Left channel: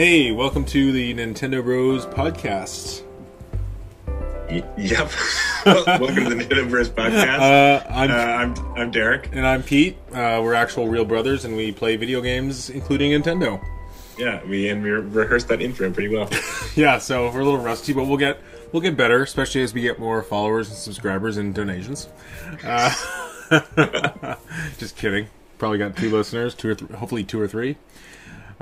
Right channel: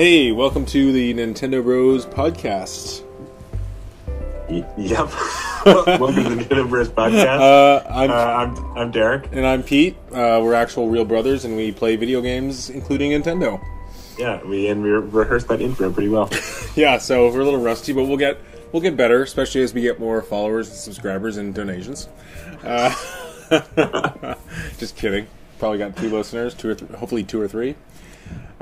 Hey, welcome to the Nintendo Bros podcast. Yep. Welcome to the Nintendo Bros podcast. I'm Derek. And I'm Pete. We're actual real brothers, and we play video games, including Nintendo. Yeah, we rehearsed that intro pretty well. Yeah, so we're a little rusty, but we'll get better, especially as we get more followers and subscribers and donations. Just kidding. Probably got 2 listeners, hopefully 2 or 3.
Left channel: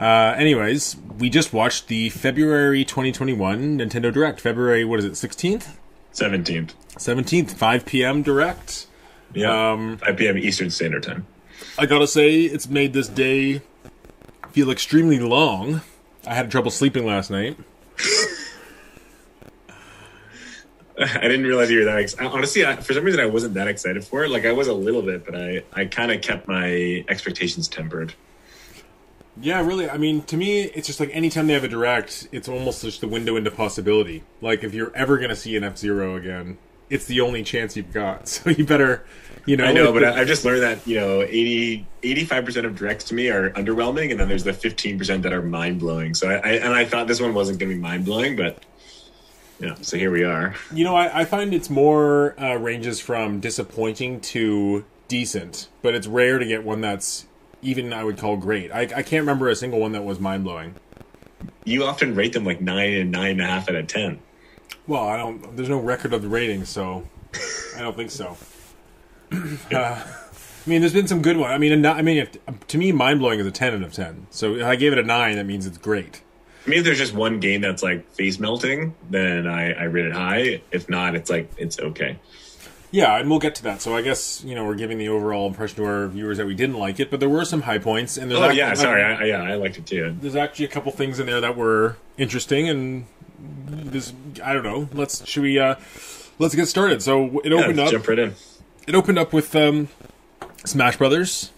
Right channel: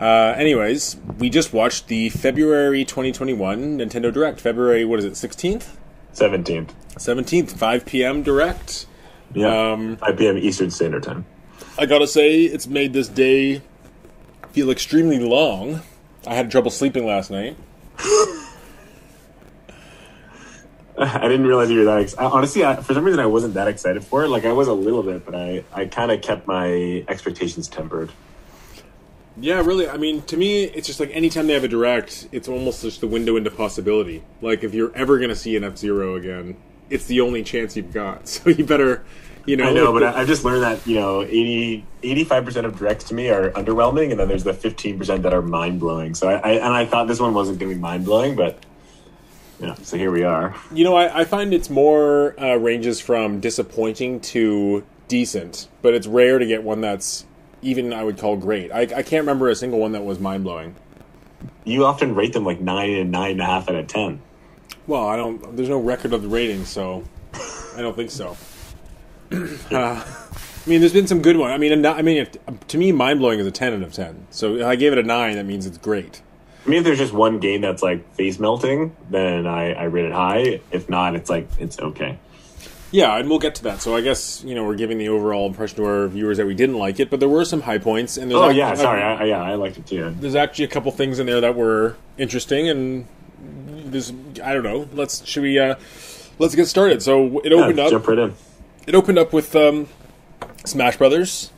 Anyways, we just watched the February 2021 Nintendo Direct. February, 16th? 17th, 5 p.m. Direct. Yeah, 5 p.m. Eastern Standard Time. I gotta say, it's made this day feel extremely long. I had trouble sleeping last night. I didn't realize you were that excited. Honestly, for some reason, I wasn't that excited for it. Like, I was a little bit, but I kind of kept my expectations tempered. Yeah, really. I mean, to me, it's just like anytime they have a Direct, it's almost just the window into possibility. Like, if you're ever going to see an F-Zero again, it's the only chance you've got. So you better, I know, but I've just learned that, 85% of Directs to me are underwhelming, and then there's the 15% that are mind-blowing. So I thought this one wasn't going to be mind-blowing, but, so here we are. I find it's more ranges from disappointing to decent, but it's rare to get one that's even I would call great. I can't remember a single one that was mind-blowing. You often rate them like 9 and 9.5 out of 10. Well, there's no record of the rating, so I don't think so. There's been some good ones. To me, mind-blowing is a 10 out of 10. So if I gave it a 9, that means it's great. I mean, if there's just one game that's like face-melting, then I rate it high. If not, it's okay. Yeah, and we'll get to that. So I guess, we're giving the overall impression to our viewers that we didn't like it, but there were some high points. And there's I liked it too. There's actually a couple things in there that were interesting, and this, I don't know. Let's get started. So it opened up. Jump right in. It opened up with Smash Brothers.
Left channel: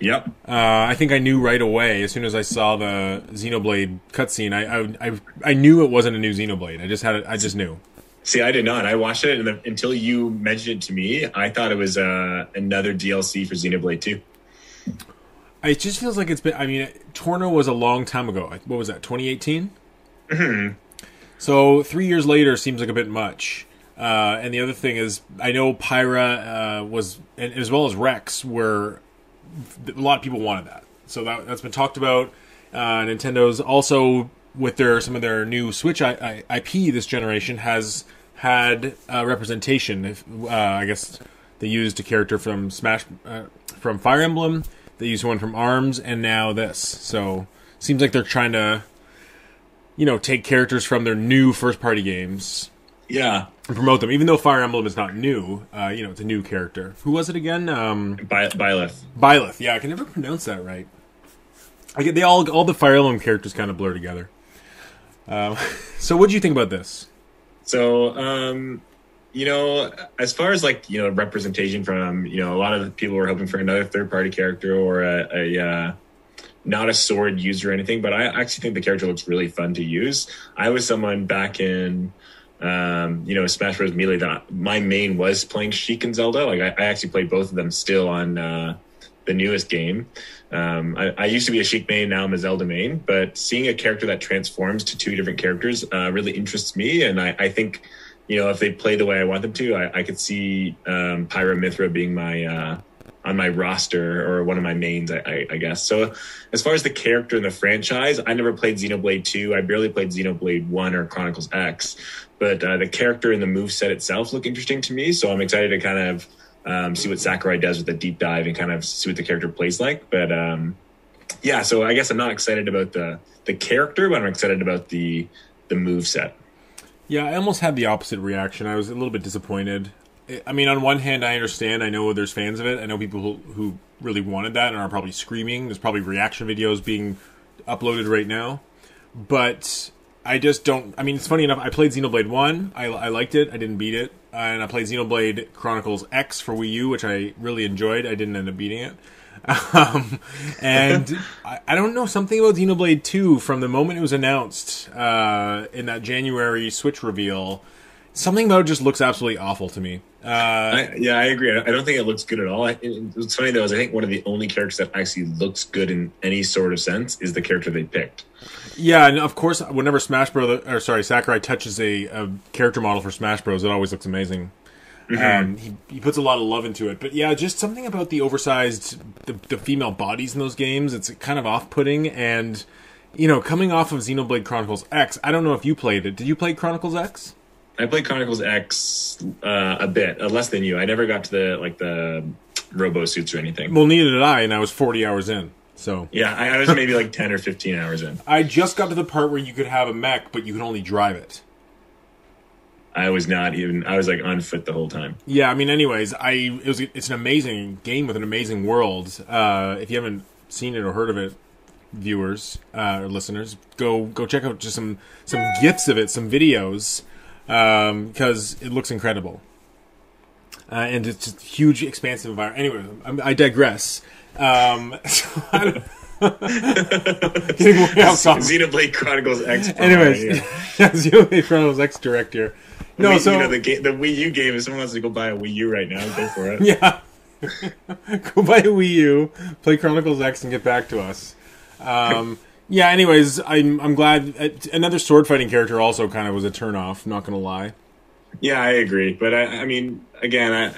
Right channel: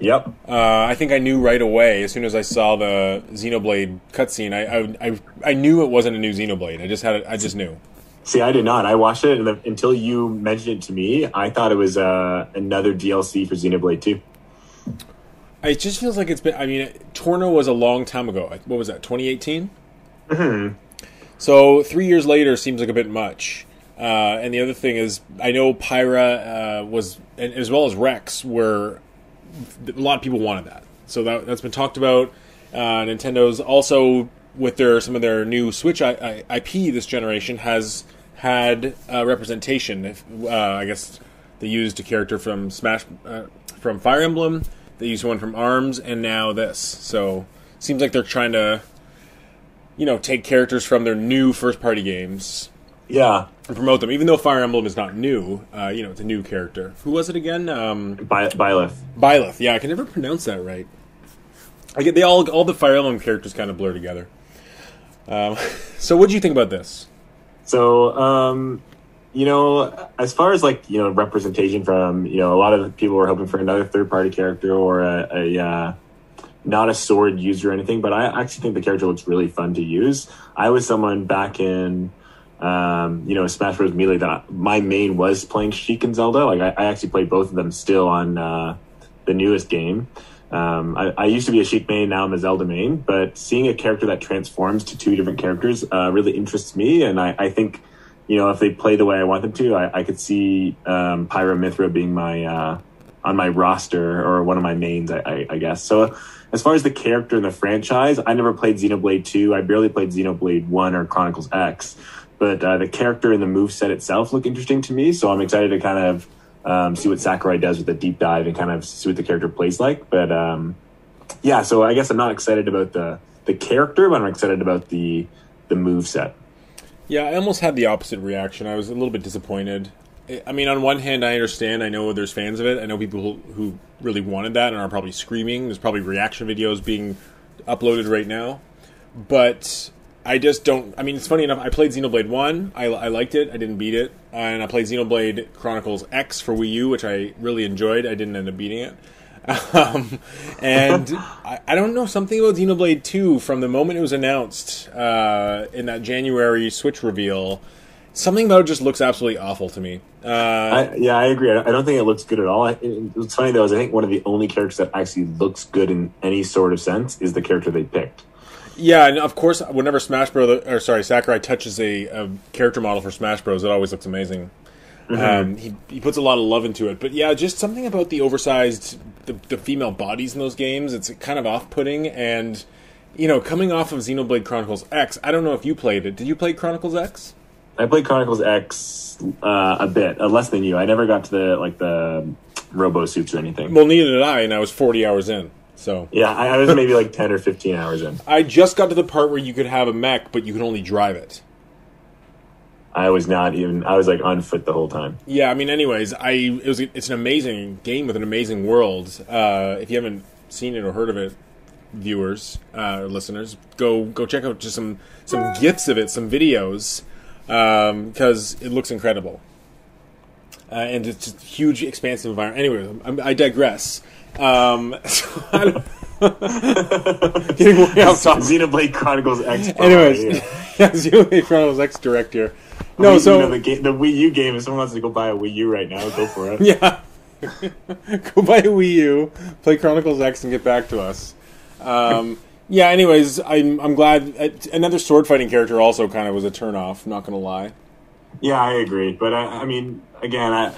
Yep. I think I knew right away as soon as I saw the Xenoblade cutscene. I knew it wasn't a new Xenoblade. I just knew. See, I did not. I watched it, and until you mentioned it to me, I thought it was another DLC for Xenoblade 2. It just feels like it's been... Torna was a long time ago. What was that, 2018? Mm-hmm. So 3 years later seems like a bit much. And the other thing is, I know Pyra was, and as well as Rex, were... A lot of people wanted that. So that's been talked about. Nintendo's also... with some of their new Switch IP this generation has had representation. I guess they used a character from from Fire Emblem. They used one from ARMS, and now this. So seems like they're trying to, take characters from their new first-party games. Yeah. And promote them, even though Fire Emblem is not new. It's a new character. Who was it again? Byleth. Byleth. Yeah, I can never pronounce that right. All the Fire Emblem characters kind of blur together. So what do you think about this? So, as far as representation from, a lot of people were hoping for another third-party character or a not a sword user or anything, but I actually think the character looks really fun to use. I was someone back in, Smash Bros. Melee that my main was playing Sheik and Zelda. Like, I actually played both of them still on the newest game. I used to be a Sheik main, now I'm a Zelda main, but seeing a character that transforms to 2 different characters really interests me, and I think, if they play the way I want them to, I could see Pyra Mithra being my on my roster, or one of my mains, I guess. So as far as the character in the franchise, I never played Xenoblade 2, I barely played Xenoblade 1 or Chronicles X, but the character and the moveset itself look interesting to me, so I'm excited to kind of see what Sakurai does with the deep dive and kind of see what the character plays like. But so I guess I'm not excited about the character, but I'm excited about the moveset. Yeah, I almost had the opposite reaction. I was a little bit disappointed. On one hand, I understand. I know there's fans of it. I know people who really wanted that and are probably screaming. There's probably reaction videos being uploaded right now. But I just don't... it's funny enough. I played Xenoblade 1. I liked it. I didn't beat it. And I played Xenoblade Chronicles X for Wii U, which I really enjoyed. I didn't end up beating it. And I don't know, something about Xenoblade 2 from the moment it was announced in that January Switch reveal. Something about it just looks absolutely awful to me. I agree. I don't think it looks good at all. What's funny though is I think one of the only characters that actually looks good in any sort of sense is the character they picked. Yeah, and of course, whenever Sakurai touches a character model for Smash Bros, it always looks amazing. He puts a lot of love into it, but yeah, just something about the oversized, the female bodies in those games. It's kind of off-putting, and coming off of Xenoblade Chronicles X, I don't know if you played it. Did you play Chronicles X? I played Chronicles X a bit, less than you. I never got to the robo suits or anything. Well, neither did I, and I was 40 hours in. So yeah, I was maybe like 10 or 15 hours in. I just got to the part where you could have a mech, but you could only drive it. I was not even. I was like on foot the whole time. Yeah, I mean, anyways, it's an amazing game with an amazing world. If you haven't seen it or heard of it, viewers or listeners, go check out just some gifs of it, some videos, because it looks incredible. And it's just a huge, expansive environment. Anyway, I digress. Getting way off topic. Xenoblade Chronicles X. Anyways, Xenoblade Chronicles X director. No, so the Wii U game. If someone wants to go buy a Wii U right now, go for it. Yeah, go buy a Wii U, play Chronicles X, and get back to us. Yeah. Anyways, I'm glad another sword fighting character also kind of was a turnoff. Not gonna lie. Yeah, I agree, but I mean, again,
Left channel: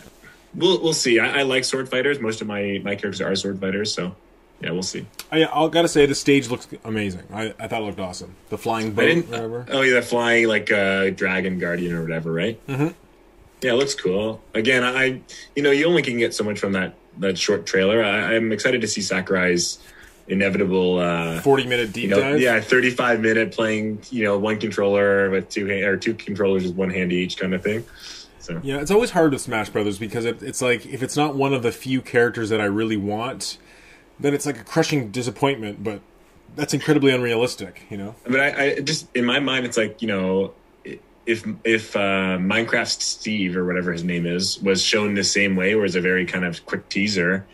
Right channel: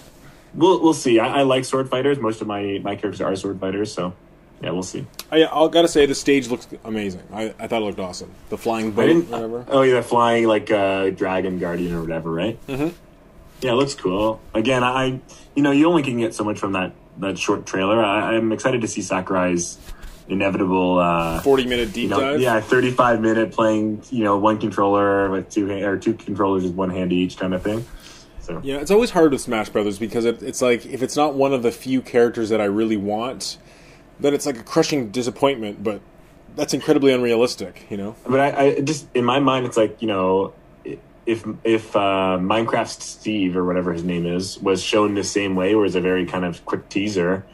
we'll see. I like sword fighters. Most of my characters are sword fighters, so yeah, we'll see. I gotta say, the stage looks amazing. I thought it looked awesome. The flying boat, whatever. Oh yeah, the flying dragon guardian or whatever, right? Mm-hmm. Yeah, it looks cool. Again, you only can get so much from that short trailer. I'm excited to see Sakurai's inevitable 40-minute deep dive. Yeah, 35-minute playing. One controller with two controllers with one hand each kind of thing. So yeah, it's always hard with Smash Brothers because it's like if it's not one of the few characters that I really want, then it's like a crushing disappointment. But that's incredibly unrealistic, But I just in my mind, it's like if Minecraft Steve or whatever his name is was shown the same way, where it's a very kind of quick teaser,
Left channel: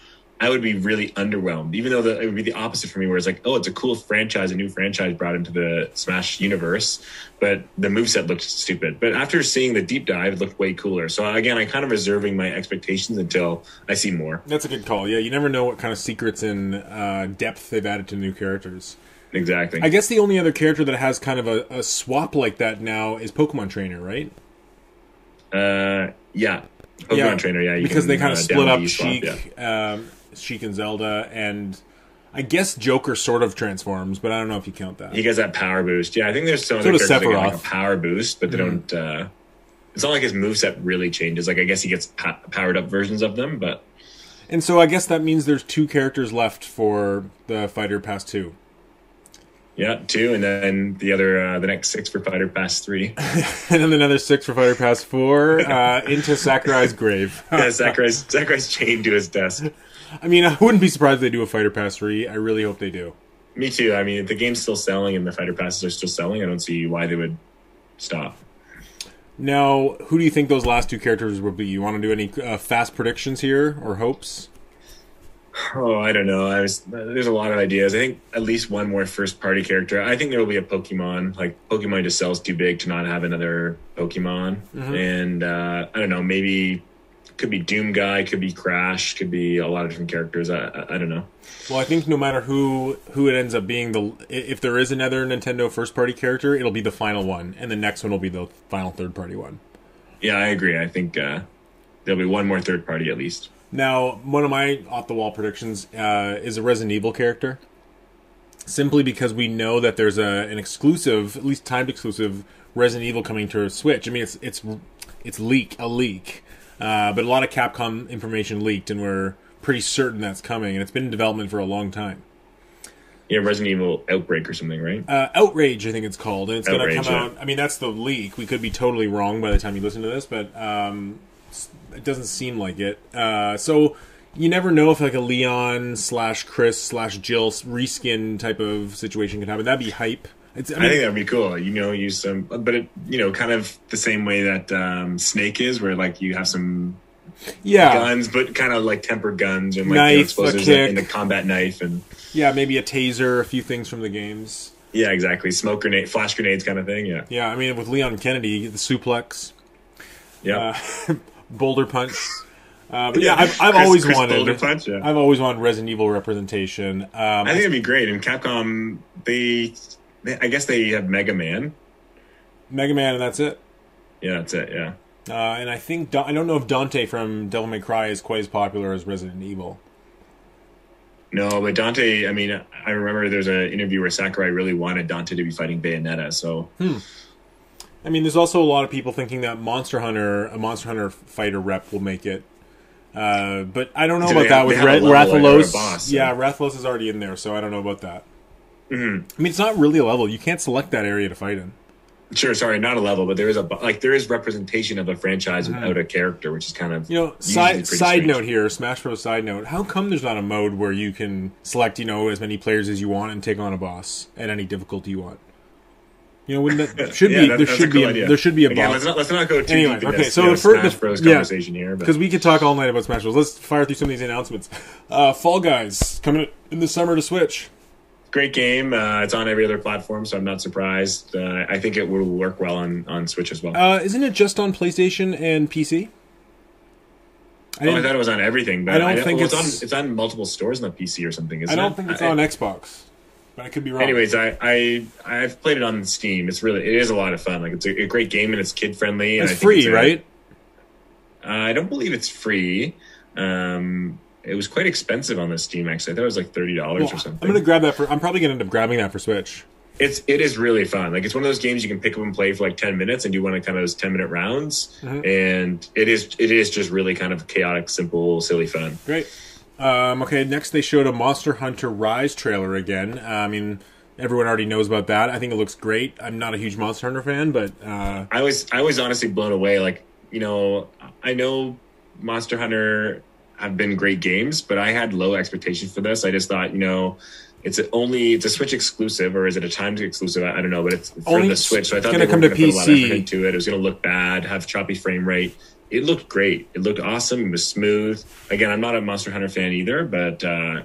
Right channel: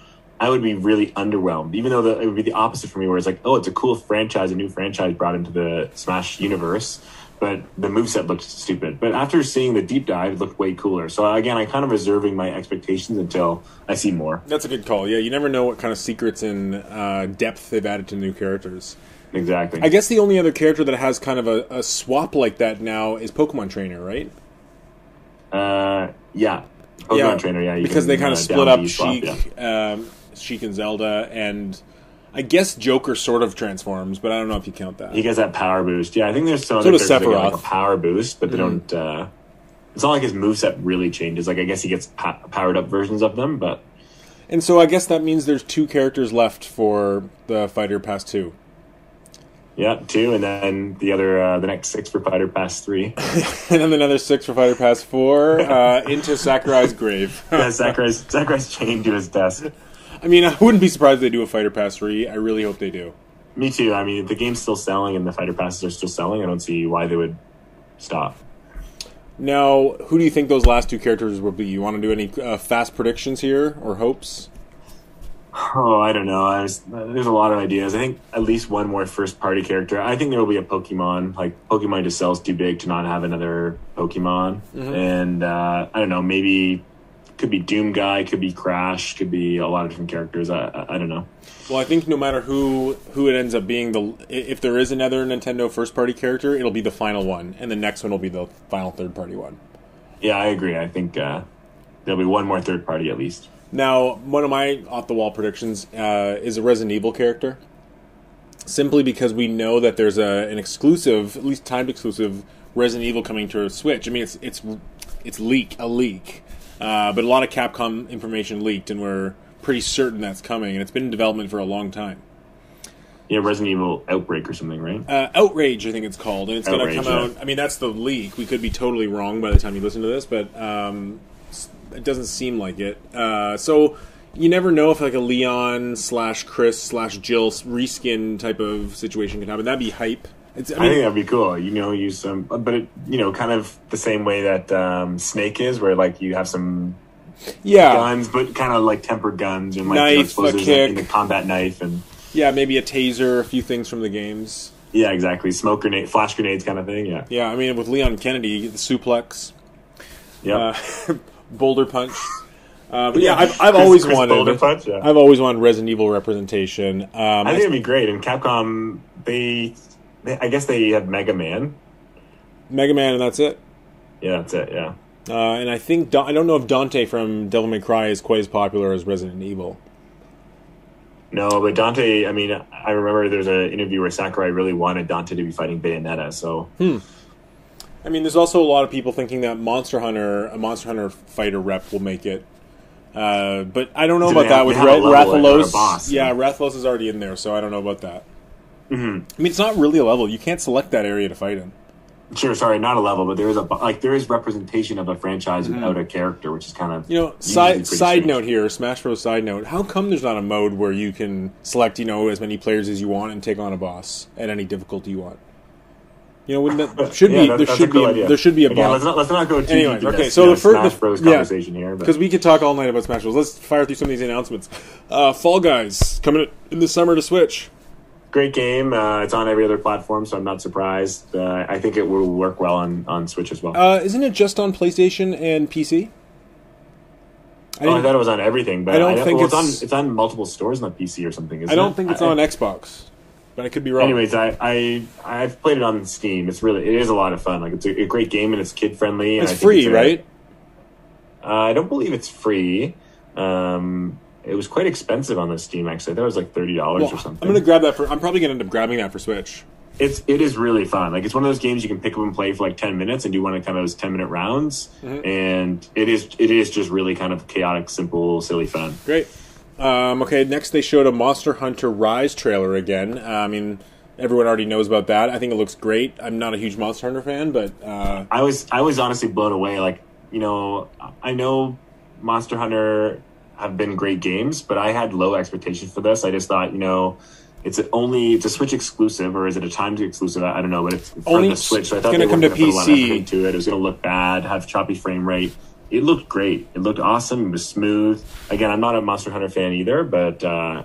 I would be really underwhelmed. Even though it would be the opposite for me, where it's like, oh, it's a cool franchise, a new franchise brought into the Smash universe, but the moveset looked stupid. But after seeing the deep dive, it looked way cooler. So again, I'm kind of reserving my expectations until I see more. That's a good call. Yeah, you never know what kind of secrets and depth they've added to new characters. Exactly. I guess the only other character that has kind of a swap like that now is Pokemon Trainer, right? Yeah. Pokemon Trainer, yeah. Because they kind of split up Sheik and Zelda, and I guess Joker sort of transforms, but I don't know if you count that. He gets that power boost. Yeah, I think there's some so other characters that get Sephiroth. like a power boost, but they don't... it's not like his moveset really changes. Like, I guess he gets powered up versions of them, but... And so I guess that means there's 2 characters left for the Fighter Pass 2. Yeah, 2, and then the next 6 for Fighter Pass 3. And then another 6 for Fighter Pass 4 into Sakurai's grave. Yeah, Sakurai's chained to his desk. I mean, I wouldn't be surprised if they do a Fighter Pass 3. I really hope they do. Me too. I mean, if the game's still selling and the Fighter Passes are still selling, I don't see why they would stop. Now, who do you think those last 2 characters will be? You want to do any fast predictions here or hopes? Oh, I don't know. There's a lot of ideas. I think at least one more first-party character. I think there will be a Pokemon. Like, Pokemon just sells too big to not have another Pokemon. Mm-hmm. And, I don't know, maybe... Could be Doom Guy, could be Crash, could be a lot of different characters. I don't know. Well, I think no matter who it ends up being, if there is another Nintendo first-party character, it'll be the final one, and the next one will be the final third-party one. Yeah, I agree. I think there'll be one more third-party at least. Now, one of my off-the-wall predictions is a Resident Evil character, simply because we know that there's an exclusive, at least timed exclusive, Resident Evil coming to a Switch. I mean, it's a leak. But a lot of Capcom information leaked, and we're pretty certain that's coming, and it's been in development for a long time. Yeah, Resident Evil Outbreak or something, right? Outrage, I think it's called, and it's going to come out... Yeah. I mean, that's the leak. We could be totally wrong by the time you listen to this, but it doesn't seem like it. So you never know if like a Leon/Chris/Jill reskin type of situation can happen. That'd be hype. I think that'd be cool. Use some, but kind of the same way that Snake is, where like you have some guns, but kind of like tempered guns and like knife, a kick, and the combat knife, and maybe a taser, a few things from the games. Yeah, exactly. Smoke grenade, flash grenades, kind of thing. Yeah. Yeah, I mean with Leon Kennedy, the suplex. Yeah. Boulder Punch. But yeah, I've always wanted. Boulder Punch, yeah. I've always wanted Resident Evil representation. I think it'd be great. And Capcom, I guess they had Mega Man. Mega Man, and that's it. Yeah, that's it. Yeah. And I think I don't know if Dante from Devil May Cry is quite as popular as Resident Evil. No, but Dante. I mean, I remember there's an interview where Sakurai really wanted Dante to be fighting Bayonetta. So. I mean, there's also a lot of people thinking that a Monster Hunter fighter rep will make it. But I don't know about that with Rathalos. Yeah, Rathalos is already in there, so I don't know about that. Mm-hmm. I mean, it's not really a level. You can't select that area to fight in. Sure, sorry, not a level, but there is representation of a franchise without a character, which is kind of side note here, Smash Bros. Side note. How come there's not a mode where you can select as many players as you want and take on a boss at any difficulty you want? Wouldn't that should be there should be a boss. Let's not go too Anyways, deep okay, so the Smash Bros. Conversation here, because we could talk all night about Smash Bros. Let's fire through some of these announcements. Fall Guys coming in the summer to Switch. Great game. It's on every other platform, so I'm not surprised. I think it will work well on Switch as well. Isn't it just on PlayStation and PC? I thought it was on everything, but I don't think it's on multiple stores on the PC or something. I don't think it's on Xbox. But I could be wrong. Anyways, I've played it on Steam. It is a lot of fun. Like, it's a great game and it's kid friendly. It's free, right? I don't believe it's free. It was quite expensive on the Steam. Actually, I thought it was like $30 or something. I'm gonna grab that I'm probably gonna end up grabbing that for Switch. It is really fun. Like, it's one of those games you can pick up and play for like 10 minutes and do one of kind of those 10-minute rounds. Mm-hmm. And it is just really kind of chaotic, simple, silly fun. Great. Okay, next they showed a Monster Hunter Rise trailer again. I mean, everyone already knows about that. I think it looks great. I'm not a huge Monster Hunter fan, but I was honestly blown away. Like, I know Monster Hunter have been great games, but I had low expectations for this. I just thought, it's a Switch exclusive, or is it a timed exclusive? I don't know, but it's for the Switch. So I thought it's going to come to PC. Put a lot of effort into it. It was going to look bad, have choppy frame rate. It looked great. It looked awesome. It was smooth. Again, I'm not a Monster Hunter fan either, but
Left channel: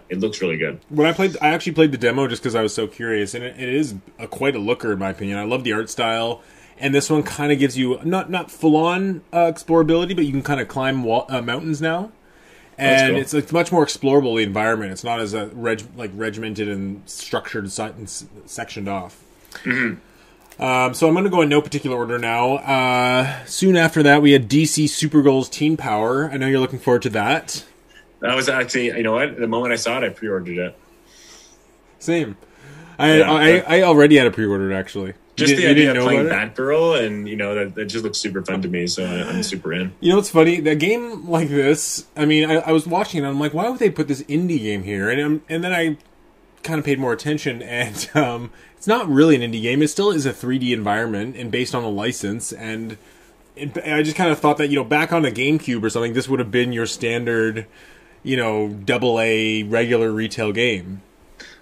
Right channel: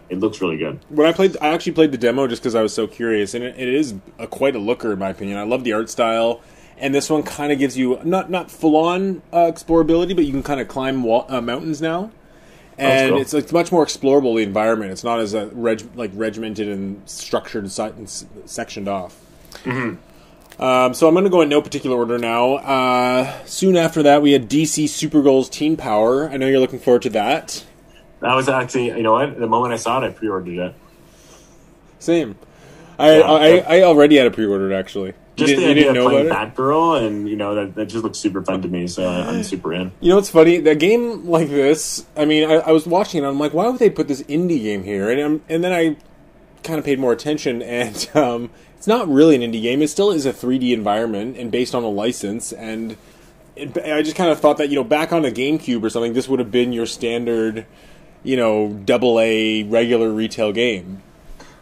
it looks really good. When I actually played the demo just because I was so curious, and it is quite a looker in my opinion. I love the art style, and this one kind of gives you not full on explorability, but you can kind of climb mountains now, and cool. It's much more explorable, the environment. It's not as regimented and structured and sectioned off. Mm-hmm. So I'm going to go in no particular order now. Soon after that, we had DC Supergirl's Teen Power. I know you're looking forward to that. That was actually, the moment I saw it, I pre-ordered it. Same. I already had it pre-ordered, actually. You didn't know about it? Batgirl, and that just looks super fun to me, so I'm super in. It's funny, a game like this, I mean, I was watching it, and I'm like, why would they put this indie game here? And then I kind of paid more attention, and it's not really an indie game. It still is a 3D environment and based on a license, and I just kind of thought that, back on a GameCube or something, this would have been your standard, AA regular retail game.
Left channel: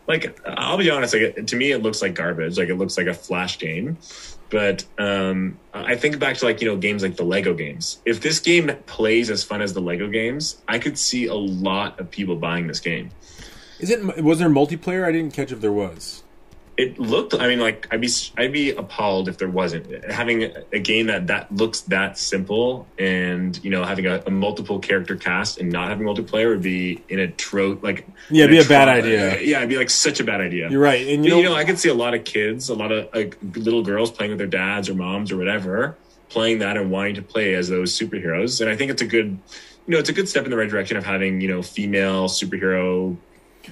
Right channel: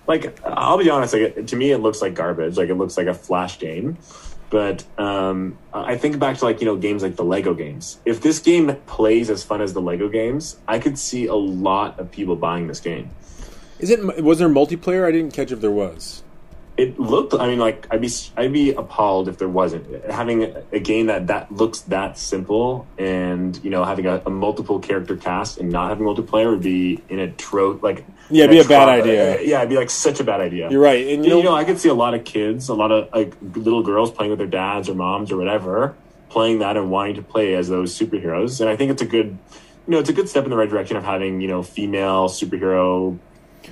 Like, I'll be honest, to me it looks like garbage. Like, it looks like a Flash game. But I think back to, games like the Lego games. If this game plays as fun as the Lego games, I could see a lot of people buying this game. Was there multiplayer? I didn't catch if there was. It looked. I mean, I'd be appalled if there wasn't. Having a game that looks that simple, and having a multiple character cast and not having multiplayer would be it'd be a bad idea. Yeah, it'd be such a bad idea. You're right, and I could see a lot of kids, a lot of little girls playing with their dads or moms or whatever, playing that and wanting to play as those superheroes. And I think it's a good, it's a good step in the right direction of having female superhero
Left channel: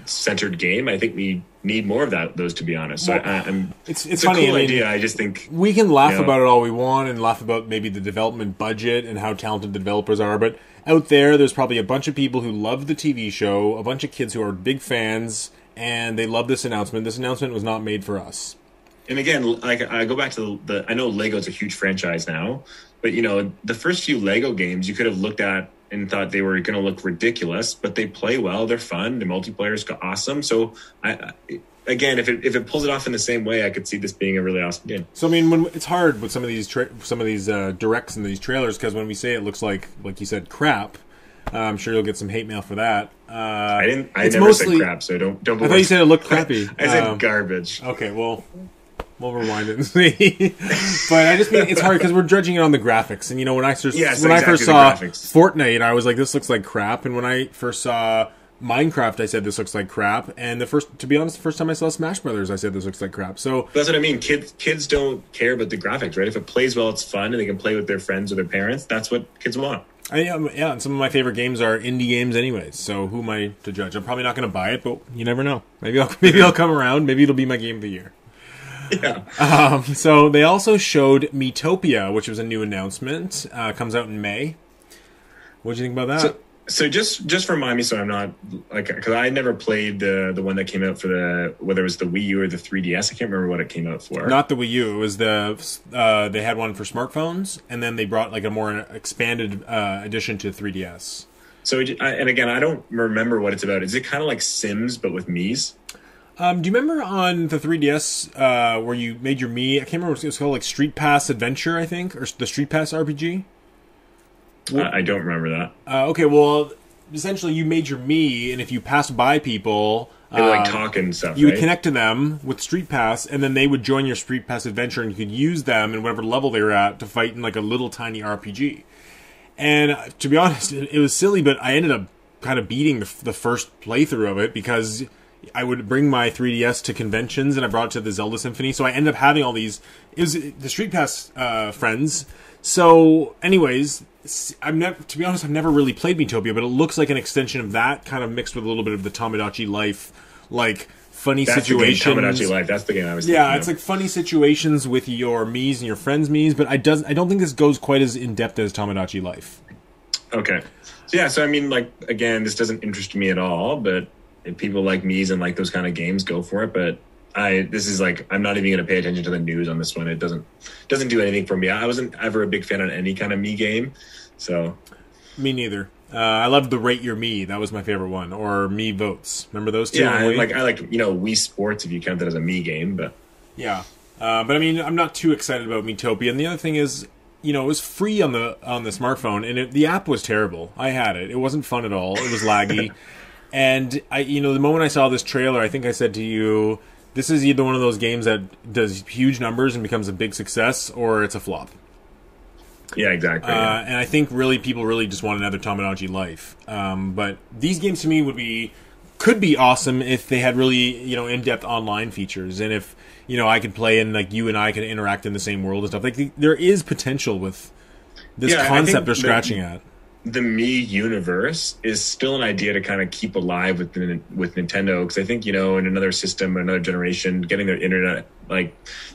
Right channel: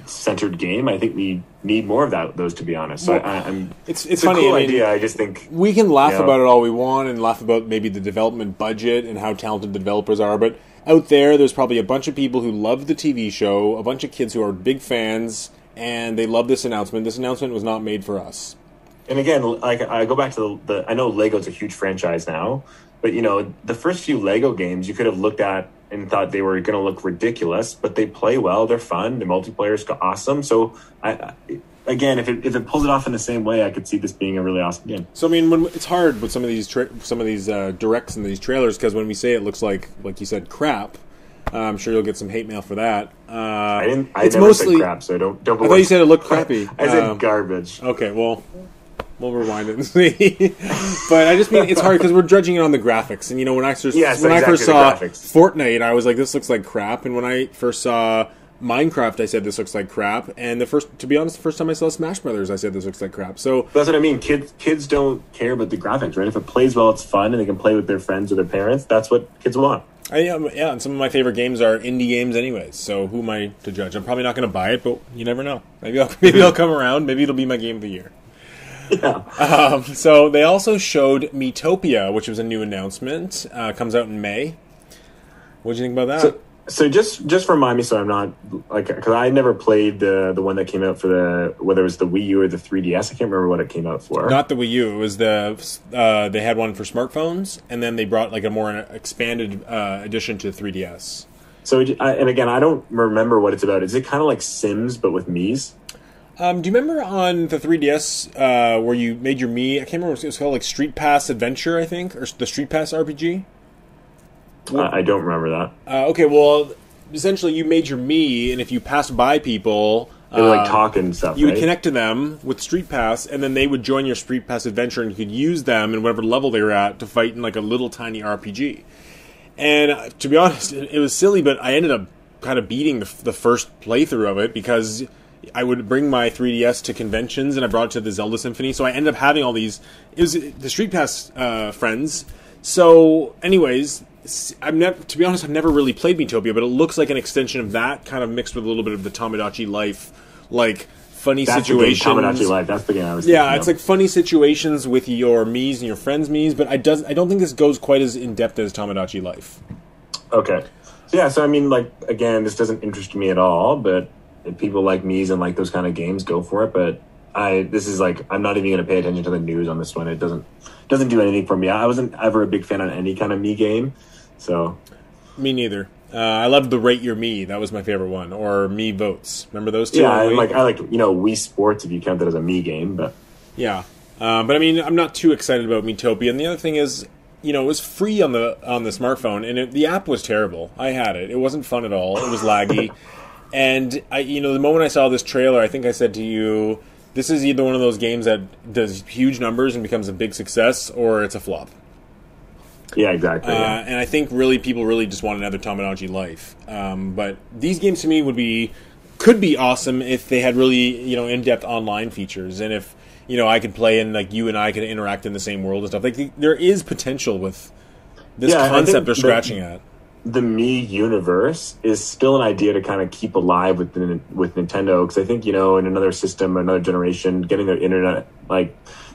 centered game. I think we need more of those, to be honest. So it's funny. Cool idea. I just think we can laugh about it all we want and laugh about maybe the development budget and how talented the developers are, but out there's probably a bunch of people who love the TV show, a bunch of kids who are big fans, and they love this announcement. This announcement was not made for us. And again, I go back to I know Lego's a huge franchise now, but the first few Lego games you could have looked at and thought they were going to look ridiculous, but they play well, they're fun, the multiplayer's awesome. So, again, if it pulls it off in the same way, I could see this being a really awesome game. So, I mean, it's hard with some of these directs and these trailers, because when we say it looks like you said, crap, I'm sure you'll get some hate mail for that. I never said crap, so don't. I thought you said it looked crappy. I said garbage. Okay, well, we'll rewind it and see. But I just mean it's hard because we're judging it on the graphics. And when I first saw Fortnite, I was like, this looks like crap. And when I first saw Minecraft, I said this looks like crap. And to be honest, the first time I saw Smash Brothers, I said this looks like crap. So that's what I mean. Kids don't care about the graphics, right? If it plays well, it's fun, and they can play with their friends or their parents. That's what kids want. Yeah, and some of my favorite games are indie games anyways, so who am I to judge? I'm probably not going to buy it, but you never know. Maybe I'll come around. Maybe it'll be my game of the year. Yeah. So they also showed Metopia, which was a new announcement. Comes out in May. What do you think about that? So just remind me, so I'm not because I never played the one that came out for whether it was the Wii U or the 3DS. I can't remember what it came out for. Not the Wii U. It was they had one for smartphones, and then they brought a more expanded edition to 3DS. So and again, I don't remember what it's about. Is it kind of like Sims but with Miis? Do you remember on the 3DS where you made your Mii? I can't remember. It was called Street Pass Adventure, I think, or the Street Pass RPG. I don't remember that. Okay, well, essentially you made your Mii, and if you passed by people... They would talk and stuff, you would connect to them with Street Pass, and then they would join your Street Pass adventure, and you could use them in whatever level they were at to fight in a little tiny RPG. And to be honest, it was silly, but I ended up kind of beating the first playthrough of it, because I would bring my 3DS to conventions, and I brought it to the Zelda Symphony, so I ended up having all these... It was the Street Pass friends. So, anyways... to be honest, I've never really played Metopia, but it looks like an extension of that, kind of mixed with a little bit of the Tomodachi Life, funny situations. Tomodachi Life, that's the game I was thinking of. It's funny situations with your Miis and your friends' Miis, but I don't think this goes quite as in-depth as Tomodachi Life. Okay. So I mean, again, this doesn't interest me at all, but if people like Miis and like those kind of games, go for it, but I'm not even going to pay attention to the news on this one. It doesn't do anything for me. I wasn't ever a big fan on any kind of Mii game, so. Me neither. I loved the Rate Your Mii. That was my favorite one. Or Mii Votes. Remember those two? Yeah, I like Wii Sports if you count that as a Mii game, but. Yeah. But I mean, I'm not too excited about Metopia. And the other thing is, it was free on the smartphone, and the app was terrible. I had it. It wasn't fun at all. It was laggy. And the moment I saw this trailer, I think I said to you, this is either one of those games that does huge numbers and becomes a big success, or it's a flop. Yeah, exactly. And I think people really just want another Tomodachi Life. But these games to me could be awesome if they had really in-depth online features, and if I could play and you and I could interact in the same world and stuff. There is potential with this concept they're scratching at. The Mii universe is still an idea to kind of keep alive with Nintendo, because I think in another system, another generation, getting their internet,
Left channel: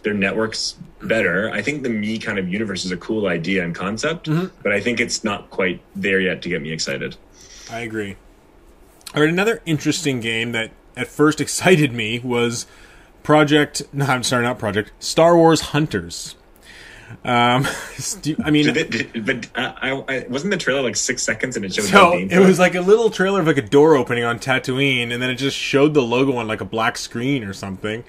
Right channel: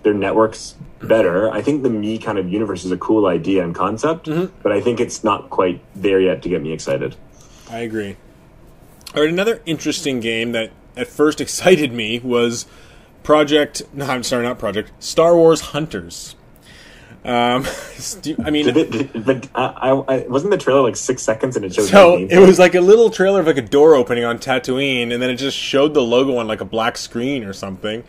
their networks better. I think the Mii kind of universe is a cool idea and concept, but I think it's not quite there yet to get me excited. I agree. All right, another interesting game that at first excited me was Star Wars Hunters. But wasn't the trailer 6 seconds and it showed? So it was a little trailer of a door opening on Tatooine, and then it just showed the logo on a black screen or something.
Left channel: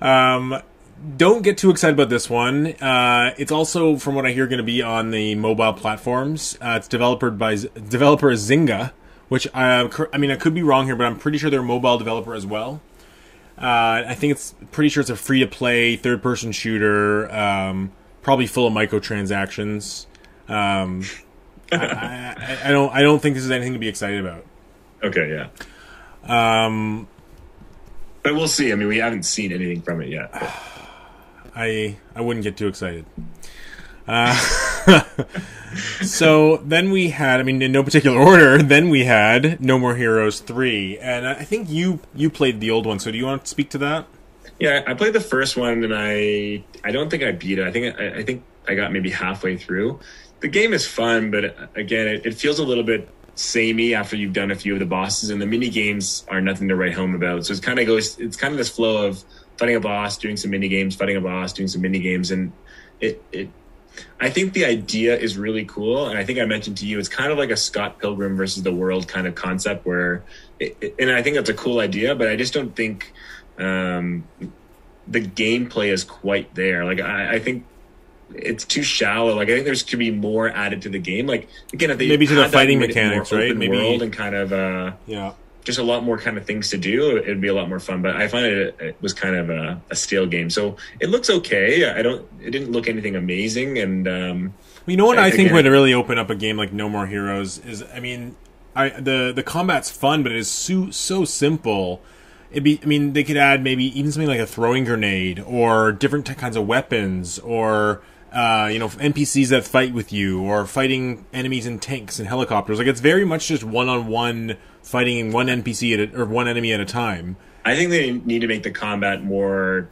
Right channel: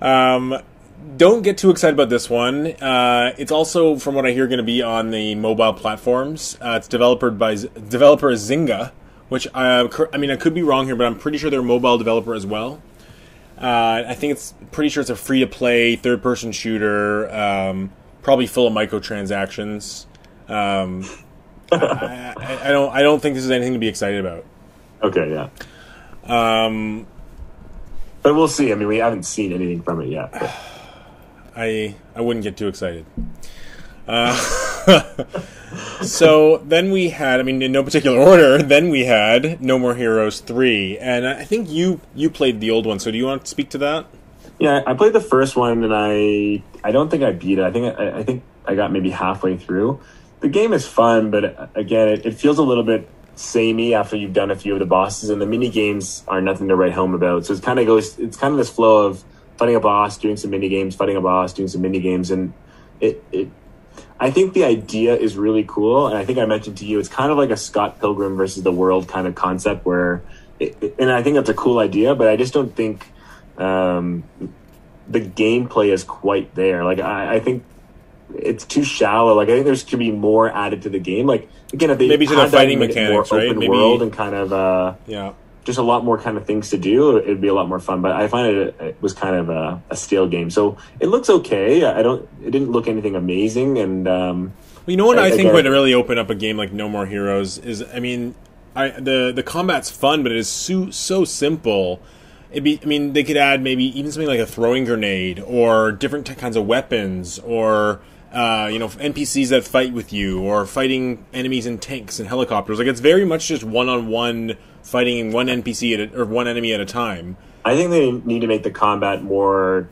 Don't get too excited about this one. It's also, from what I hear, going to be on the mobile platforms. It's developer Zynga, which I could be wrong here, but I'm pretty sure they're a mobile developer as well. I think it's a free-to-play third-person shooter. Probably full of microtransactions. I don't think this is anything to be excited about. Okay, yeah. But we'll see. I mean, we haven't seen anything from it yet. But. I wouldn't get too excited. So then we had, in no particular order, then we had No More Heroes 3. And I think you played the old one, so do you want to speak to that? Yeah, I played the first one, and I don't think I beat it. I think I got maybe halfway through. The game is fun, but again, it feels a little bit samey after you've done a few of the bosses, and the mini games are nothing to write home about. So it's kind of this flow of fighting a boss, doing some mini games, fighting a boss, doing some mini games, and I think the idea is really cool, and I think I mentioned to you, it's kind of like a Scott Pilgrim versus the World kind of concept, and I think that's a cool idea, but I just don't think the gameplay is quite there. I think it's too shallow. I think there should be more added to the game. Again, if they maybe to the fighting mechanics, right? Maybe world and kind of just a lot more kind of things to do, it'd be a lot more fun. But I find it was kind of a stale game. So it looks okay. It didn't look anything amazing. And you know what I think would really open up a game like No More Heroes is, I mean, the combat's fun, but it is so simple. They could add maybe even something like a throwing grenade or different kinds of weapons, or NPCs that fight with you, or fighting enemies in tanks and helicopters. Like, it's very much just one-on-one fighting one NPC or one enemy at a time. I think they need to make the combat more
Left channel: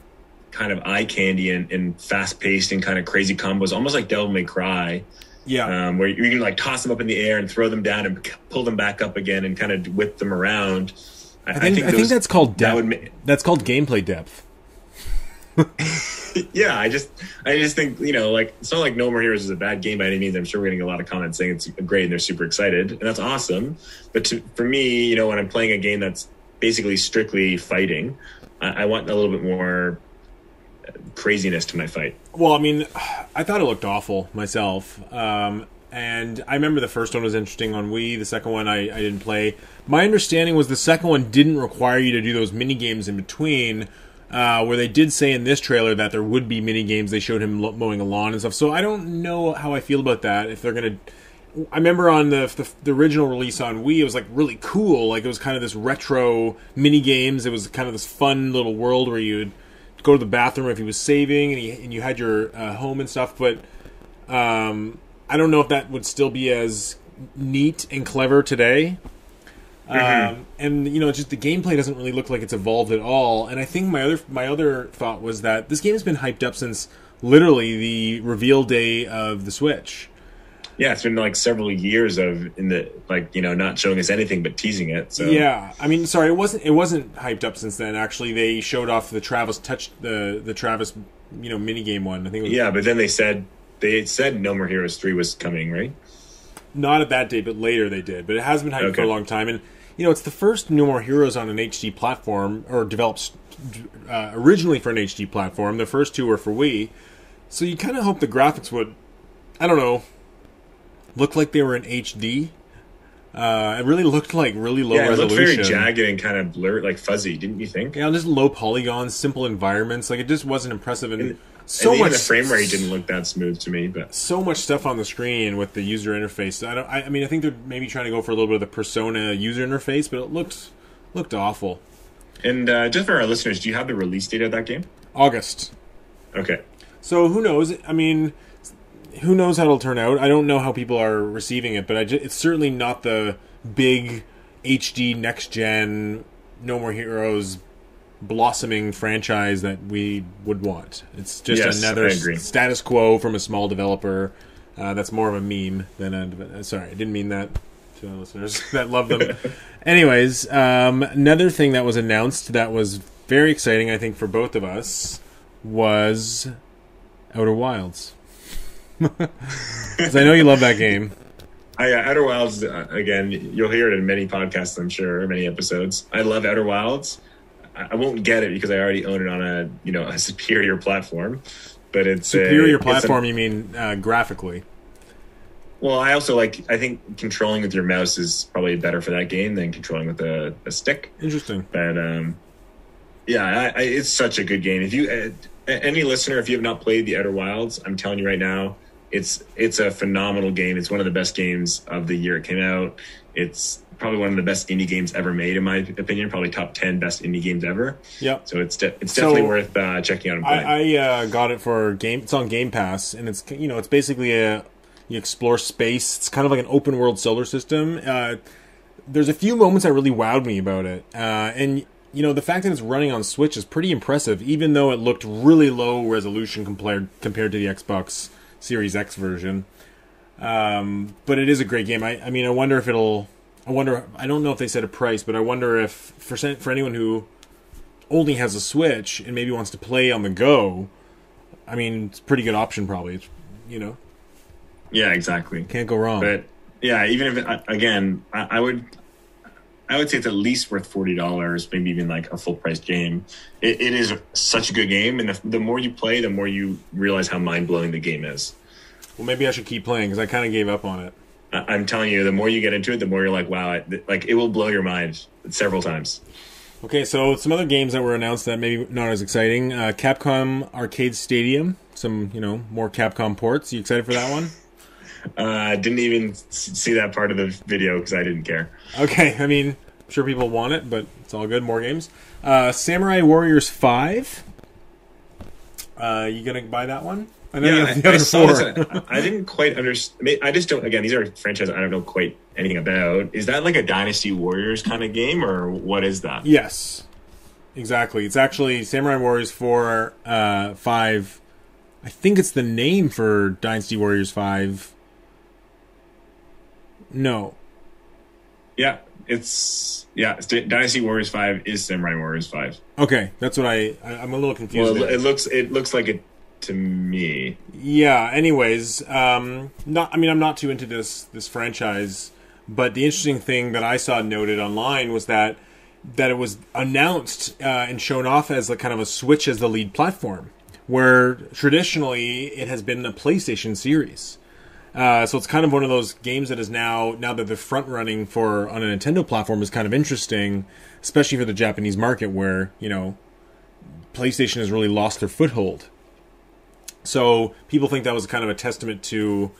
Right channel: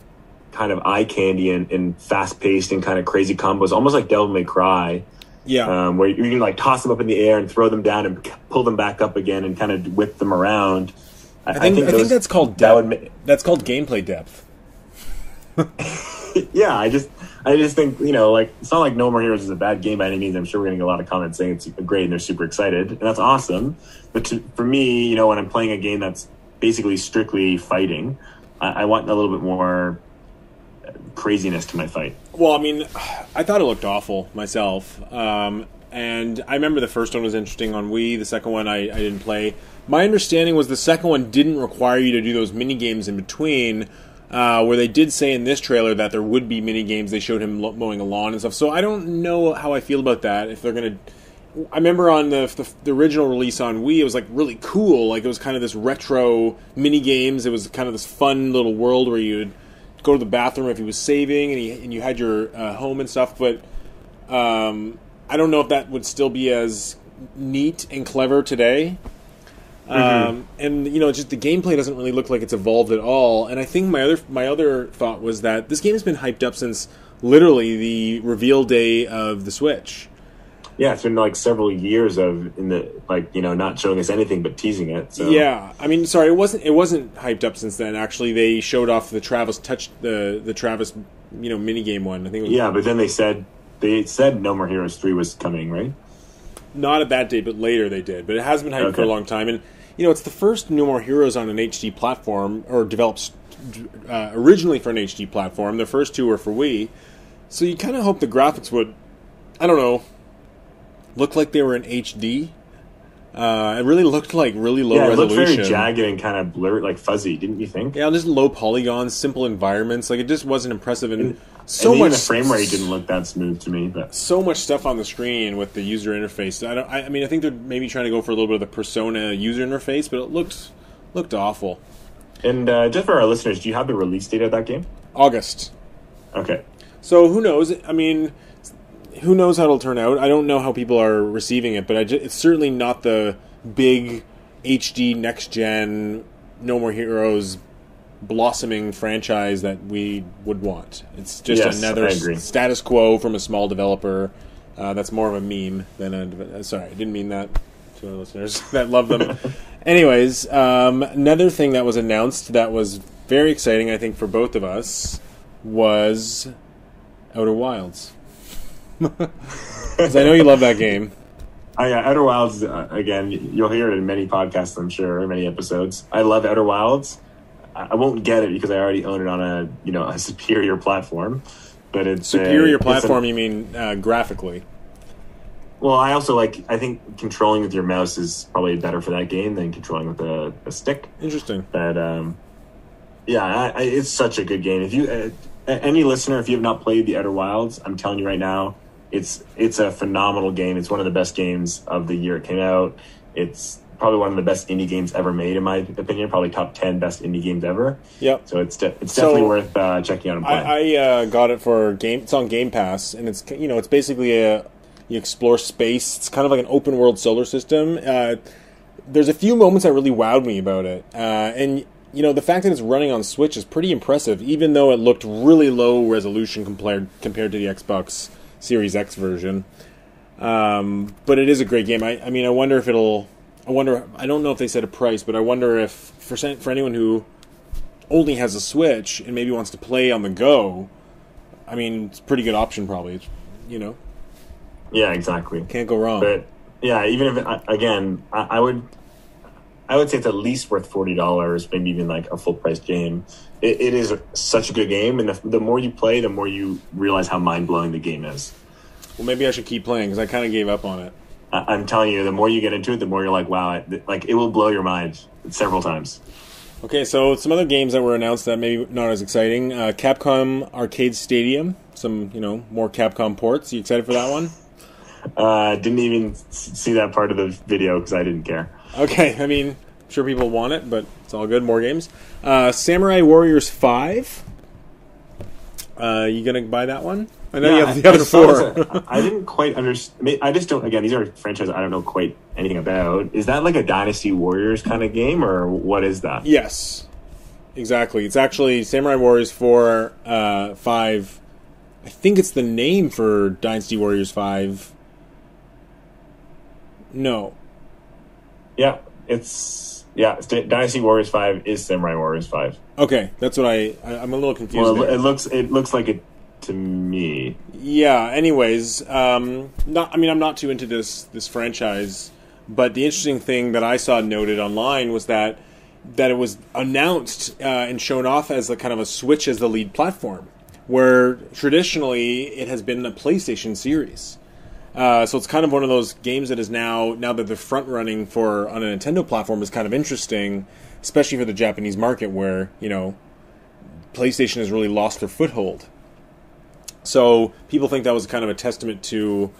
kind of eye candy and fast paced and kind of crazy combos, almost like Devil May Cry. Yeah, where you can like toss them up in the air and throw them down and pull them back up again and kind of whip them around. I think that's called depth. That's called gameplay depth. Yeah, I just think, like, it's not like No More Heroes is a bad game by any means. I'm sure we're getting a lot of comments saying it's great and they're super excited, and that's awesome. But for me, when I'm playing a game that's basically strictly fighting, I want a little bit more craziness to my fight. Well, I mean, I thought it looked awful myself. And I remember the first one was interesting on Wii. The second one I didn't play. My understanding was the second one didn't require you to do those mini games in between, where they did say in this trailer that there would be mini games. They showed him mowing a lawn and stuff. So I don't know how I feel about that. If they're gonna, I remember on the original release on Wii, it was like really cool. Like, it was kind of this retro mini games. It was kind of this fun little world where you'd go to the bathroom if he was saving, and you had your home and stuff. But I don't know if that would still be as neat and clever today. And just the gameplay doesn't really look like it's evolved at all. And I think my other thought was that this game has been hyped up since literally the reveal day of the Switch. Yeah, it's been like several years not showing us anything but teasing it. So. Yeah, I mean, sorry, it wasn't hyped up since then. Actually, they showed off the Travis the Travis mini game one. I think. But then they said No More Heroes 3 was coming, right? Not at that date, but later they did. But it has been hyped for a long time, and it's the first No More Heroes on an HD platform, or developed originally for an HD platform. The first two were for Wii, so you kind of hope the graphics would, I don't know, look like they were in HD. It really looked like really low resolution. It looked very jagged and kind of blurred, like fuzzy, didn't you think? Yeah, just low polygons, simple environments. Like, it just wasn't impressive, and much. The frame rate didn't look that smooth to me, but so much stuff on the screen with the user interface. I think they're maybe trying to go for a little bit of the Persona user interface, but it looked awful. And just for our listeners, do you have the release date of that game? August. Okay. So who knows? I mean, who knows how it'll turn out? I don't know how people are receiving it, but it's certainly not the big HD next gen No More Heroes blossoming franchise that we would want. It's just another status quo from a small developer. That's more of a meme than sorry, I didn't mean that to our listeners that love them. Anyways, another thing that was announced that was very exciting, I think, for both of us was Outer Wilds. Because I know you love that game. Outer Wilds, again, you'll hear it in many podcasts, I'm sure, many episodes. I love Outer Wilds. I won't get it because I already own it on a superior platform. But it's superior platform. You mean graphically? Well, I also I think controlling with your mouse is probably better for that game than controlling with a stick. Interesting. But it's such a good game. If you any listener, if you have not played the Outer Wilds, I'm telling you right now, it's a phenomenal game. It's one of the best games of the year it came out. It's probably one of the best indie games ever made, in my opinion. Probably top 10 best indie games ever. Yep. So it's definitely worth checking out and playing. I got it for game. It's on Game Pass, and it's it's basically you explore space. It's kind of like an open world solar system. There's a few moments that really wowed me about it, and the fact that it's running on Switch is pretty impressive, even though it looked really low resolution compared to the Xbox Series X version. But it is a great game. I mean, I wonder if it'll. I don't know if they set a price, but I wonder if for anyone who only has a Switch and maybe wants to play on the go, I mean, it's a pretty good option probably. It's, Yeah, exactly. Can't go wrong. But yeah, even if I would say it's at least worth $40, maybe even like a full price game. It is such a good game, and the more you play, the more you realize how mind blowing the game is. Well, maybe I should keep playing because I kind of gave up on it. I'm telling you, the more you get into it, the more you're like, wow, it will blow your mind several times. Okay, so some other games that were announced that maybe not as exciting. Capcom Arcade Stadium, some, more Capcom ports. You excited for that one? Didn't even see that part of the video because I didn't care. Okay, I mean, I'm sure people want it, but it's all good. More games. Samurai Warriors 5. You gonna buy that one? I know you have the other four. I didn't quite understand. I just don't. Again, these are franchises I don't know quite anything about. Is that like a Dynasty Warriors kind of game, or what is that? Yes, exactly. It's actually Samurai Warriors 4, 5. I think it's the name for Dynasty Warriors 5. No. Yeah, it's Dynasty Warriors 5 is Samurai Warriors 5. Okay, that's what I'm a little confused. Well, there. it looks like it to me. Yeah. Anyways, I'm not too into this franchise, but the interesting thing that I saw noted online was that it was announced and shown off as a kind of a Switch as the lead platform, where traditionally it has been a PlayStation series. So it's kind of one of those games that is now that they're front running for on a Nintendo platform is kind of interesting, especially for the Japanese market where, PlayStation has really lost their foothold. So people think that was kind of a testament to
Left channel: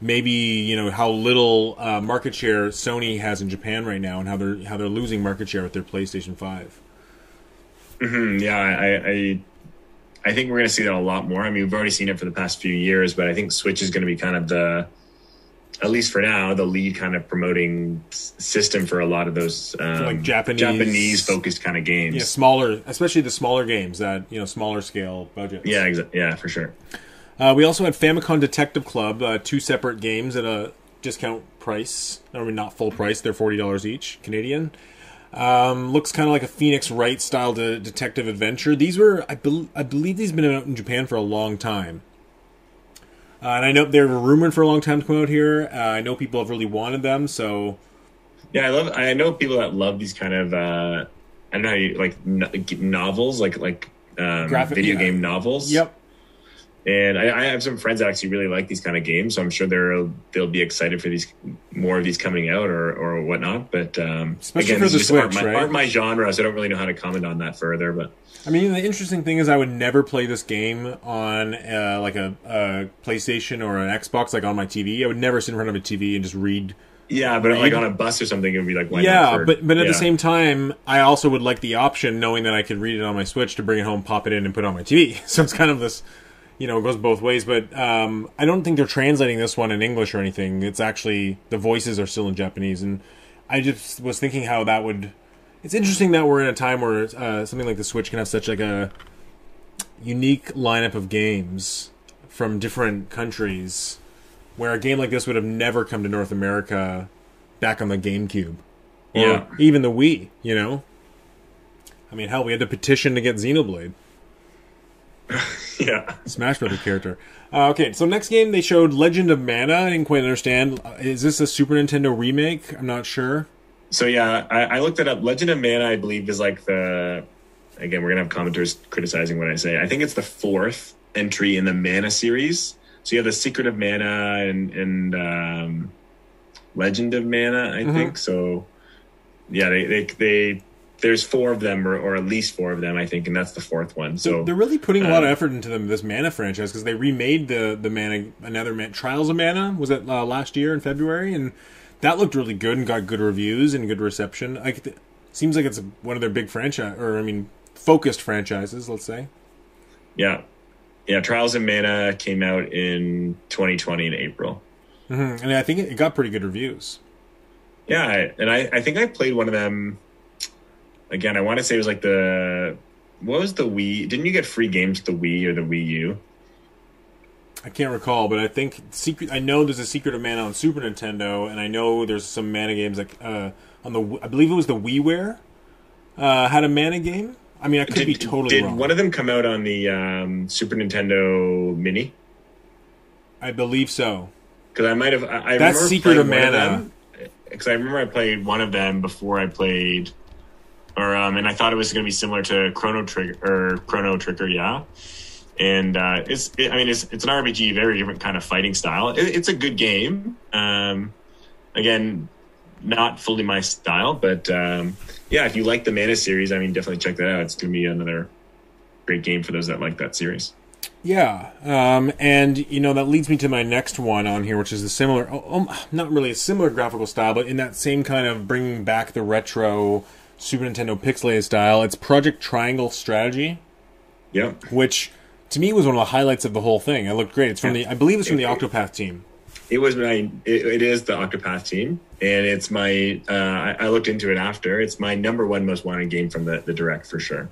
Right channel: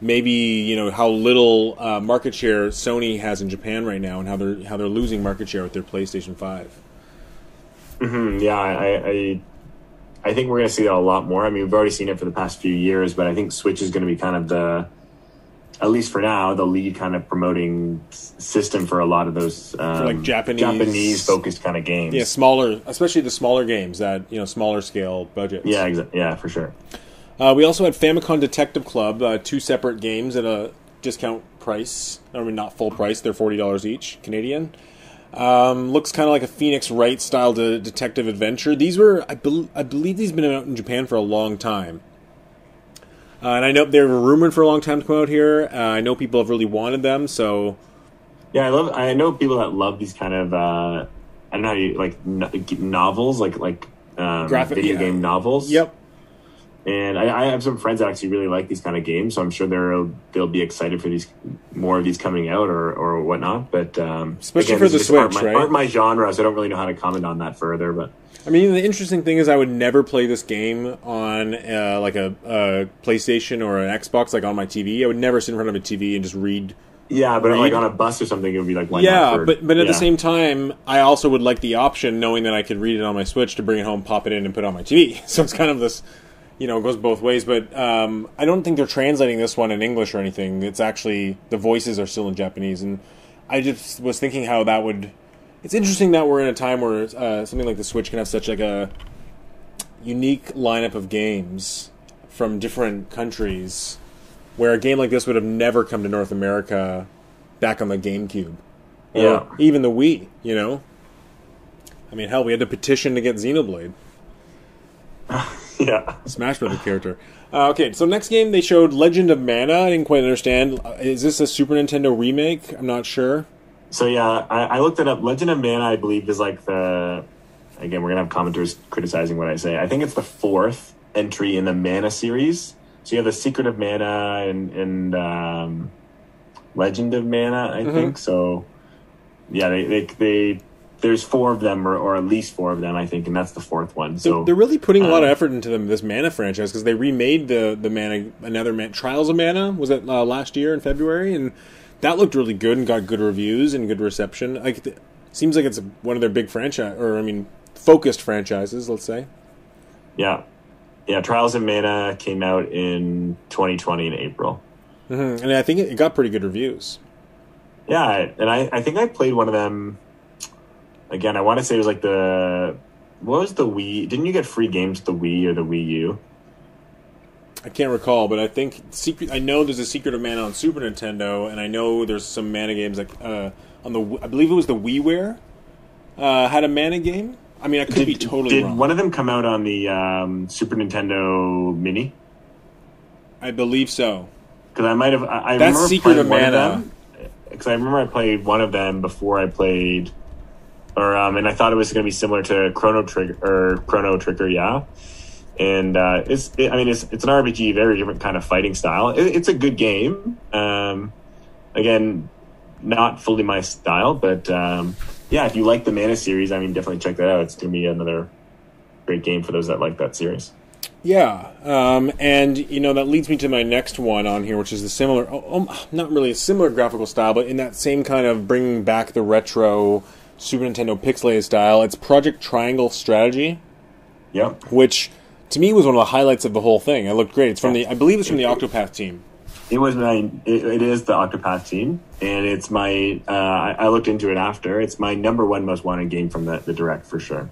maybe, how little market share Sony has in Japan right now and how they're losing market share with their PlayStation 5. Mm-hmm. Yeah, I think we're going to see that a lot more. I mean, we've already seen it for the past few years, but I think Switch is going to be kind of at least for now, the lead kind of promoting system for a lot for those like Japanese focused kind of games. Yeah, smaller, especially the smaller games that, smaller scale budgets. Yeah, yeah, for sure. We also had Famicom Detective Club, 2 separate games at a discount price. I mean, not full price. They're $40 each, Canadian. Looks kind of like a Phoenix Wright style detective adventure. These were, I believe these have been out in Japan for a long time. And I know they were rumored for a long time to come out here. I know people have really wanted them, so... Yeah, I know people that love these kind of, I don't know how you, like, novels, like graphic video game novels. Yep. And I have some friends that actually really like these kind of games, so I'm sure they'll be excited for more of these coming out or whatnot. But especially again, for the Switch, right? Aren't my genre, so I don't really know how to comment on that further. But I mean, the interesting thing is, I would never play this game on like a PlayStation or an Xbox, like on my TV. I would never sit in front of a TV and just read. Yeah, but like on a bus or something, it would be like, why yeah, not but at the same time, I also would like the option, knowing that I could read it on my Switch, to bring it home, pop it in, and put it on my TV. So it's kind of this. It goes both ways, but I don't think they're translating this one in English or anything. It's actually, the voices are still in Japanese, and I just was thinking how that would... It's interesting that we're in a time where something like the Switch can have such like a unique lineup of games from different countries, where a game like this would have never come to North America back on the GameCube. Or even the Wii, I mean, hell, we had to petition to get Xenoblade. Yeah. Smash Brothers character. Okay, so next game they showed Legend of Mana. I didn't quite understand. Is this a Super Nintendo remake? I'm not sure. So yeah, I looked it up. Legend of Mana, I believe, is like the... Again, we're going to have commenters criticizing what I say. I think it's the 4th entry in the Mana series. So you have the Secret of Mana and Legend of Mana, I think. So yeah, they there's 4 of them, or at least 4 of them, I think, and that's the 4th one. So they're really putting a lot of effort into this Mana franchise, because they remade the Mana, Trials of Mana, was it last year in February, and that looked really good and got good reviews and good reception. Like, seems like it's one of their big focused franchises, let's say. Yeah, Trials of Mana came out in 2020 in April, and I think it got pretty good reviews. Yeah, and I think I played one of them. Again, I want to say it was like what was the Wii? Didn't you get free games with the Wii or the Wii U? I can't recall, but I think I know there's a Secret of Mana on Super Nintendo, and I know there's some Mana games like I believe it was the WiiWare had a Mana game. I mean, I could be totally wrong. Did one of them come out on the Super Nintendo Mini? I believe so. Because I might have. That's Secret of Mana. Because I remember I played one of them before I played. And I thought it was going to be similar to Chrono Trigger, yeah. And it's an RPG, very different kind of fighting style. It's a good game. again, not fully my style, but yeah, if you like the Mana series, I mean, definitely check that out. It's going to be another great game for those that like that series. Yeah, and that leads me to my next one on here, which is a similar, not really a similar graphical style, but in that same kind of bringing back the retro Super Nintendo pixelated style. It's Project Triangle Strategy. Yeah. Which, to me, was one of the highlights of the whole thing. It looked great. It's from I believe it's from the Octopath team. It is the Octopath team, and it's my, I looked into it after. It's my number one most wanted game from the Direct, for sure.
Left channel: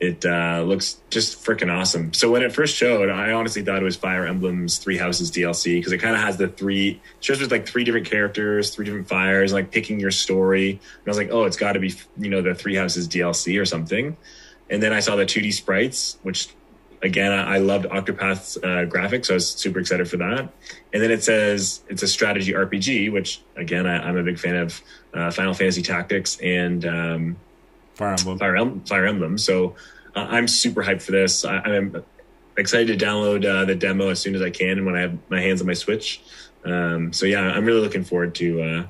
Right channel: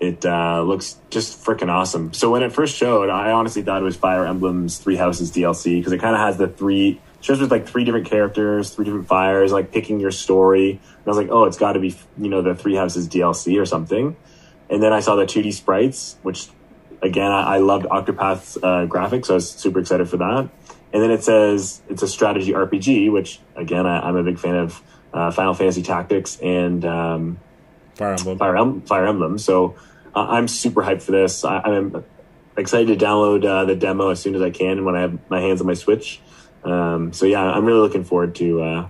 It looks just freaking awesome. So when it first showed, I honestly thought it was Fire Emblem's Three Houses DLC, because it kind of has shows with like three different characters, three different fires, like picking your story. And I was like, oh, it's got to be, the Three Houses DLC or something. And then I saw the 2D sprites, which, again, I loved Octopath's graphics, so I was super excited for that. And then it says it's a strategy RPG, which, again, I'm a big fan of Final Fantasy Tactics and Fire Emblem. So I'm super hyped for this. I'm excited to download the demo as soon as I can when I have my hands on my Switch. So yeah, I'm really looking forward to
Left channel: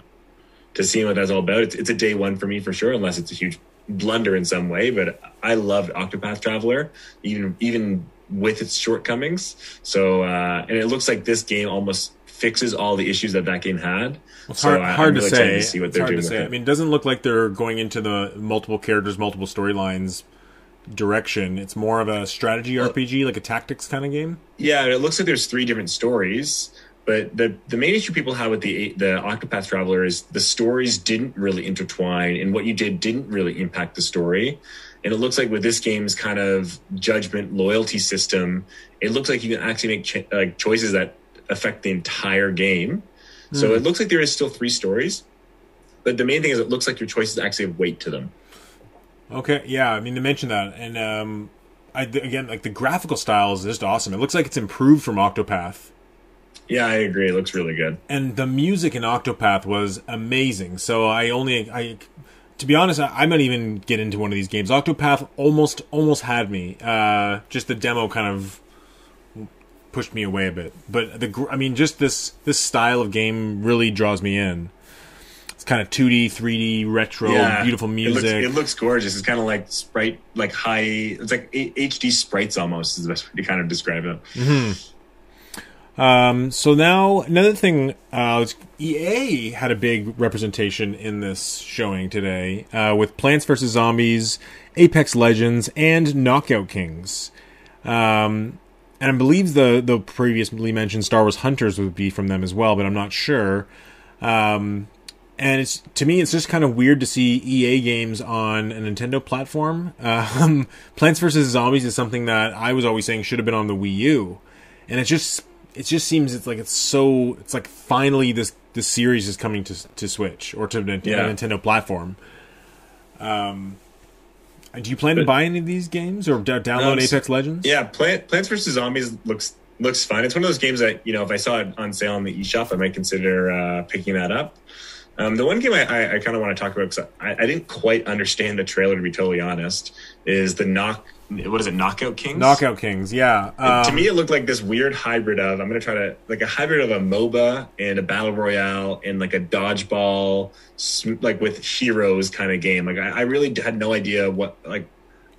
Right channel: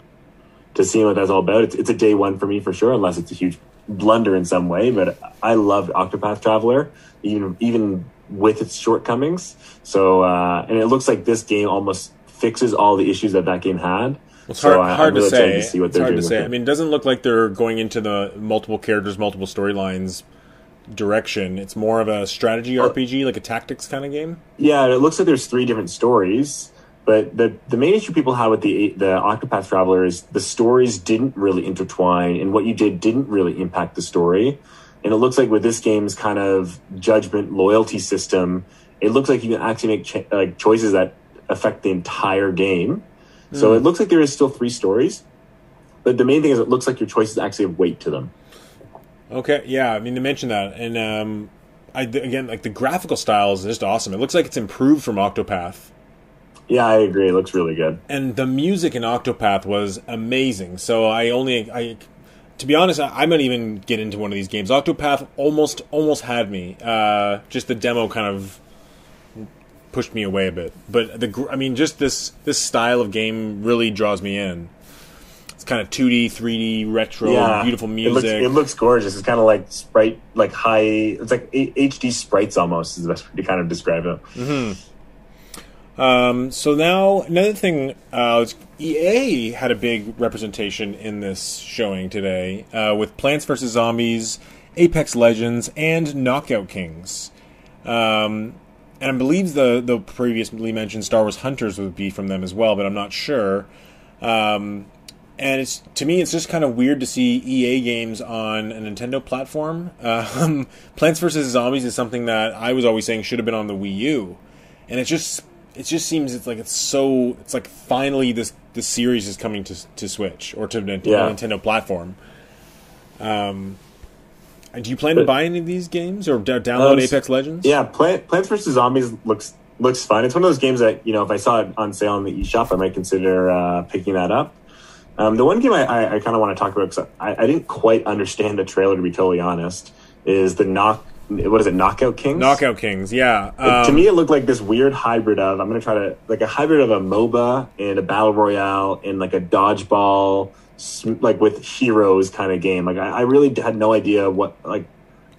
seeing what that's all about. It's a day one for me for sure, unless it's a huge blunder in some way. But I loved Octopath Traveler, even with its shortcomings. So and it looks like this game almost fixes all the issues that game had. Well, it's hard to say. It's hard to say. I mean, it doesn't look like they're going into the multiple characters, multiple storylines direction. It's more of a strategy RPG, like a tactics kind of game. Yeah, it looks like there's three different stories. But the main issue people have with the Octopath Traveler is the stories didn't really intertwine, and what you didn't really impact the story. And it looks like with this game's kind of judgment loyalty system, it looks like you can actually make choices that affect the entire game. So it looks like there is still three stories, but the main thing is it looks like your choices actually have weight to them. Okay, yeah, I mean, to mention that, and again, like the graphical style is just awesome. It looks like it's improved from Octopath. Yeah, I agree. It looks really good. And the music in Octopath was amazing. So to be honest, I might even get into one of these games. Octopath almost had me. Just the demo kind of pushed me away a bit. But just this style of game really draws me in. It's kind of 2D, 3D, retro, beautiful music. It looks gorgeous. It's kind of like sprite, like high. It's like HD sprites almost is the best way to kind of describe it. Mm-hmm. So now another thing, EA had a big representation in this showing today with Plants vs. Zombies, Apex Legends, and Knockout Kings. And I believe the previously mentioned Star Wars Hunters would be from them as well, but I'm not sure. And to me, it's just kind of weird to see EA games on a Nintendo platform. Plants vs. Zombies is something that I was always saying should have been on the Wii U, and it just seems it's like finally this series is coming to Switch or to a Nintendo platform. Do you plan to buy any of these games or download Apex Legends? Yeah, Plants vs. Zombies looks fun. It's one of those games that, if I saw it on sale in the eShop, I might consider picking that up. The one game I kind of want to talk about, because I didn't quite understand the trailer, to be totally honest, is the Knockout Kings? Knockout Kings, yeah. To me, it looked like this weird hybrid of, a hybrid of a MOBA and a Battle Royale and like a dodgeball, like with heroes kind of game. Like, I really had no idea what, like...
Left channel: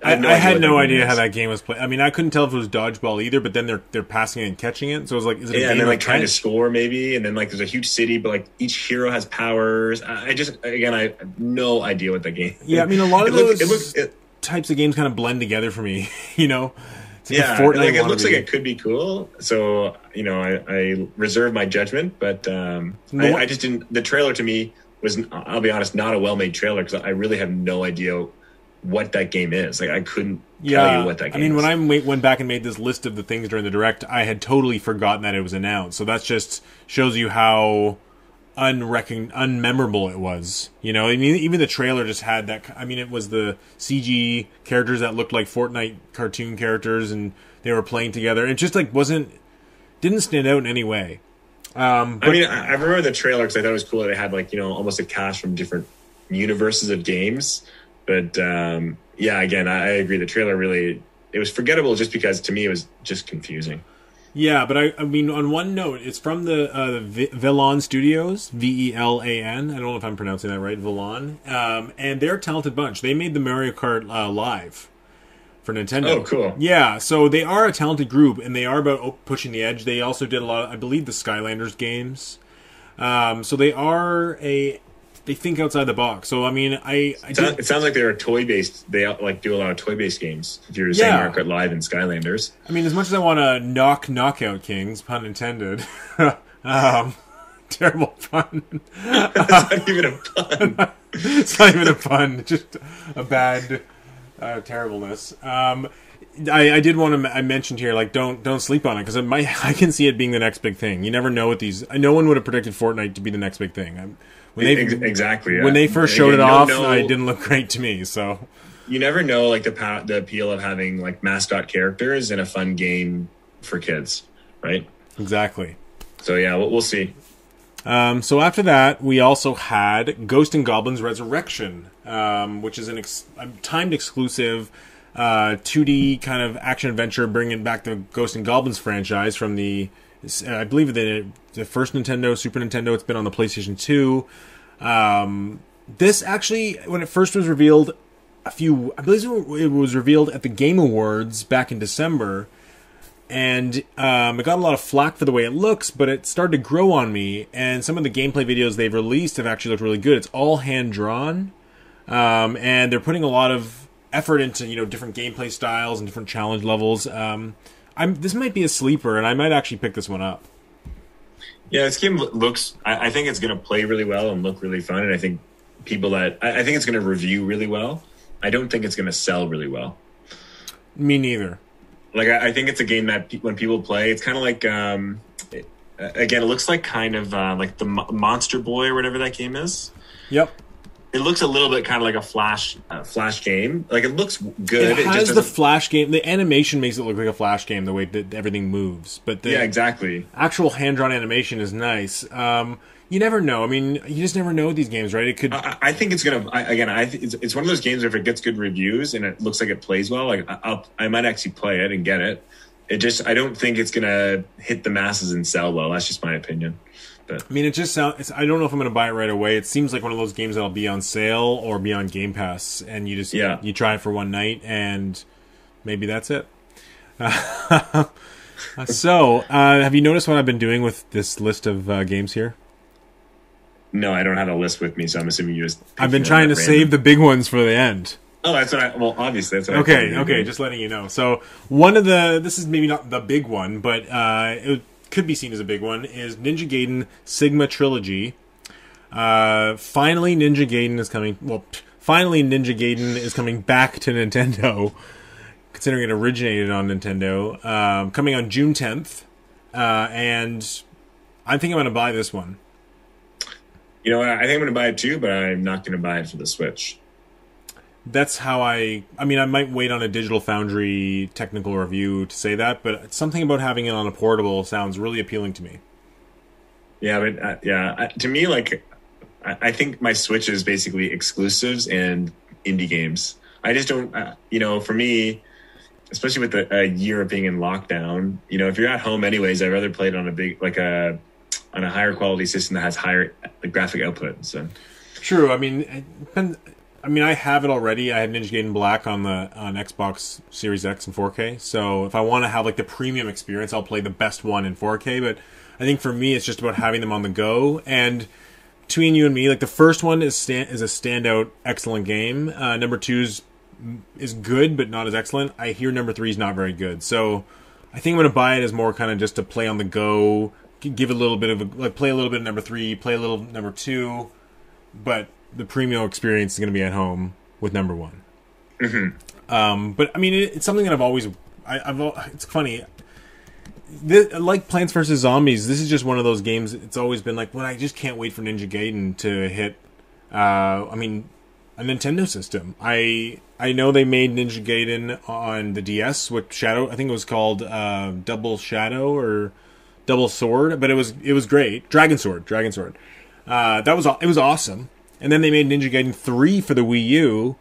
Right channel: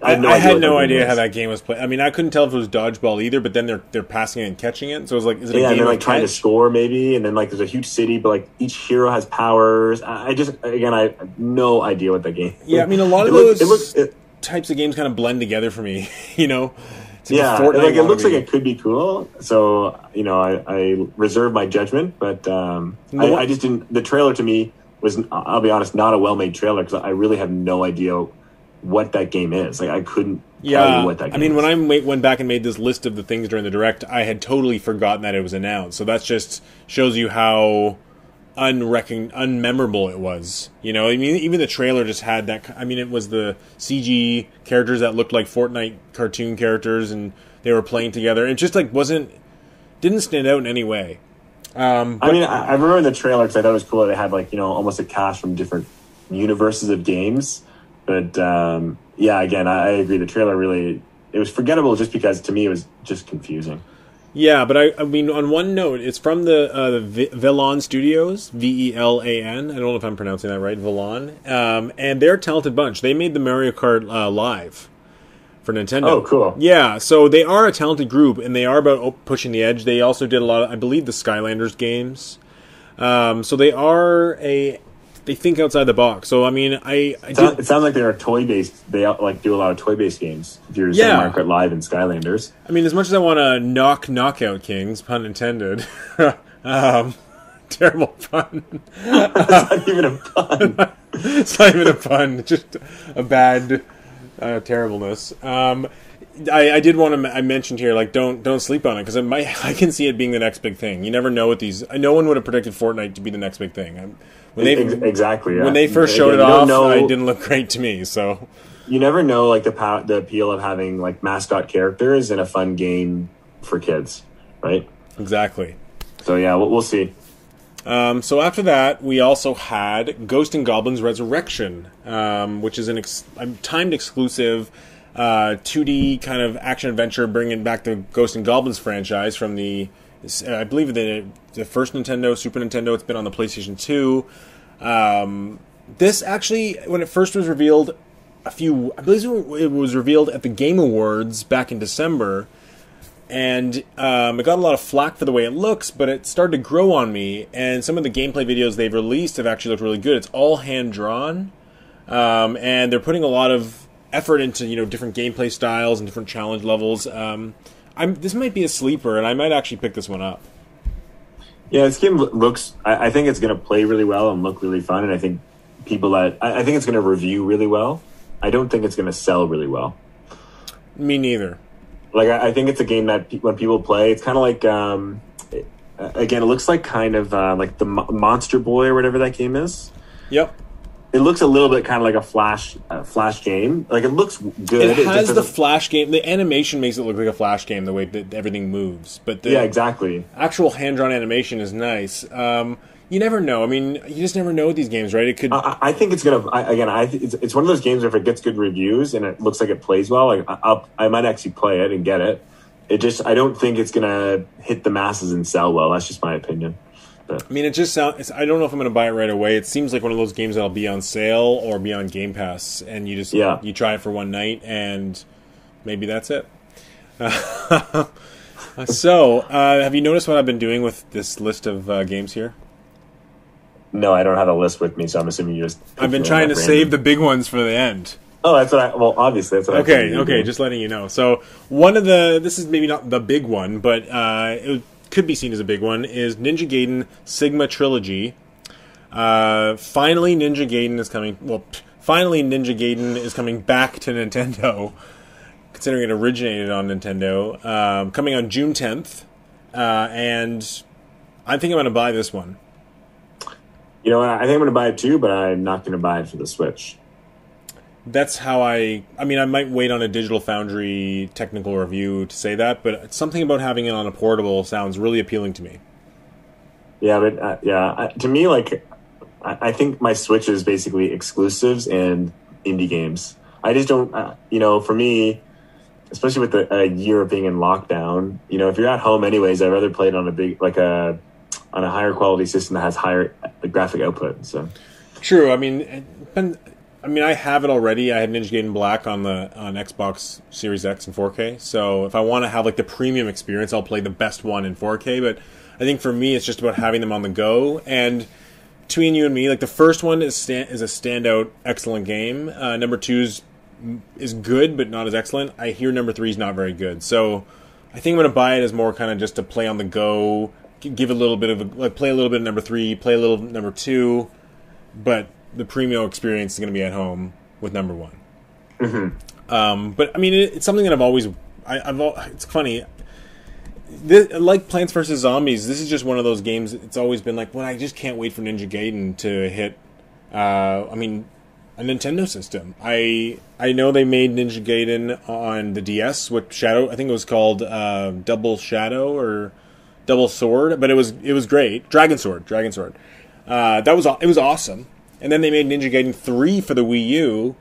I had no idea how that game was played. I mean, I couldn't tell if it was dodgeball either, but then they're passing it and catching it. So it was like, is it a game and then, like, of trying to catch? score maybe, and then like there's a huge city, but like each hero has powers. I have no idea what that game is. Yeah, I mean, a lot of those types of games kind of blend together for me, It's like a Fortnite it looks like it could be cool. So, I reserve my judgment, but I just didn't... The trailer to me was, I'll be honest, not a well-made trailer, because I really have no idea what that game is. Like, I couldn't tell you what that game is. I mean, when I went back and made this list of the things during the Direct, I had totally forgotten that it was announced. So that just shows you how unmemorable it was. I mean, even the trailer just had that... I mean, it was the CG characters that looked like Fortnite cartoon characters, and they were playing together. It just, didn't stand out in any way. I remember the trailer because I thought it was cool that it had, almost a cast from different universes of games. But, again, I agree. The trailer really... It was forgettable just because, to me, it was just confusing. Yeah, but I mean, on one note, it's from the Velan Studios, Velan. I don't know if I'm pronouncing that right, Velan. And they're a talented bunch. They made the Mario Kart Live for Nintendo. Oh, cool. Yeah, so they are a talented group, and they are about pushing the edge. They also did a lot of, I believe, the Skylanders games. So they are they think outside the box. So I mean, it sounds like they're toy based. They like do a lot of toy based games. If you're saying Mario Kart Live and Skylanders. I mean, as much as I want to knockout Kings, pun intended. Terrible pun. It's not even a pun. It's not even a pun. Just a bad terribleness. I did want to. I mentioned here, like, don't sleep on it, because I can see it being the next big thing. You never know what these. No one would have predicted Fortnite to be the next big thing. Exactly. Yeah. When they first showed it off, it didn't look great to me. So you never know, like, the appeal of having like mascot characters in a fun game for kids, right? Exactly. So yeah, we'll see. So after that, we also had Ghost and Goblins Resurrection, which is a timed exclusive 2D kind of action adventure, bringing back the Ghost and Goblins franchise from I believe the first Nintendo, Super Nintendo. It's been on the PlayStation 2. This actually, when it first was revealed, I believe it was revealed at the Game Awards back in December, and it got a lot of flack for the way it looks, but it started to grow on me, and some of the gameplay videos they've released have actually looked really good. It's all hand-drawn, and they're putting a lot of effort into, different gameplay styles and different challenge levels. This might be a sleeper, and I might actually pick this one up. Yeah, this game looks. I think it's going to play really well and look really fun, and I think I think it's going to review really well. I don't think it's going to sell really well. Me neither. Like, I think it's a game that when people play, it's kind of like. Again, it looks like kind of like the Monster Boy or whatever that game is. Yep. It looks a little bit kind of like a Flash game. Like, it looks good. It has the Flash game. The animation makes it look like a Flash game, the way that everything moves. But the exactly. Actual hand-drawn animation is nice. You never know. I mean, you just never know with these games, right? It could. I think it's gonna. It's one of those games where if it gets good reviews and it looks like it plays well, like I might actually play it and get it. I don't think it's gonna hit the masses and sell well. That's just my opinion. But. I mean, it just sounds. I don't know if I'm going to buy it right away. It seems like one of those games that'll be on sale or be on Game Pass, and you just you try it for one night, and maybe that's it. So, have you noticed what I've been doing with this list of games here? No, I don't have a list with me, so I'm assuming you just. I've been trying to save the big ones for the end. Oh, that's what well, obviously, that's what Okay, just letting you know. So, this is maybe not the big one, but it could be seen as a big one, is Ninja Gaiden Sigma Trilogy. Finally, Ninja Gaiden is coming. Well, finally, Ninja Gaiden is coming back to Nintendo, considering it originated on Nintendo. Coming on June 10th, and I think I'm going to buy this one. You know, I think I'm going to buy it too, but I'm not going to buy it for the Switch. That's how I mean, I might wait on a Digital Foundry technical review to say that, but something about having it on a portable sounds really appealing to me. Yeah, but to me, like, I think my Switch is basically exclusives and indie games. I just don't, for me, especially with a year of being in lockdown, if you're at home anyways, I'd rather play it on on a higher quality system that has higher graphic output. So true. I mean, I have it already. I have Ninja Gaiden Black on Xbox Series X in 4K. So if I want to have like the premium experience, I'll play the best one in 4K. But I think for me, it's just about having them on the go. And between you and me, like, the first one is a standout, excellent game. Number 2 is good, but not as excellent. I hear number 3 is not very good. So I think I'm going to buy it as more kind of just to play on the go, give it a little bit of play a little bit of number 3, play a little number 2, but the premium experience is going to be at home with number 1. Mm-hmm. But I mean, it's something that I've always. It's funny. Like Plants vs. Zombies, this is just one of those games. It's always been like, well, I just can't wait for Ninja Gaiden to hit. A Nintendo system. I know they made Ninja Gaiden on the DS with Shadow. I think it was called Double Shadow or Double Sword, but it was great. Dragon Sword. It was awesome. And then they made Ninja Gaiden 3 for the Wii U,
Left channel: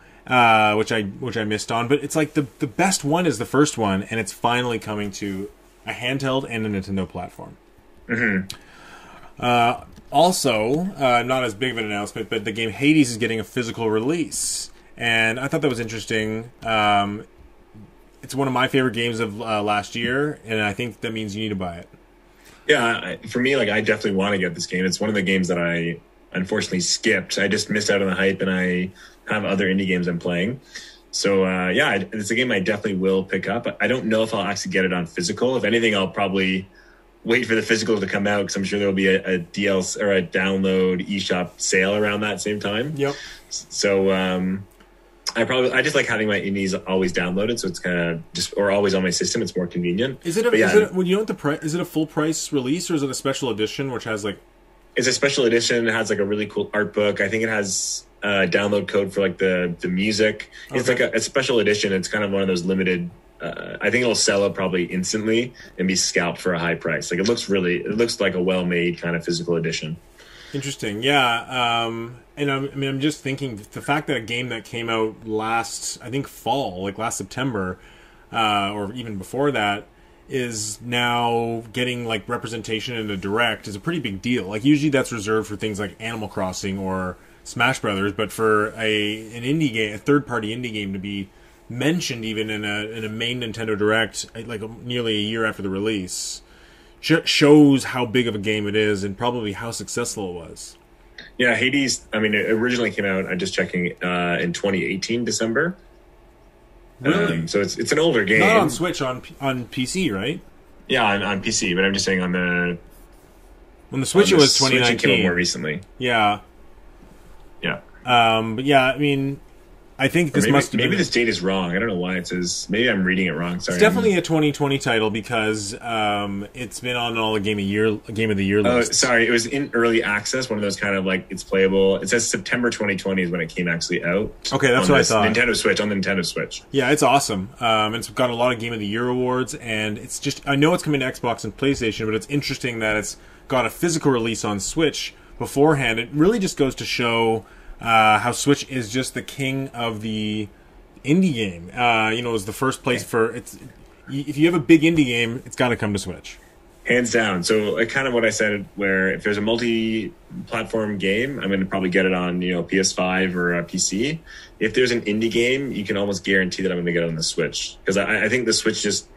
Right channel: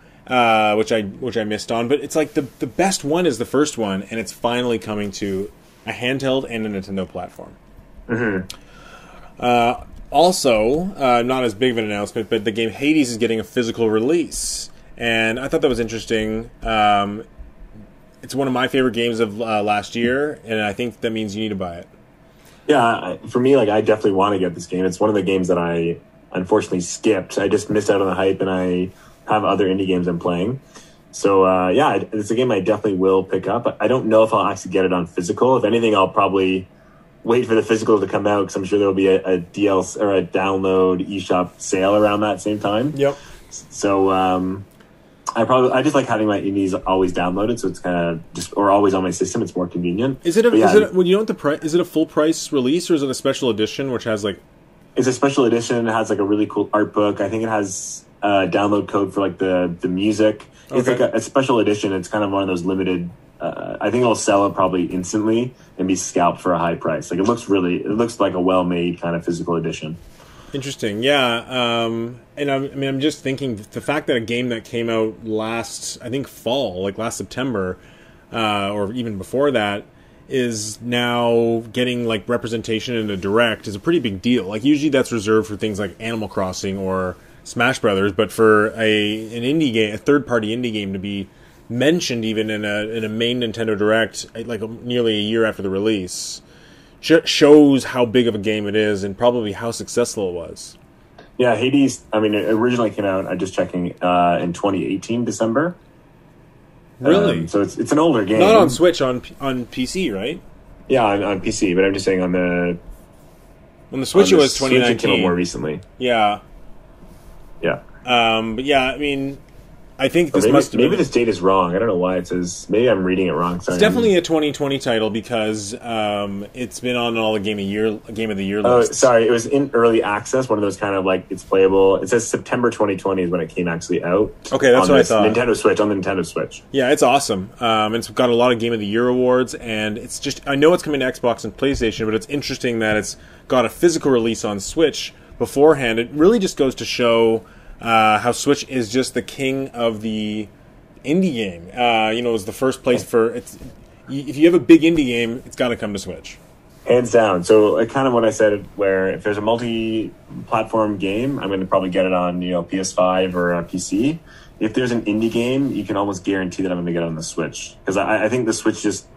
which I missed on. But it's like the best one is the first one, and it's finally coming to a handheld and a Nintendo platform. Mm-hmm. Also, not as big of an announcement, but the game Hades is getting a physical release. And I thought that was interesting. It's one of my favorite games of last year, and I think that means you need to buy it. Yeah, for me, like, I definitely want to get this game. It's one of the games that I unfortunately skipped. I just missed out on the hype, and I have other indie games I'm playing. So, yeah, it's a game I definitely will pick up. I don't know if I'll actually get it on physical. If anything, I'll probably wait for the physical to come out, because I'm sure there'll be a DLC or a download eShop sale around that same time. Yep. So, I just like having my indies always downloaded, so it's kind of just, or always on my system. It's more convenient. Is it well, you know what the price? Is it a full price release, or is it a special edition which has like? It's a special edition. It has like a really cool art book. I think it has a download code for like the music. Okay. It's like a special edition. It's kind of one of those limited. I think it'll sell it probably instantly and be scalped for a high price. Like it looks like a well made kind of physical edition. Interesting, yeah. And I'm just thinking the fact that a game that came out last fall, like last September, or even before that, is now getting like representation in a direct is a pretty big deal. Like usually that's reserved for things like Animal Crossing or Smash Brothers, but for an indie game, a third-party indie game to be mentioned even in a main Nintendo Direct, like nearly a year after the release, shows how big of a game it is and probably how successful it was. Yeah, Hades, I mean, it originally came out, I'm just checking, in 2018, December. Really? So it's an older game. Not on Switch, on PC, right? Yeah, on PC, but I'm just saying on the Switch it was 2019. Switch, it came out more recently. Yeah. Yeah. But yeah, I mean, I think this must have been... Maybe this date is wrong. I don't know why it says... Maybe I'm reading it wrong. Sorry. It's definitely a 2020 title because it's been on all the Game of the Year lists. Sorry, it was in early access, one of those kind of like, it's playable. It says September 2020 is when it came actually out. Okay, that's what I thought. On the Nintendo Switch. Yeah, it's awesome. It's got a lot of Game of the Year awards, and it's just... I know it's coming to Xbox and PlayStation, but it's interesting that it's got a physical release on Switch beforehand. It really just goes to show... how Switch is just the king of the indie game. It was the first place for... if you have a big indie game, it's got to come to Switch. Hands down. So kind of what I said, where if there's a multi-platform game, I'm going to probably get it on PS5 or a PC. If there's an indie game, you can almost guarantee that I'm going to get it on the Switch. Because I think the Switch just...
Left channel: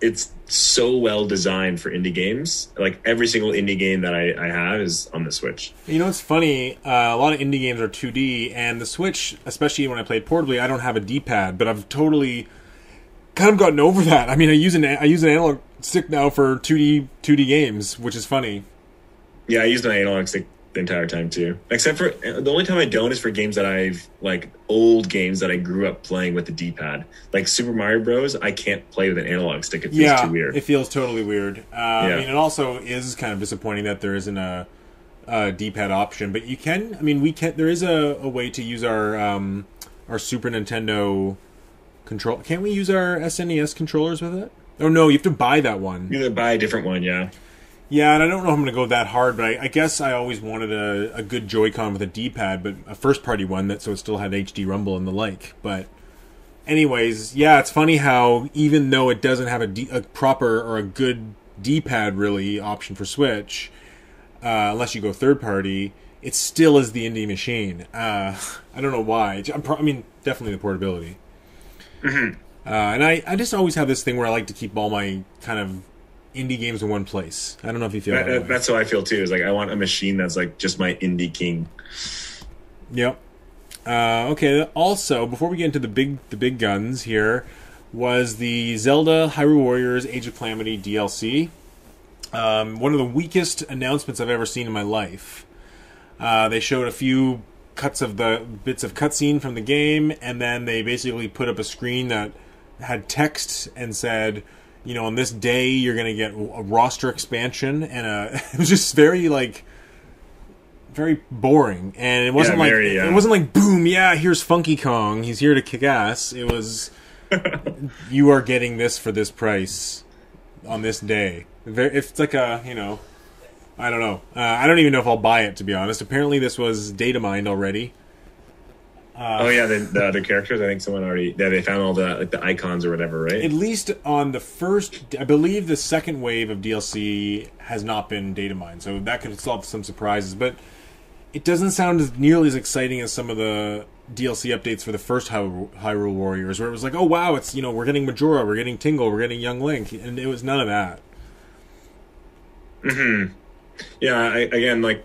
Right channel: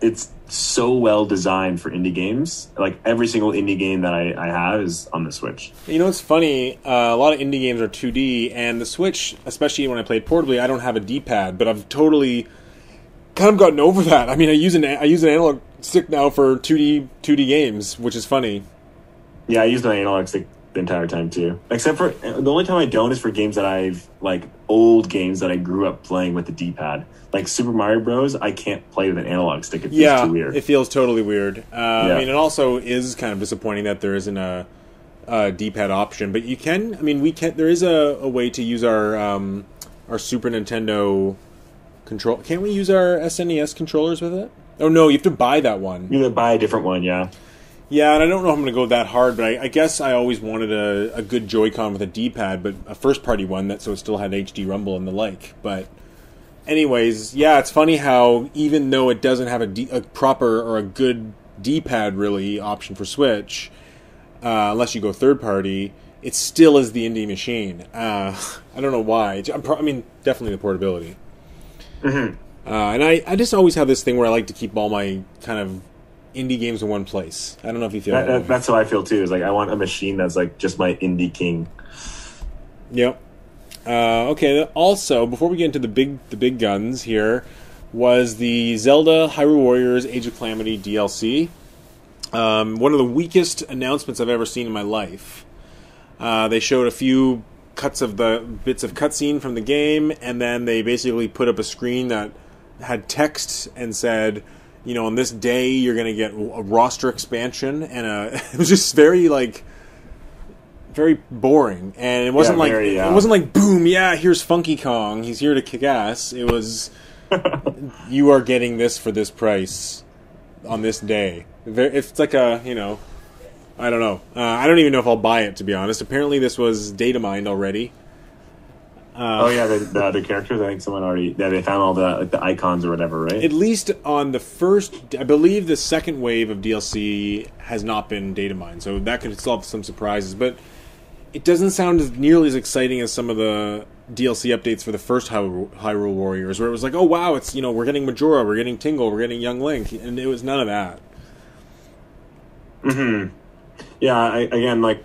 It's so well designed for indie games. Like every single indie game that I have is on the Switch. It's funny. A lot of indie games are 2D, and the Switch, especially when I played portably, I don't have a D-pad, but I've totally kind of gotten over that. I mean, I use an analog stick now for 2D games, which is funny. Yeah, I use an analog stick the entire time too. Except for the only time I don't is for games that I've like old games that I grew up playing with the D-pad. Like Super Mario Bros. I can't play with an analog stick. It feels too weird. It feels totally weird. I mean, it also is kind of disappointing that there isn't a D-pad option, but you can. I mean, we can. There is a way to use our Super Nintendo control. Can't we use our SNES controllers with it? Oh no, you have to buy that one. You have to buy a different one, yeah. Yeah, and I don't know if I'm going to go that hard, but I guess I always wanted a good Joy-Con with a D-pad, but a first-party one so it still had HD rumble and the like. But anyways, yeah, it's funny how even though it doesn't have a proper or a good D-pad really option for Switch, unless you go third-party, it still is the indie machine. I don't know why. I mean, definitely the portability. Mm-hmm. And I just always have this thing where I like to keep all my kind of indie games in one place. I don't know if you feel that way. That's how I feel too. Is like I want a machine that's like just my indie king. Yep. Okay. Also, before we get into the big guns here, was the Zelda Hyrule Warriors Age of Calamity DLC. One of the weakest announcements I've ever seen in my life. They showed a few cuts of the bits of cutscene from the game, and then they basically put up a screen that had text and said, on this day you're going to get a roster expansion, and it was just very boring, and it wasn't it wasn't like boom, yeah, here's Funky Kong, he's here to kick ass. It was you are getting this for this price on this day. It's like I don't know. I don't even know if I'll buy it, to be honest. Apparently this was data mined already. Oh yeah, the other characters. I think someone already. Yeah, they found all the icons or whatever, right? At least on the first, I believe the second wave of DLC has not been data mined, so that could still have some surprises. But it doesn't sound nearly as exciting as some of the DLC updates for the first Hyrule Warriors, where it was like, oh wow, it's we're getting Majora, we're getting Tingle, we're getting Young Link, and it was none of that. Yeah, again, like,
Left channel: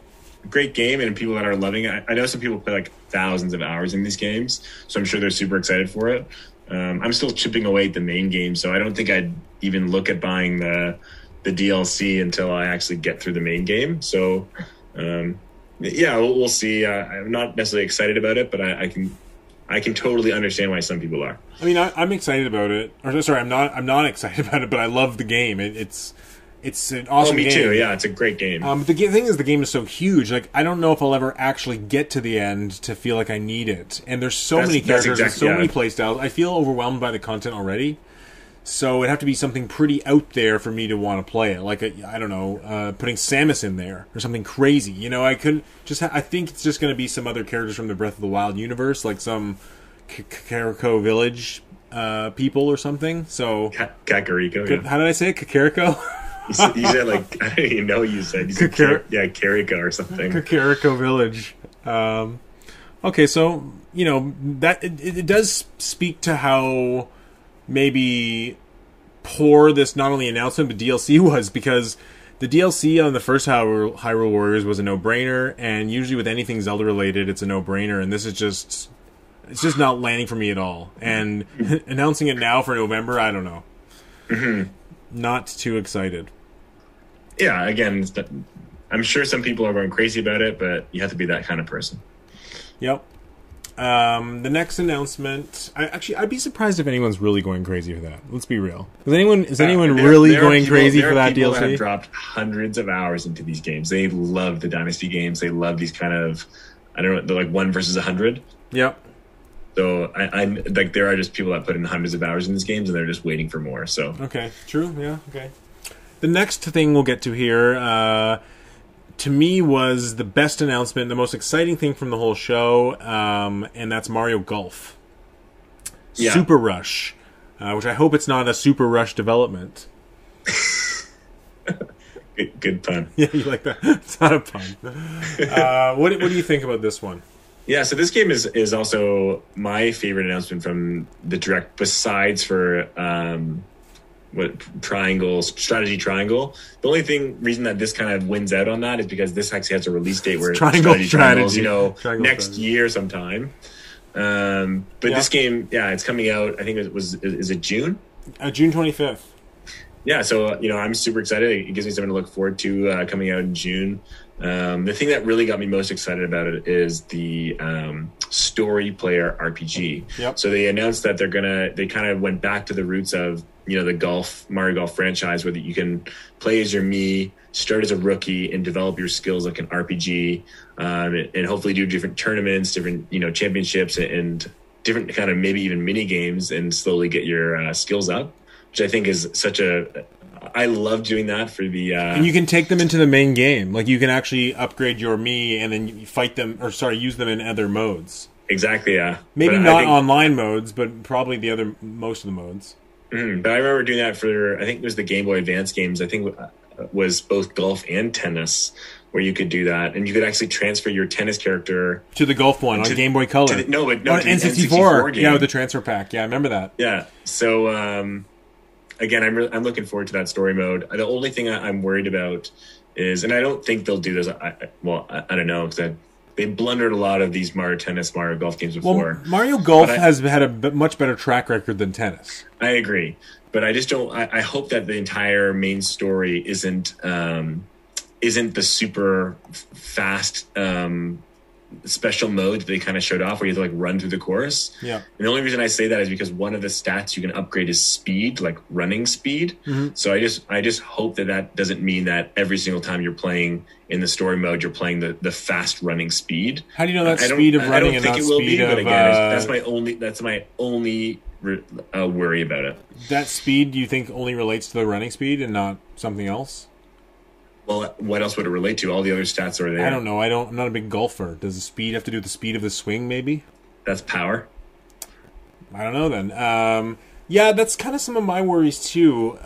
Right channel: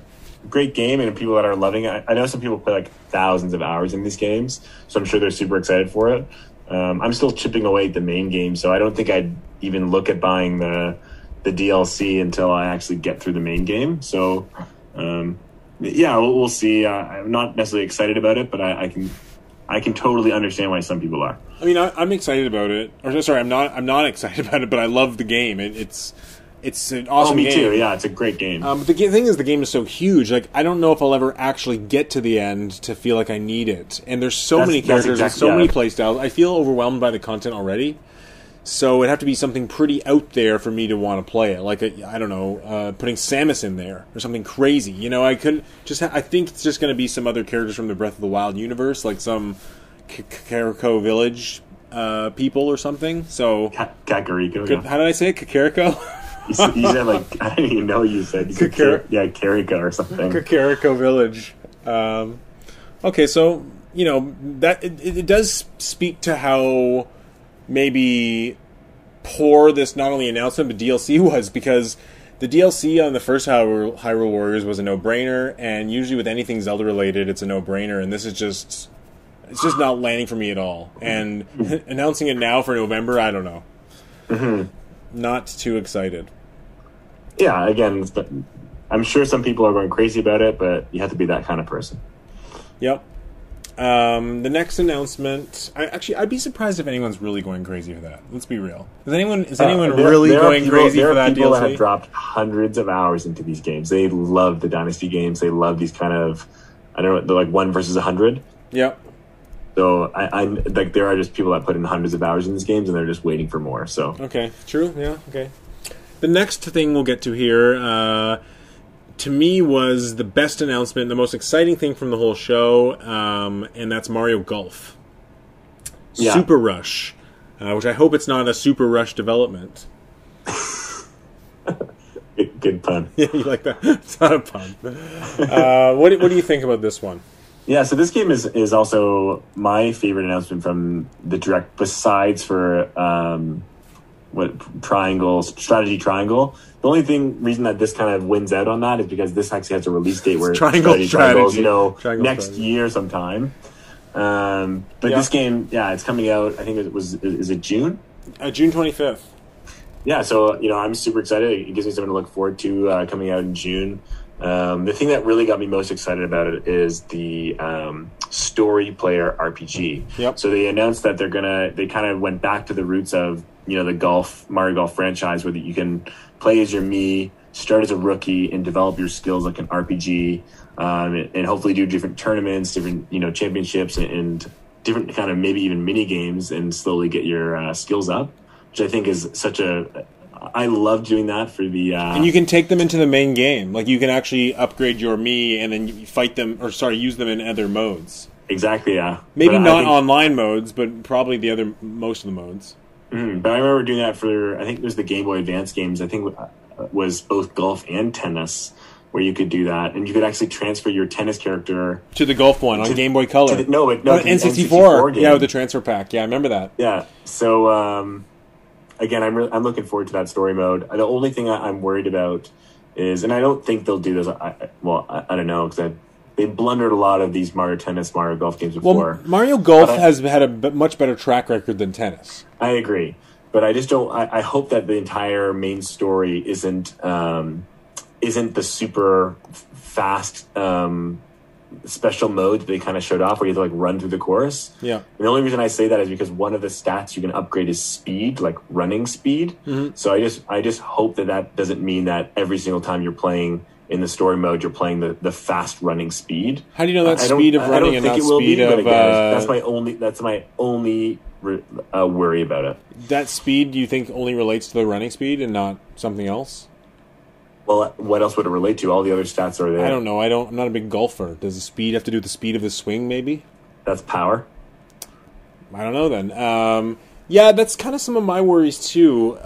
great game, and people that are loving it. I know some people play like thousands of hours in these games, so I'm sure they're super excited for it. I'm still chipping away at the main game, so I don't think I'd even look at buying the DLC until I actually get through the main game. So, yeah, we'll see. I'm not necessarily excited about it, but I can totally understand why some people are. I mean, I'm excited about it. Or sorry, I'm not excited about it, but I love the game. It's an awesome game. Me too. Yeah, it's a great game. But the thing is, the game is so huge. Like, I don't know if I'll ever actually get to the end to feel like I need it. And there's so many characters and so many playstyles. I feel overwhelmed by the content already. So it'd have to be something pretty out there for me to want to play it. Like, I don't know, putting Samus in there or something crazy. I couldn't just. I think it's just going to be some other characters from the Breath of the Wild universe, like some Kakariko Village people or something. So Kakariko. Yeah. How did I say it? Kakariko. You said like, I didn't even know what you said. You said Karika or something. Kakariko Village. Okay, so that it does speak to how maybe poor this not only announcement but DLC was, because the DLC on the first Hyrule Warriors was a no-brainer, and usually with anything Zelda related, it's a no-brainer, and this is just not landing for me at all. And announcing it now for November, I don't know. Not too excited. Yeah, again, I'm sure some people are going crazy about it, but you have to be that kind of person. Yep. The next announcement, I'd be surprised if anyone's really going crazy for that. Let's be real. Is anyone really going crazy for that DLC? There are people that have dropped hundreds of hours into these games. They love the Dynasty games. They love these kind of, I don't know, they're like 1 versus 100. Yep. So I'm like, there are just people that put in hundreds of hours in these games, and they're just waiting for more. So okay, true, yeah, okay. The next thing we'll get to here, to me, was the best announcement, the most exciting thing from the whole show, and that's Mario Golf. Yeah. Super Rush, which I hope it's not a Super Rush development. Good pun. Yeah, you like that? It's not a pun. What do you think about this one? Yeah, so this game is also my favorite announcement from the Direct, besides for Strategy Triangle. The only reason that this kind of wins out on that is because this actually has a release date where Triangle's, next year sometime. But this game, it's coming out. I think is it June? June 25th. Yeah, so I'm super excited. It gives me something to look forward to coming out in June. The thing that really got me most excited about it is the story player RPG. Yep. So they announced that they kind of went back to the roots of, the Mario Golf franchise, where you can play as your Mii, start as a rookie, and develop your skills like an RPG, and hopefully do different tournaments, different, championships, and different kind of maybe even mini games, and slowly get your skills up, which I think is I love doing that for the... And you can take them into the main game. Like, you can actually upgrade your Mii and then you fight them, use them in other modes. Exactly, yeah. Maybe not online modes, but probably most of the modes. But I remember doing that for, I think it was the Game Boy Advance games. I think it was both golf and tennis, where you could do that. And you could actually transfer your tennis character... to the golf one on Game Boy Color. N64 yeah, with the transfer pack. Yeah, I remember that. Yeah, so... Again, I'm looking forward to that story mode. The only thing I'm worried about is, and I don't think they'll do this. I don't know, because they blundered a lot of these Mario Tennis, Mario Golf games before. Well, Mario Golf has had a much better track record than tennis. I agree, but I just don't. I hope that the entire main story isn't the super fast special mode that they kind of showed off, where you have to run through the course. Yeah. And the only reason I say that is because one of the stats you can upgrade is speed, like running speed. Mm-hmm. So I just hope that doesn't mean that every single time you're playing in the story mode, you're playing the fast running speed. How do you know that's speed of running and not speed of... Again, that's my only worry about it. That speed, do you think, only relates to the running speed and not something else? Well, what else would it relate to? All the other stats are there. I don't know. I'm not a big golfer. Does the speed have to do with the speed of the swing, maybe? that's power. I don't know then. Yeah, that's kind of some of my worries too.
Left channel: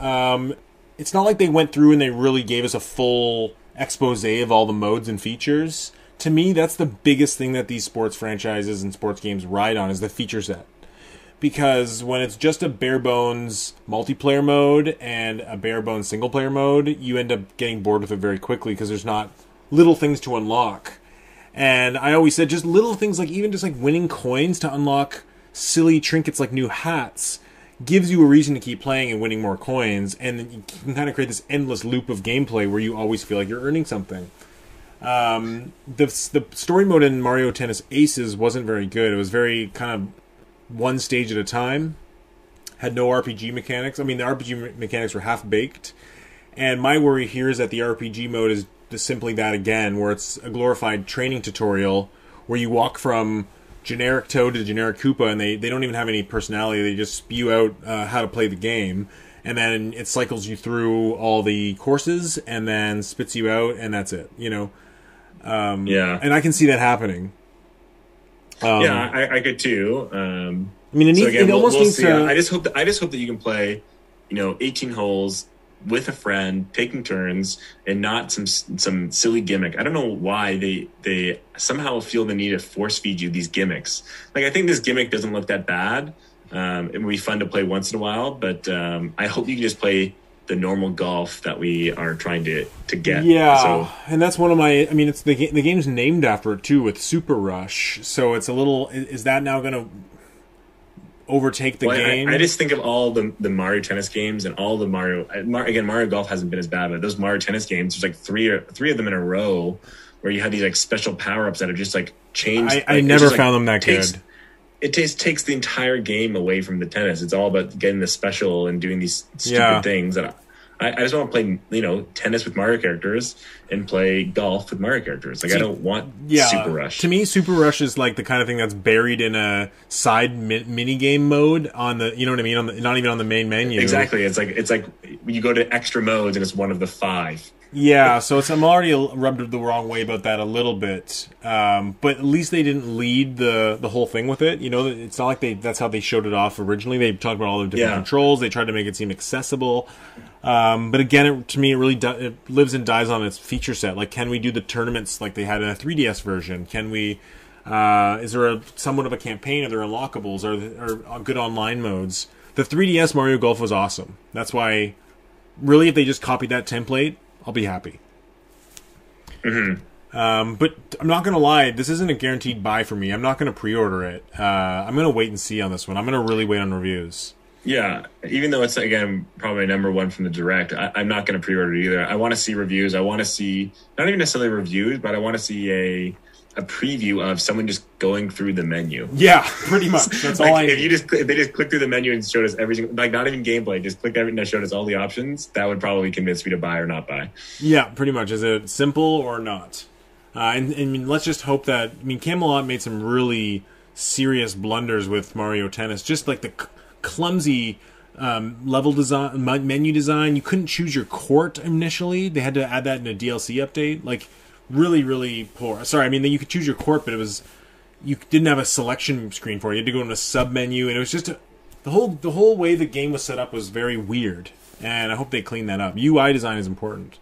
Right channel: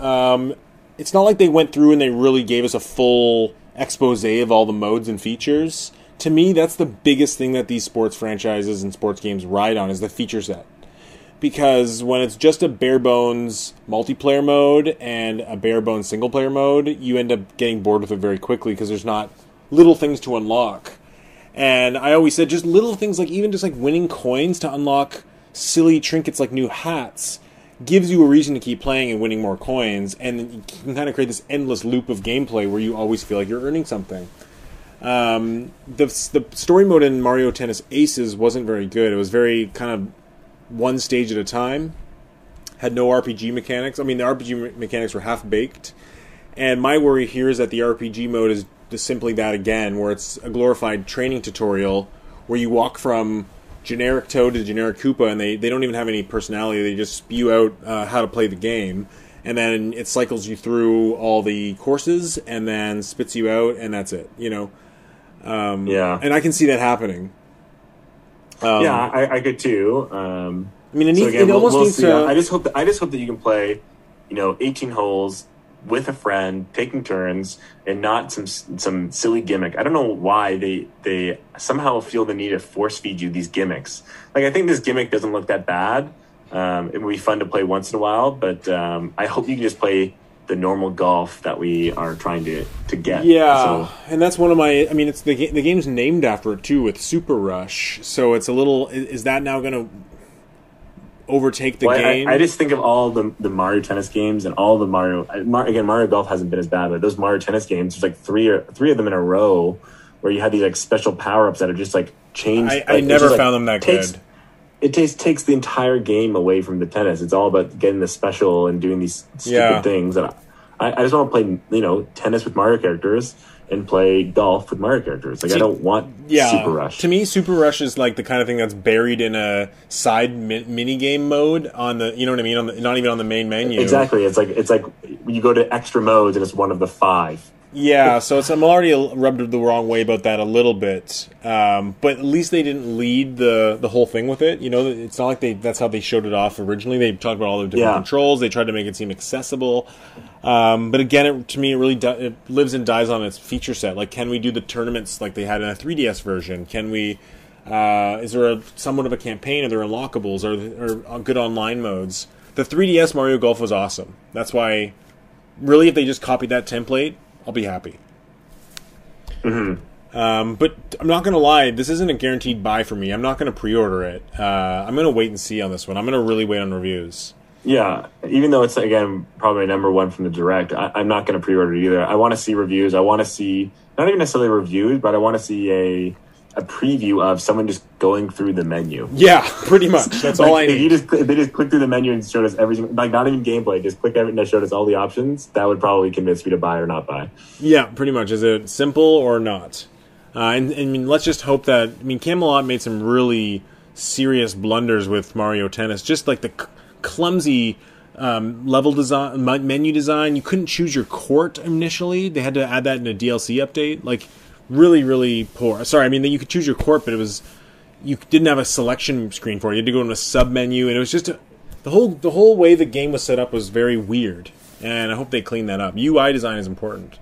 It's not like they went through and they really gave us a full expose of all the modes and features. To me, that's the biggest thing that these sports franchises and sports games ride on, is the feature set. Because when it's just a bare bones multiplayer mode and a bare bones single player mode, you end up getting bored with it very quickly because there's not little things to unlock. And I always said just little things, like even just like winning coins to unlock silly trinkets like new hats gives you a reason to keep playing and winning more coins, and then you can kind of create this endless loop of gameplay where you always feel like you're earning something. The story mode in Mario Tennis Aces wasn't very good. It was very kind of one stage at a time. Had no RPG mechanics. I mean, the RPG mechanics were half-baked. And my worry here is that the RPG mode is just simply that again, where it's a glorified training tutorial where you walk from generic Toad to generic Koopa, and they don't even have any personality. They just spew out how to play the game. And then it cycles you through all the courses and then spits you out, and that's it, you know? Yeah. And I can see that happening. I could too. I mean, it almost needs to... I just hope that you can play, 18 holes with a friend, taking turns, and not some silly gimmick. I don't know why they somehow feel the need to force feed you these gimmicks. Like, I think this gimmick doesn't look that bad. It would be fun to play once in a while, but I hope you can just play the normal golf that we are trying to get. Yeah, and that's one of my... I mean, it's the game's named after it, too, with Super Rush, so it's a little... Is that now going to overtake the game? I just think of all the Mario Tennis games and all the Mario... Again, Mario Golf hasn't been as bad, but those Mario Tennis games, there's like three of them in a row where you have these like special power-ups that are just like changed. I never found them that good. It takes the entire game away from the tennis. It's all about getting the special and doing these stupid things. And I just want to play, tennis with Mario characters and play golf with Mario characters. Like, I don't want Super Rush. To me, Super Rush is like the kind of thing that's buried in a side mini game mode on the, you know what I mean? Not even on the main menu. Exactly. It's like you go to extra modes and it's one of the 5. Yeah, so I'm already rubbed the wrong way about that a little bit, but at least they didn't lead the whole thing with it. It's not like that's how they showed it off originally. They talked about all the different controls. They tried to make it seem accessible, but again, to me, it really it lives and dies on its feature set. Like, can we do the tournaments like they had in a 3DS version? Can we? Is there somewhat of a campaign? Are there unlockables? Are good online modes? The 3DS Mario Golf was awesome. That's why, really, if they just copied that template, I'll be happy. Mm-hmm. But I'm not going to lie, this isn't a guaranteed buy for me. I'm not going to pre-order it. I'm going to wait and see on this one. I'm going to really wait on reviews. Yeah, even though it's, again, probably number 1 from the Direct, I'm not going to pre-order it either. I want to see reviews. I want to see, not even necessarily reviews, but I want to see a preview of someone just going through the menu. Yeah, pretty much. That's all I need. If they just click through the menu and showed us everything, like not even gameplay, just click everything that showed us all the options, that would probably convince me to buy or not buy. Yeah, pretty much. Is it simple or not? And let's just hope that... I mean, Camelot made some really serious blunders with Mario Tennis. Just like the clumsy level design, menu design. You couldn't choose your court initially. They had to add that in a DLC update. Like, really, really poor. Sorry, I mean, you could choose your court, but you didn't have a selection screen for it. You had to go in a sub-menu, and it was just... The whole way the game was set up was very weird, and I hope they clean that up. UI design is important.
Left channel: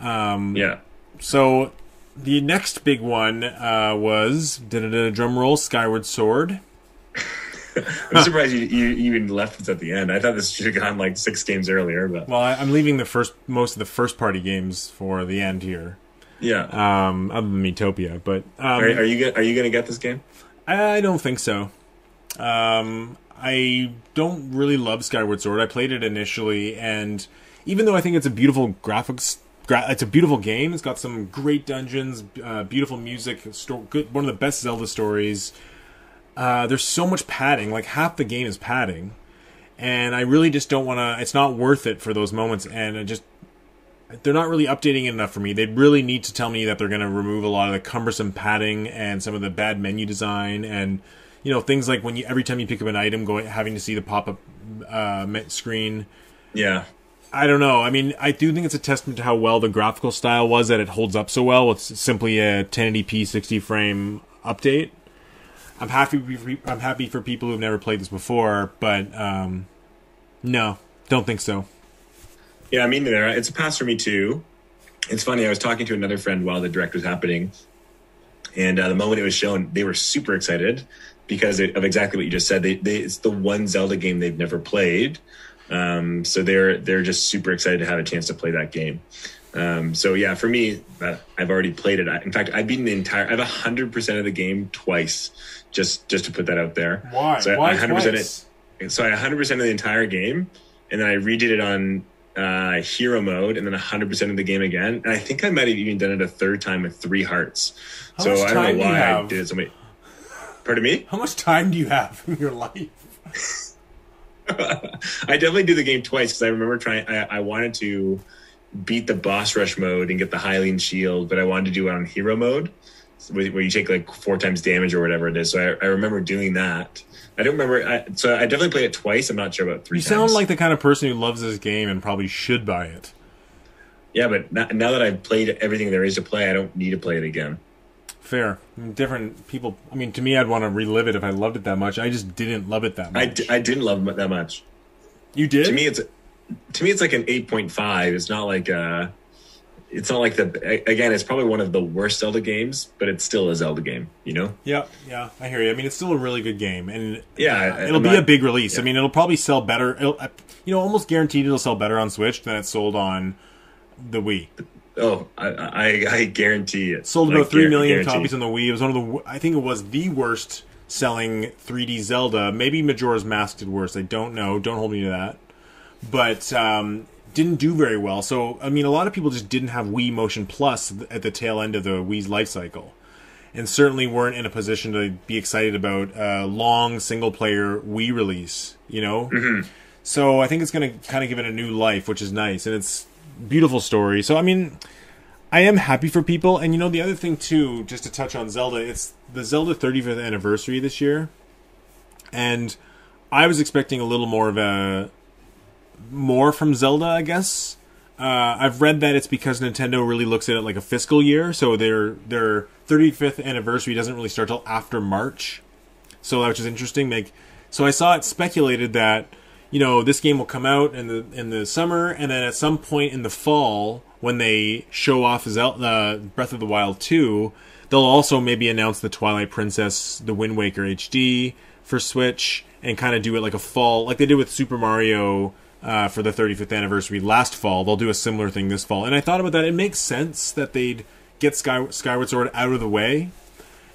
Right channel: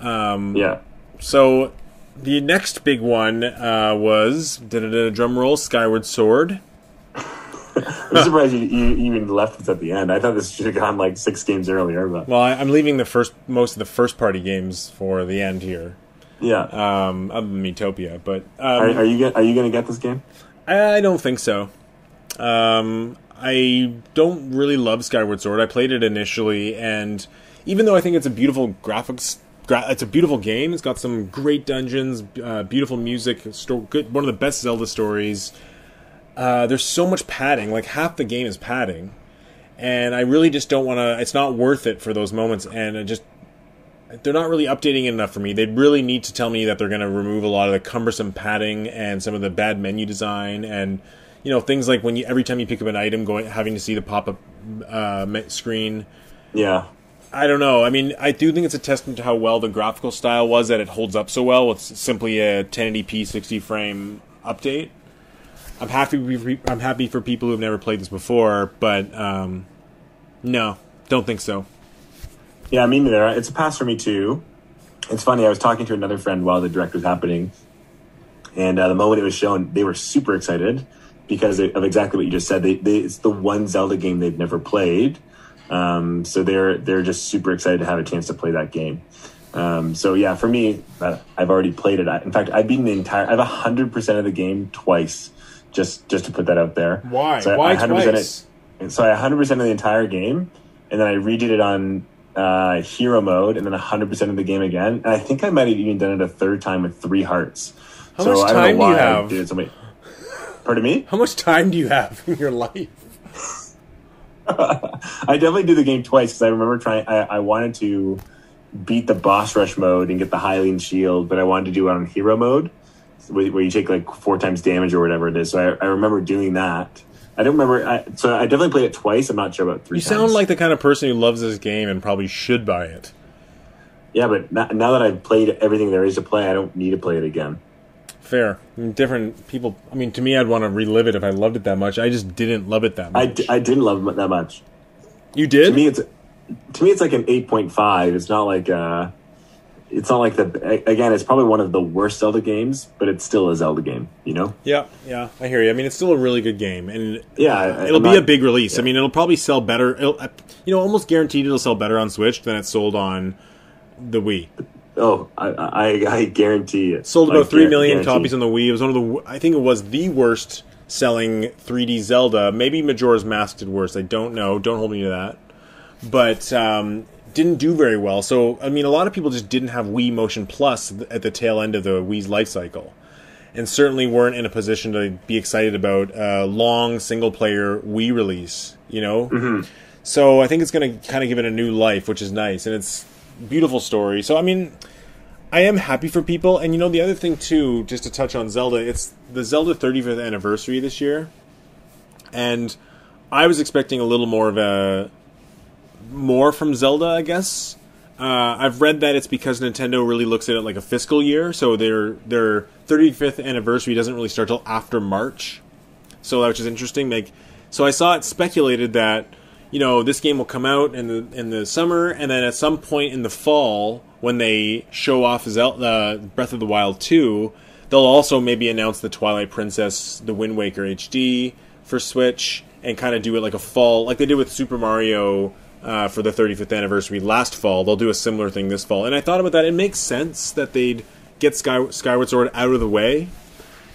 Yeah. So, the next big one was, drum roll, Skyward Sword. I'm surprised you even left us at the end. I thought this should have gone like 6 games earlier. But well, I'm leaving most of the first-party games for the end here. Yeah. Other than Metopia, but are you going to get this game? I don't think so. I don't really love Skyward Sword. I played it initially, and even though I think it's a beautiful it's a beautiful game. It's got some great dungeons, beautiful music, good, one of the best Zelda stories. There's so much padding. Like, half the game is padding, and I really just don't want to. It's not worth it for those moments, and they're not really updating it enough for me. They'd really need to tell me that they're going to remove a lot of the cumbersome padding and some of the bad menu design, and things like when every time you pick up an item, having to see the pop-up screen. Yeah. I don't know. I mean, I do think it's a testament to how well the graphical style was, that it holds up so well. It's simply a 1080p 60 frame update. I'm happy for people who've never played this before, but no, don't think so. Yeah, me neither. It's a pass for me too. It's funny. I was talking to another friend while the direct was happening, and the moment it was shown, they were super excited because of exactly what you just said. It's the one Zelda game they've never played, so they're just super excited to have a chance to play that game. So yeah, for me, I've already played it. In fact, I've beaten I have 100% of the game twice, just to put that out there. Why? So Why twice? So I 100% of the entire game, and then I redid it on hero mode, and then 100% of the game again. And I think I might have even done it a third time with 3 hearts. How much time do you have? Pardon me? How much time do you have in your life? I definitely do the game twice because I remember I wanted to beat the boss rush mode and get the Hylian shield, but I wanted to do it on hero mode, where you take like 4 times damage or whatever it is. So I remember doing that. I don't remember. So I definitely played it twice. I'm not sure about 3 times. You sound like the kind of person who loves this game and probably should buy it. Yeah, but now that I've played everything there is to play, I don't need to play it again. Fair. I mean, different people. I mean, to me, I'd want to relive it if I loved it that much. I just didn't love it that much. I didn't love it that much. You did? To me, it's like an 8.5. It's not like again, it's probably one of the worst Zelda games, but it's still a Zelda game, you know? Yeah, I hear you. I mean, it's still a really good game, and yeah, it'll be a big release. Yeah. I mean, it'll probably sell better. Almost guaranteed it'll sell better on Switch than it sold on the Wii. Oh, I guarantee it. Sold about 3 million copies on the Wii. It was I think it was the worst selling 3D Zelda. Maybe Majora's Mask did worse. I don't know. Don't hold me to that. But didn't do very well. So, I mean, a lot of people just didn't have Wii Motion Plus at the tail end of the Wii's life cycle. And certainly weren't in a position to be excited about a long single-player Wii release, you know? Mm-hmm. So I think it's going to kind of give it a new life, which is nice. And it's a beautiful story. So, I mean, I am happy for people. And, you know, the other thing, too, just to touch on Zelda, it's the Zelda 35th anniversary this year. And I was expecting a little more from Zelda, I guess. I've read that it's because Nintendo really looks at it like a fiscal year, so their 35th anniversary doesn't really start till after March. So which is interesting. So I saw it speculated that, you know, this game will come out in the summer, and then at some point in the fall, when they show off Zelda Breath of the Wild 2, they'll also maybe announce the Twilight Princess, the Wind Waker HD for Switch, and kind of do it like a fall, like they did with Super Mario for the 35th anniversary last fall. They'll do a similar thing this fall. And I thought about that. It makes sense that they'd get Skyward Sword out of the way.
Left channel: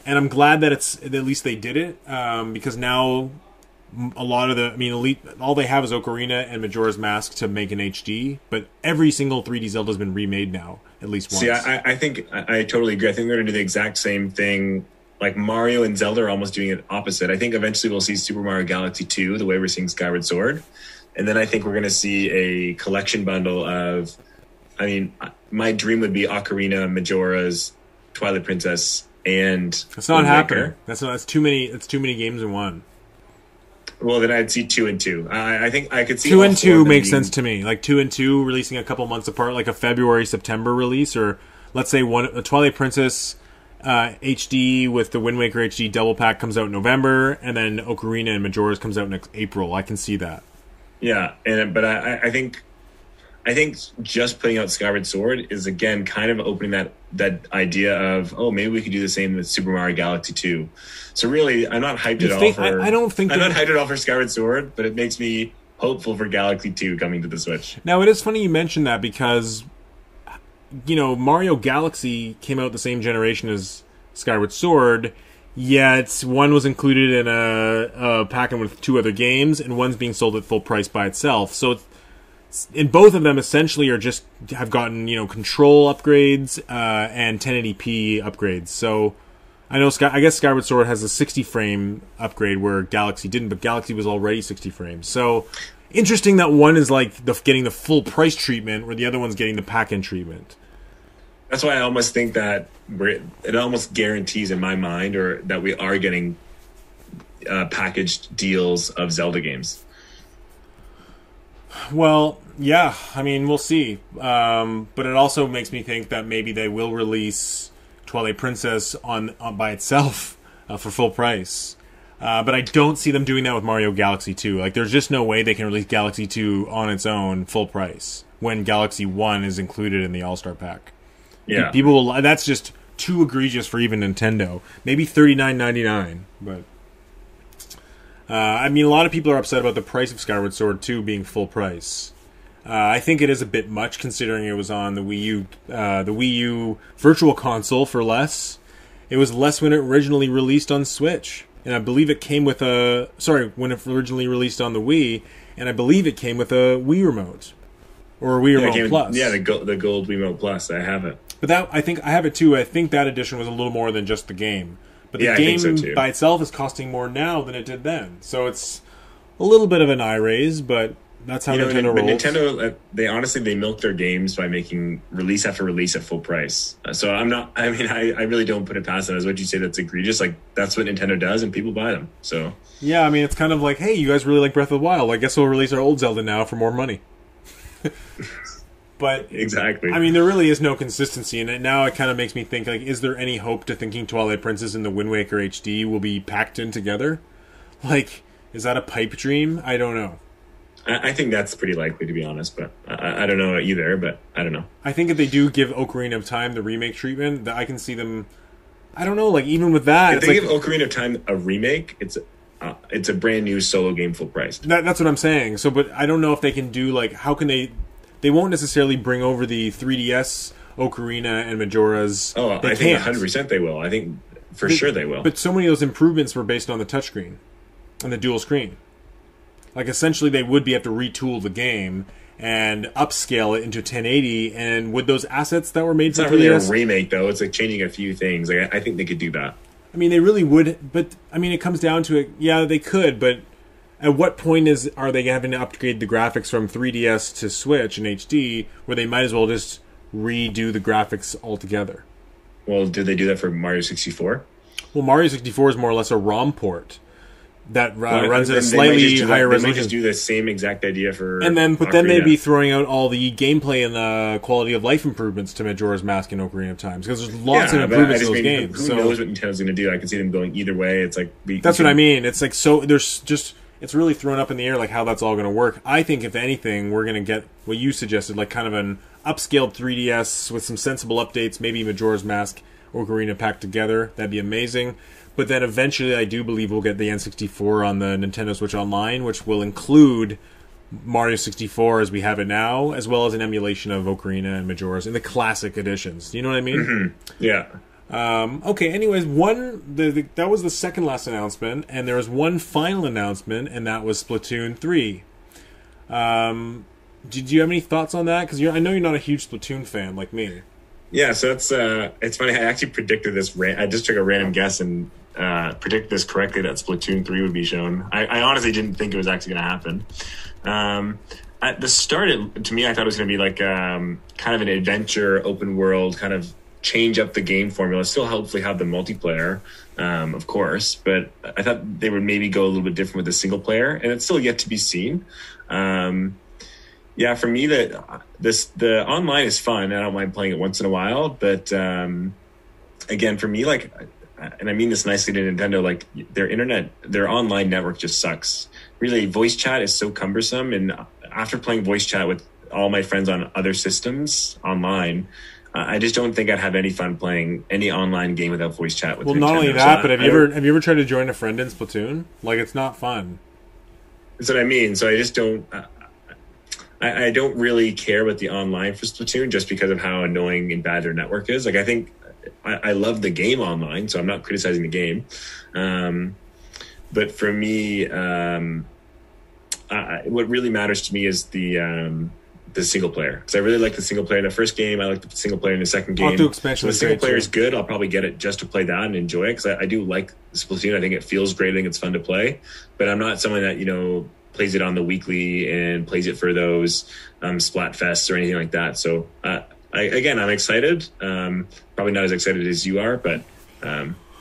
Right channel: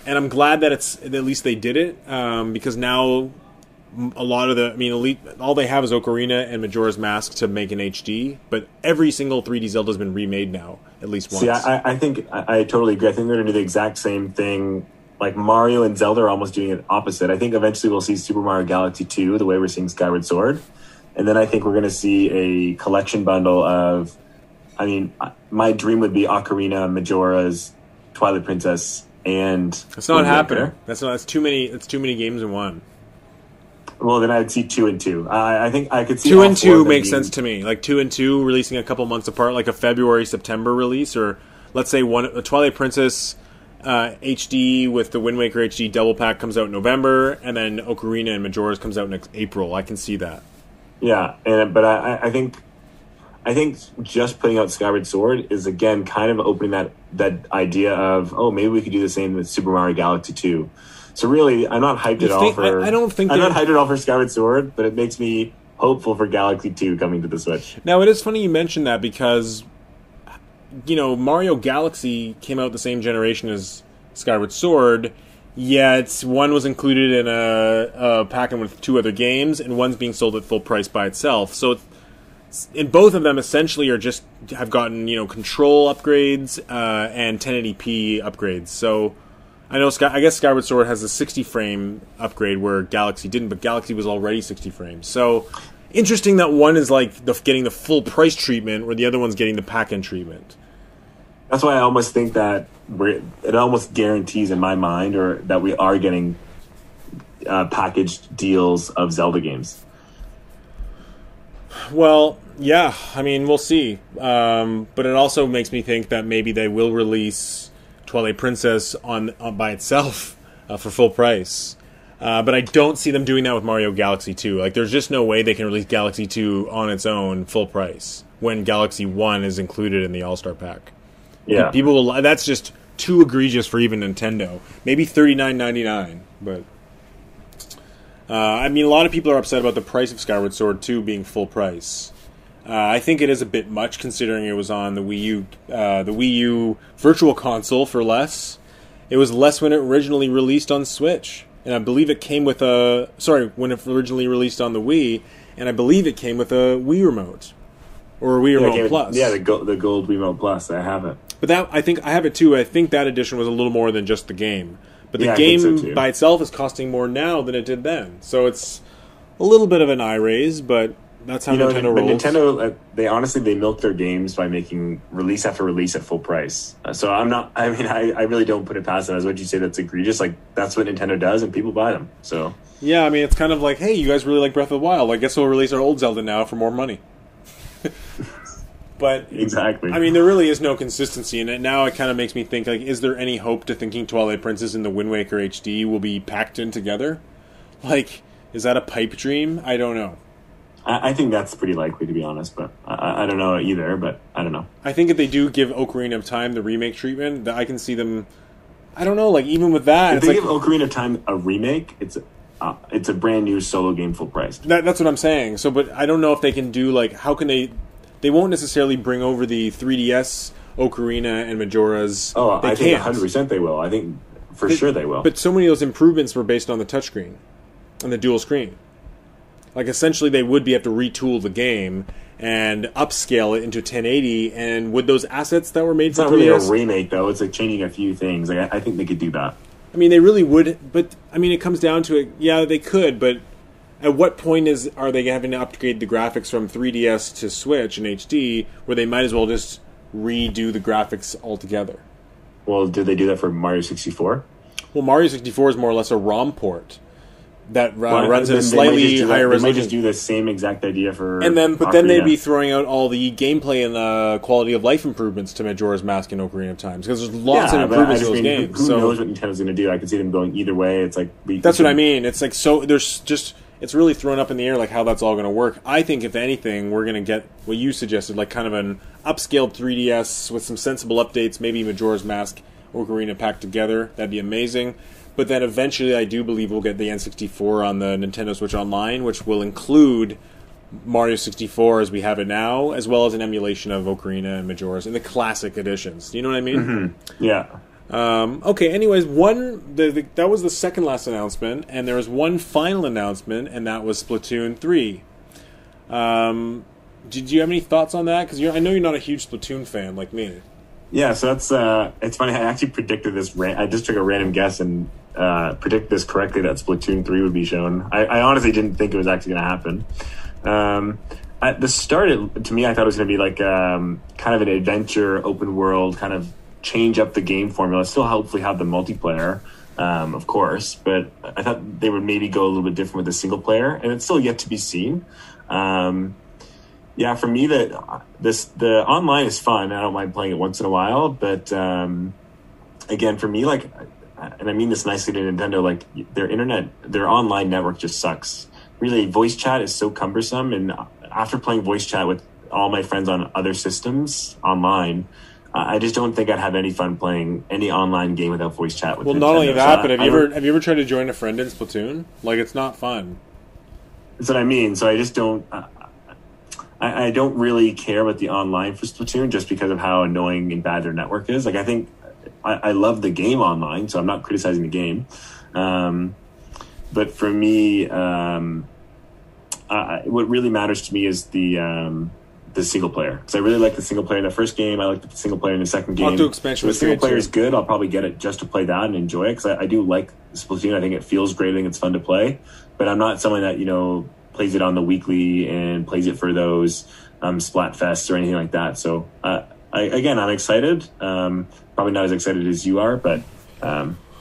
And I'm glad that at least they did it, because now a lot of all they have is Ocarina and Majora's Mask to make an HD, but every single 3D Zelda has been remade now, at least once. See, I think I totally agree. I think they're going to do the exact same thing. Like Mario and Zelda are almost doing it opposite. I think eventually we'll see Super Mario Galaxy 2, the way we're seeing Skyward Sword. And then I think we're going to see a collection bundle of, I mean, my dream would be Ocarina, Majora's, Twilight Princess, and it's not happening. That's too many. It's too many games in one. Well, then I'd see 2 and 2. I think I could see 2 and 2 makes sense to me. Like 2 and 2 releasing a couple months apart, like a February-September release, or let's say a Twilight Princess HD with the Wind Waker HD double pack comes out in November, and then Ocarina and Majora's comes out next April. I can see that. Yeah, but I think just putting out Skyward Sword is again kind of opening that idea of, oh, maybe we could do the same with Super Mario Galaxy 2. So really, I'm not hyped at all for. I'm not hyped at all for Skyward Sword, but it makes me hopeful for Galaxy 2 coming to the Switch. Now it is funny you mentioned that because, you know, Mario Galaxy came out the same generation as Skyward Sword. Yet one was included in a packet with 2 other games, and one's being sold at full price by itself. So, in both of them, essentially, have gotten, you know, control upgrades and 1080p upgrades. So, I guess Skyward Sword has a 60 frame upgrade where Galaxy didn't, but Galaxy was already 60 frames. So, interesting that one is like getting the full price treatment, where the other one's getting the pack-in treatment. That's why I almost think that it almost guarantees in my mind, or that we are getting packaged deals of Zelda games. Well, yeah, I mean, we'll see. But it also makes me think that maybe they will release Twilight Princess on by itself for full price. But I don't see them doing that with Mario Galaxy 2. Like, there's just no way they can release Galaxy 2 on its own full price when Galaxy 1 is included in the All-Star Pack. Yeah. People will. That's just too egregious for even Nintendo. Maybe $39.99, but I mean, a lot of people are upset about the price of Skyward Sword 2 being full price. I think it is a bit much considering it was on the Wii U Virtual Console for less. It was less when it originally released on Switch, and I believe it came with when it originally released on the Wii, and I believe it came with a Wii Remote or a Wii Remote Plus. Yeah, the gold Wii Remote Plus. I have it. But I think I have it too. I think that edition was a little more than just the game. But the game by itself is costing more now than it did then. So it's a little bit of an eye raise, but that's how Nintendo rolls. Nintendo, they milk their games by making release after release at full price. So I really don't put it past them. As what you say, that's egregious. Like, that's what Nintendo does, and people buy them. So yeah, I mean, it's kind of like, hey, you guys really like Breath of the Wild. I guess we'll release our old Zelda now for more money. But exactly. I mean, there really is no consistency in it. Now it kind of makes me think, like, is there any hope to thinking Twilight Princess and the Wind Waker HD will be packed in together? Like, is that a pipe dream? I don't know. I think that's pretty likely, to be honest, but I don't know either, but I don't know. I think if they do give Ocarina of Time the remake treatment, that I can see them... I don't know, like, even with that... If they give Ocarina of Time a remake, it's a brand new solo game full price. That's what I'm saying. So, but I don't know if they can do, like, how can they... They won't necessarily bring over the 3DS, Ocarina, and Majora's. Oh, I think 100% they will. I think for sure they will. But so many of those improvements were based on the touchscreen and the dual screen. Like, essentially, they would have to retool the game and upscale it into 1080. And with those assets that were made for 3DS... It's not really a remake, though. It's like changing a few things. Like, I think they could do that. I mean, they really would. But, I mean, it comes down to it. Yeah, they could, but... At what point are they having to upgrade the graphics from 3DS to Switch in HD, where they might as well just redo the graphics altogether? Well, did they do that for Mario 64? Well, Mario 64 is more or less a ROM port that runs at a slightly higher resolution. They might just do the same exact idea for but then they'd be throwing out all the gameplay and quality of life improvements to Majora's Mask and Ocarina of Time, because there's lots of improvements to those games. Who knows what Nintendo's going to do? I can see them going either way. It's like that's what I mean. It's like there's just. It's really thrown up in the air, like, how that's all going to work. I think, if anything, we're going to get what you suggested, like kind of an upscaled 3DS with some sensible updates, maybe Majora's Mask, Ocarina packed together. That'd be amazing. But then eventually I do believe we'll get the N64 on the Nintendo Switch Online, which will include Mario 64 as we have it now, as well as an emulation of Ocarina and Majora's in the classic editions. Do you know what I mean? Mm-hmm. Yeah. Okay, anyways, that was the second last announcement, and there was one final announcement, and that was Splatoon 3. Did you have any thoughts on that? Because I know you're not a huge Splatoon fan like me. Yeah, so that's it's funny. I actually predicted this. I just took a random guess and predicted this correctly, that Splatoon 3 would be shown. I honestly didn't think it was actually going to happen. At the start, to me, I thought it was going to be like kind of an adventure, open world, kind of change up the game formula, still hopefully have the multiplayer, of course, but I thought they would maybe go a little bit different with the single player, and it's still yet to be seen. Yeah, for me, the online is fun. I don't mind playing it once in a while, but again, for me, like, and I mean this nicely to Nintendo, like, their online network just sucks. Really, voice chat is so cumbersome, and after playing voice chat with all my friends on other systems online, I just don't think I'd have any fun playing any online game without voice chat with Nintendo. Not only that, but have you ever tried to join a friend in Splatoon? Like, it's not fun. That's what I mean. So I just don't. I don't really care about the online for Splatoon just because of how annoying and bad their network is. Like, I think I love the game online, so I'm not criticizing the game. But for me, what really matters to me is the single player, because I really like the single player in the first game. I like the single player in the second game. Octo expansion was the single great player too. is good. I'll probably get it just to play that and enjoy it, because I do like Splatoon. I think it feels great. I think it's fun to play, but I'm not someone that plays it on the weekly and plays it for those Splatfests or anything like that. So I'm excited. Probably not as excited as you are, but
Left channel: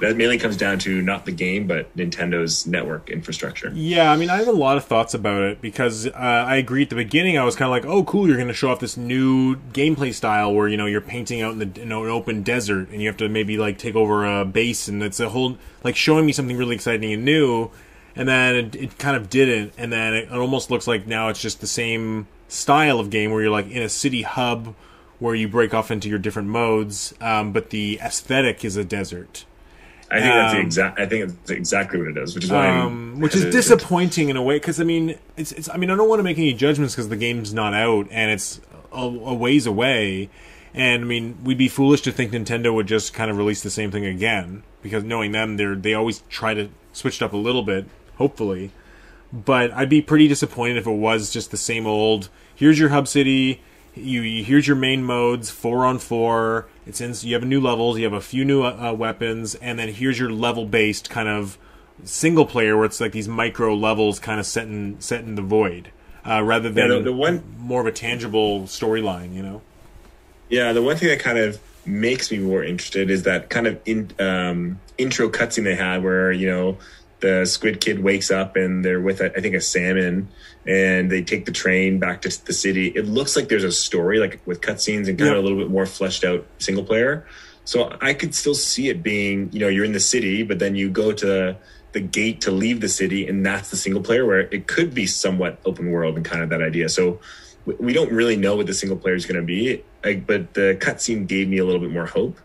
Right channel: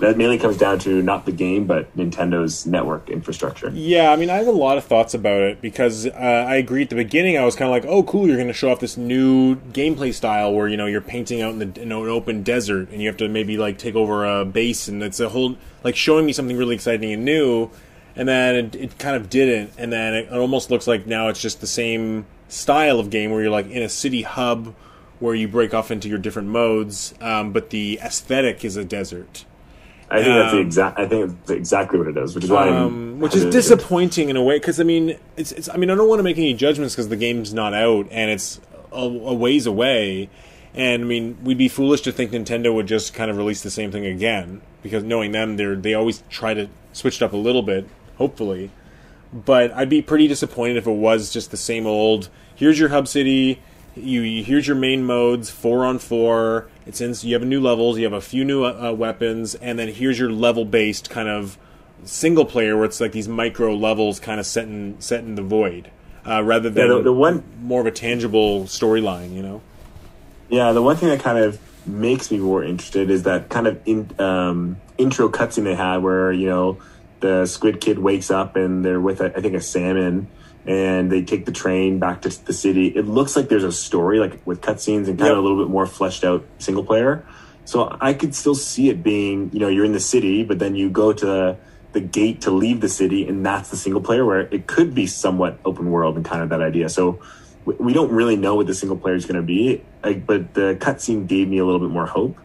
that mainly comes down to not the game, but Nintendo's network infrastructure. Yeah, I mean, I have a lot of thoughts about it because I agree at the beginning. I was kind of like, oh, cool, you're going to show off this new gameplay style where, you know, you're painting out in an open desert and you have to maybe, like, take over a base, and it's a whole, like, showing me something really exciting and new, and then it kind of didn't, and then it almost looks like now it's just the same style of game where you're, like, in a city hub where you break off into your different modes, but the aesthetic is a desert. I think that's exactly what it is, which is why which is disappointing in a way, because I mean, it's. I mean, I don't want to make any judgments because the game's not out and it's a ways away, and I mean, we'd be foolish to think Nintendo would just kind of release the same thing again, because knowing them, they always try to switch it up a little bit, hopefully. But I'd be pretty disappointed if it was just the same old. Here's your hub city. Here's your main modes, 4-on-4. You have new levels, you have a few new weapons, and then here's your level-based kind of single player where it's like these micro levels kind of set in the void, rather than more of a tangible storyline, you know? Yeah, the one thing that kind of makes me more interested is that kind of intro cutscene they had where, you know, the Squid Kid wakes up and they're with, I think, a salmon, and they take the train back to the city. It looks like there's a story, like with cutscenes and kind of a little bit more fleshed out single player. So I could still see it being, you know, you're in the city, but then you go to the gate to leave the city, and that's the single player, where it could be somewhat open world and kind of that idea. So we don't really know what the single player is going to be, but the cutscene gave me a little bit more hope.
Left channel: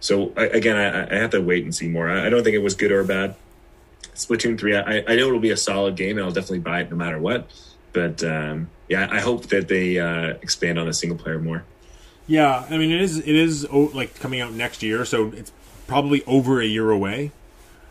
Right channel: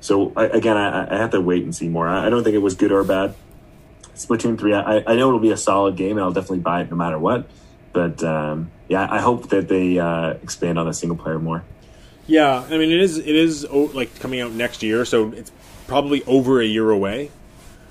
So I have to wait and see more. I don't think it was good or bad. Splatoon 3, I know it'll be a solid game, and I'll definitely buy it no matter what. But I hope that they expand on the single player more. Yeah, I mean, it is like coming out next year, so it's probably over a year away.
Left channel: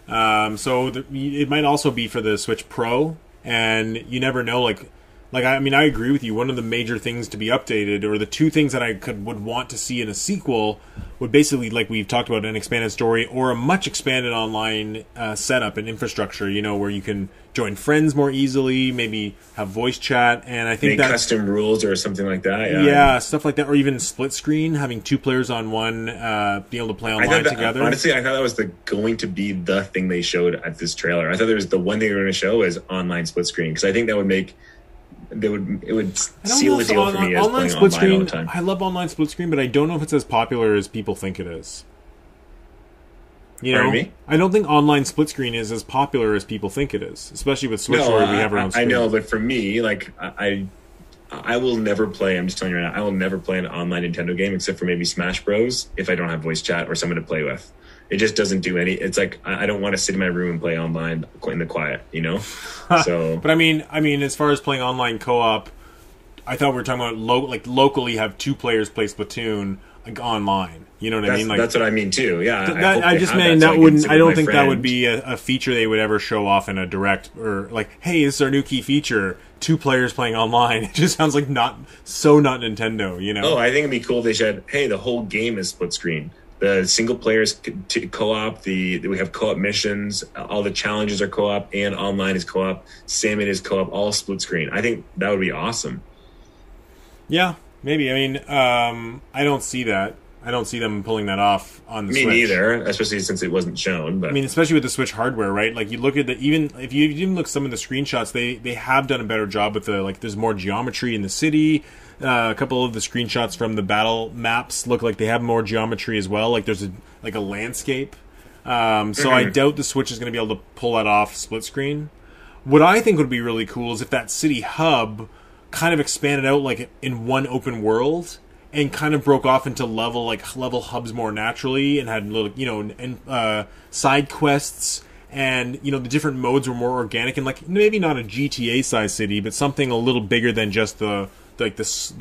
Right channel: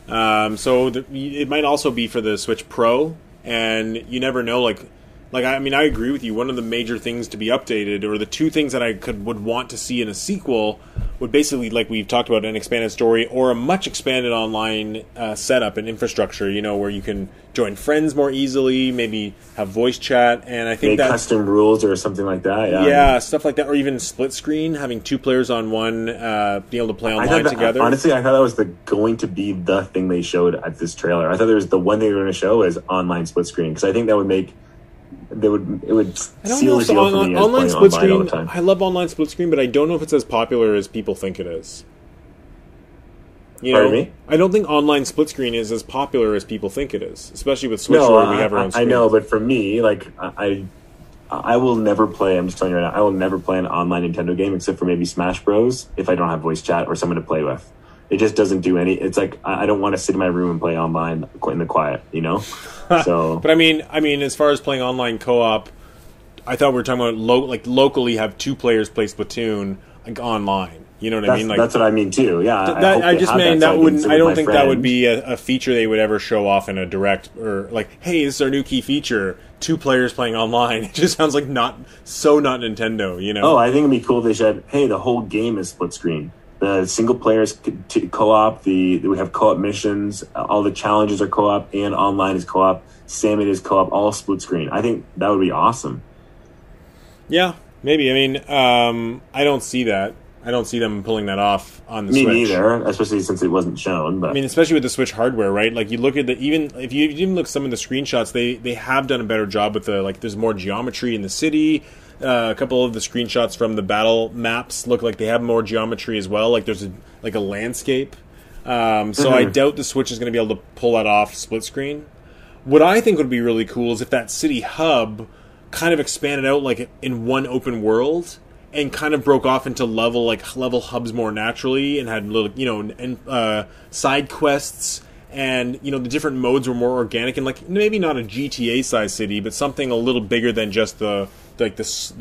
It might also be for the Switch Pro, and you never know. Like I mean, I agree with you. One of the major things to be updated, or the two things that I would want to see in a sequel, would basically, like we've talked about, an expanded story or a much expanded online setup and infrastructure. You know, where you can join friends more easily, maybe have voice chat, and I think that custom rules or something like that. Yeah, stuff like that, or even split screen, having two players on one, being able to play online together. Honestly, I thought that was going to be the thing they showed at this trailer. I thought there was the one thing they were going to show is online split screen, because I think that would make. It would seal the deal for me as online split screen. All the time. I love online split screen, but I don't know if it's as popular as people think it is. You know, me? I don't think online split screen is as popular as people think it is, especially with Switch where we have our own screen. I know, but for me, like I will never play. I'm just telling you right now, I will never play an online Nintendo game except for maybe Smash Bros. If I don't have voice chat or someone to play with. It just doesn't do any. It's like I don't want to sit in my room and play online in the quiet, you know. So, but I mean, as far as playing online co-op, I thought we were talking about locally have two players play Splatoon like online. You know what I mean? Like that's what I mean too. Yeah, I just mean that wouldn't. I don't think that would be a feature they would ever show off in a direct, or like, hey, this is our new key feature: two players playing online. It just sounds like not Nintendo. You know? Oh, I think it'd be cool if they said, hey, the whole game is split screen. The single players co-op, we have co-op missions, all the challenges are co-op, and online is co-op, Salmon is co-op, all split screen. I think that would be awesome. Yeah, maybe. I mean, I don't see that. I don't see them pulling that off on the Switch. Me neither, especially since it wasn't shown. But I mean, especially with the Switch hardware, right? Like, you look at even if you even look at some of the screenshots, they have done a better job with there's more geometry in the city. A couple of the screenshots from the battle maps look like they have more geometry as well. Like there's a landscape. So I doubt the Switch is going to be able to pull that off split screen. What I think would be really cool is if that city hub kind of expanded out like in one open world and kind of broke off into level hubs more naturally and had little side quests. And, you know, the different modes were more organic and, like, maybe not a GTA-sized city, but something a little bigger than just the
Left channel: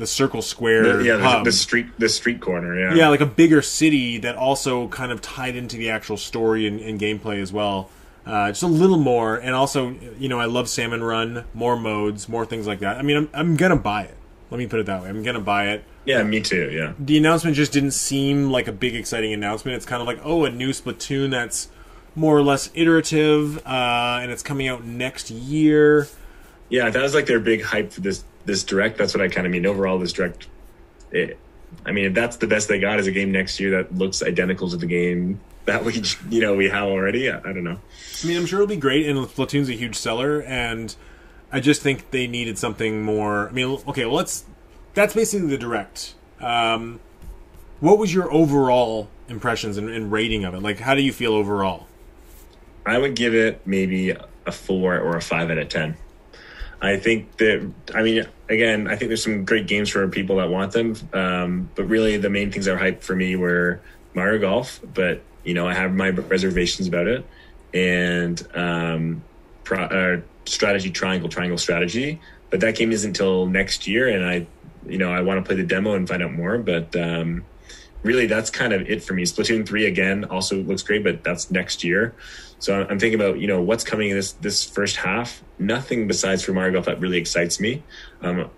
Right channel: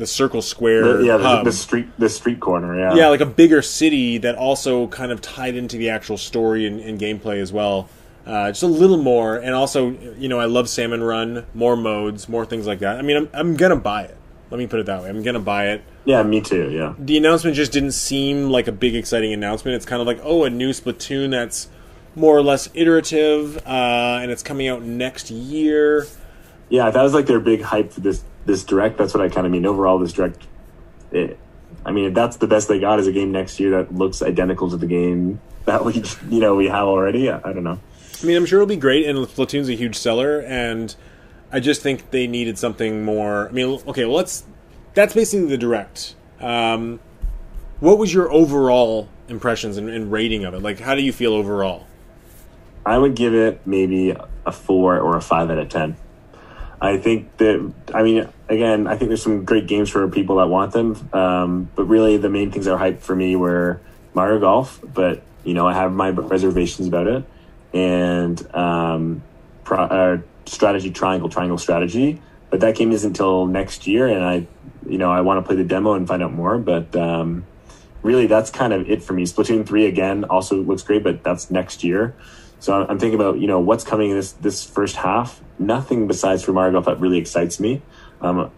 circle square hub. The street corner, yeah. Yeah, like a bigger city that also kind of tied into the actual story and gameplay as well. Just a little more, and also, you know, I love Salmon Run, more modes, more things like that. I mean, I'm gonna buy it. Let me put it that way. I'm gonna buy it. Yeah, me too, yeah. The announcement just didn't seem like a big, exciting announcement. It's kind of like, oh, a new Splatoon that's more or less iterative, and it's coming out next year. Yeah, that was like their big hype for this direct. That's what I kind of mean. Overall, this direct, I mean, if that's the best they got is a game next year that looks identical to the game that we have already, I don't know. I mean, I'm sure it'll be great, and Splatoon's a huge seller, and I just think they needed something more. I mean, okay, well, that's basically the Direct. What was your overall impressions and rating of it? Like, how do you feel overall? I would give it maybe a 4 or a 5 out of 10. I think that, I mean, again, I think there's some great games for people that want them, but really the main things that were hyped for me were Mario Golf, but, I have my reservations about it, and strategy triangle strategy, but that game isn't until next year, and I want to play the demo and find out more, but really that's kind of it for me. Splatoon 3 again also looks great, but that's next year. So I'm thinking about what's coming in this first half. Nothing besides for Mario Golf that really excites me.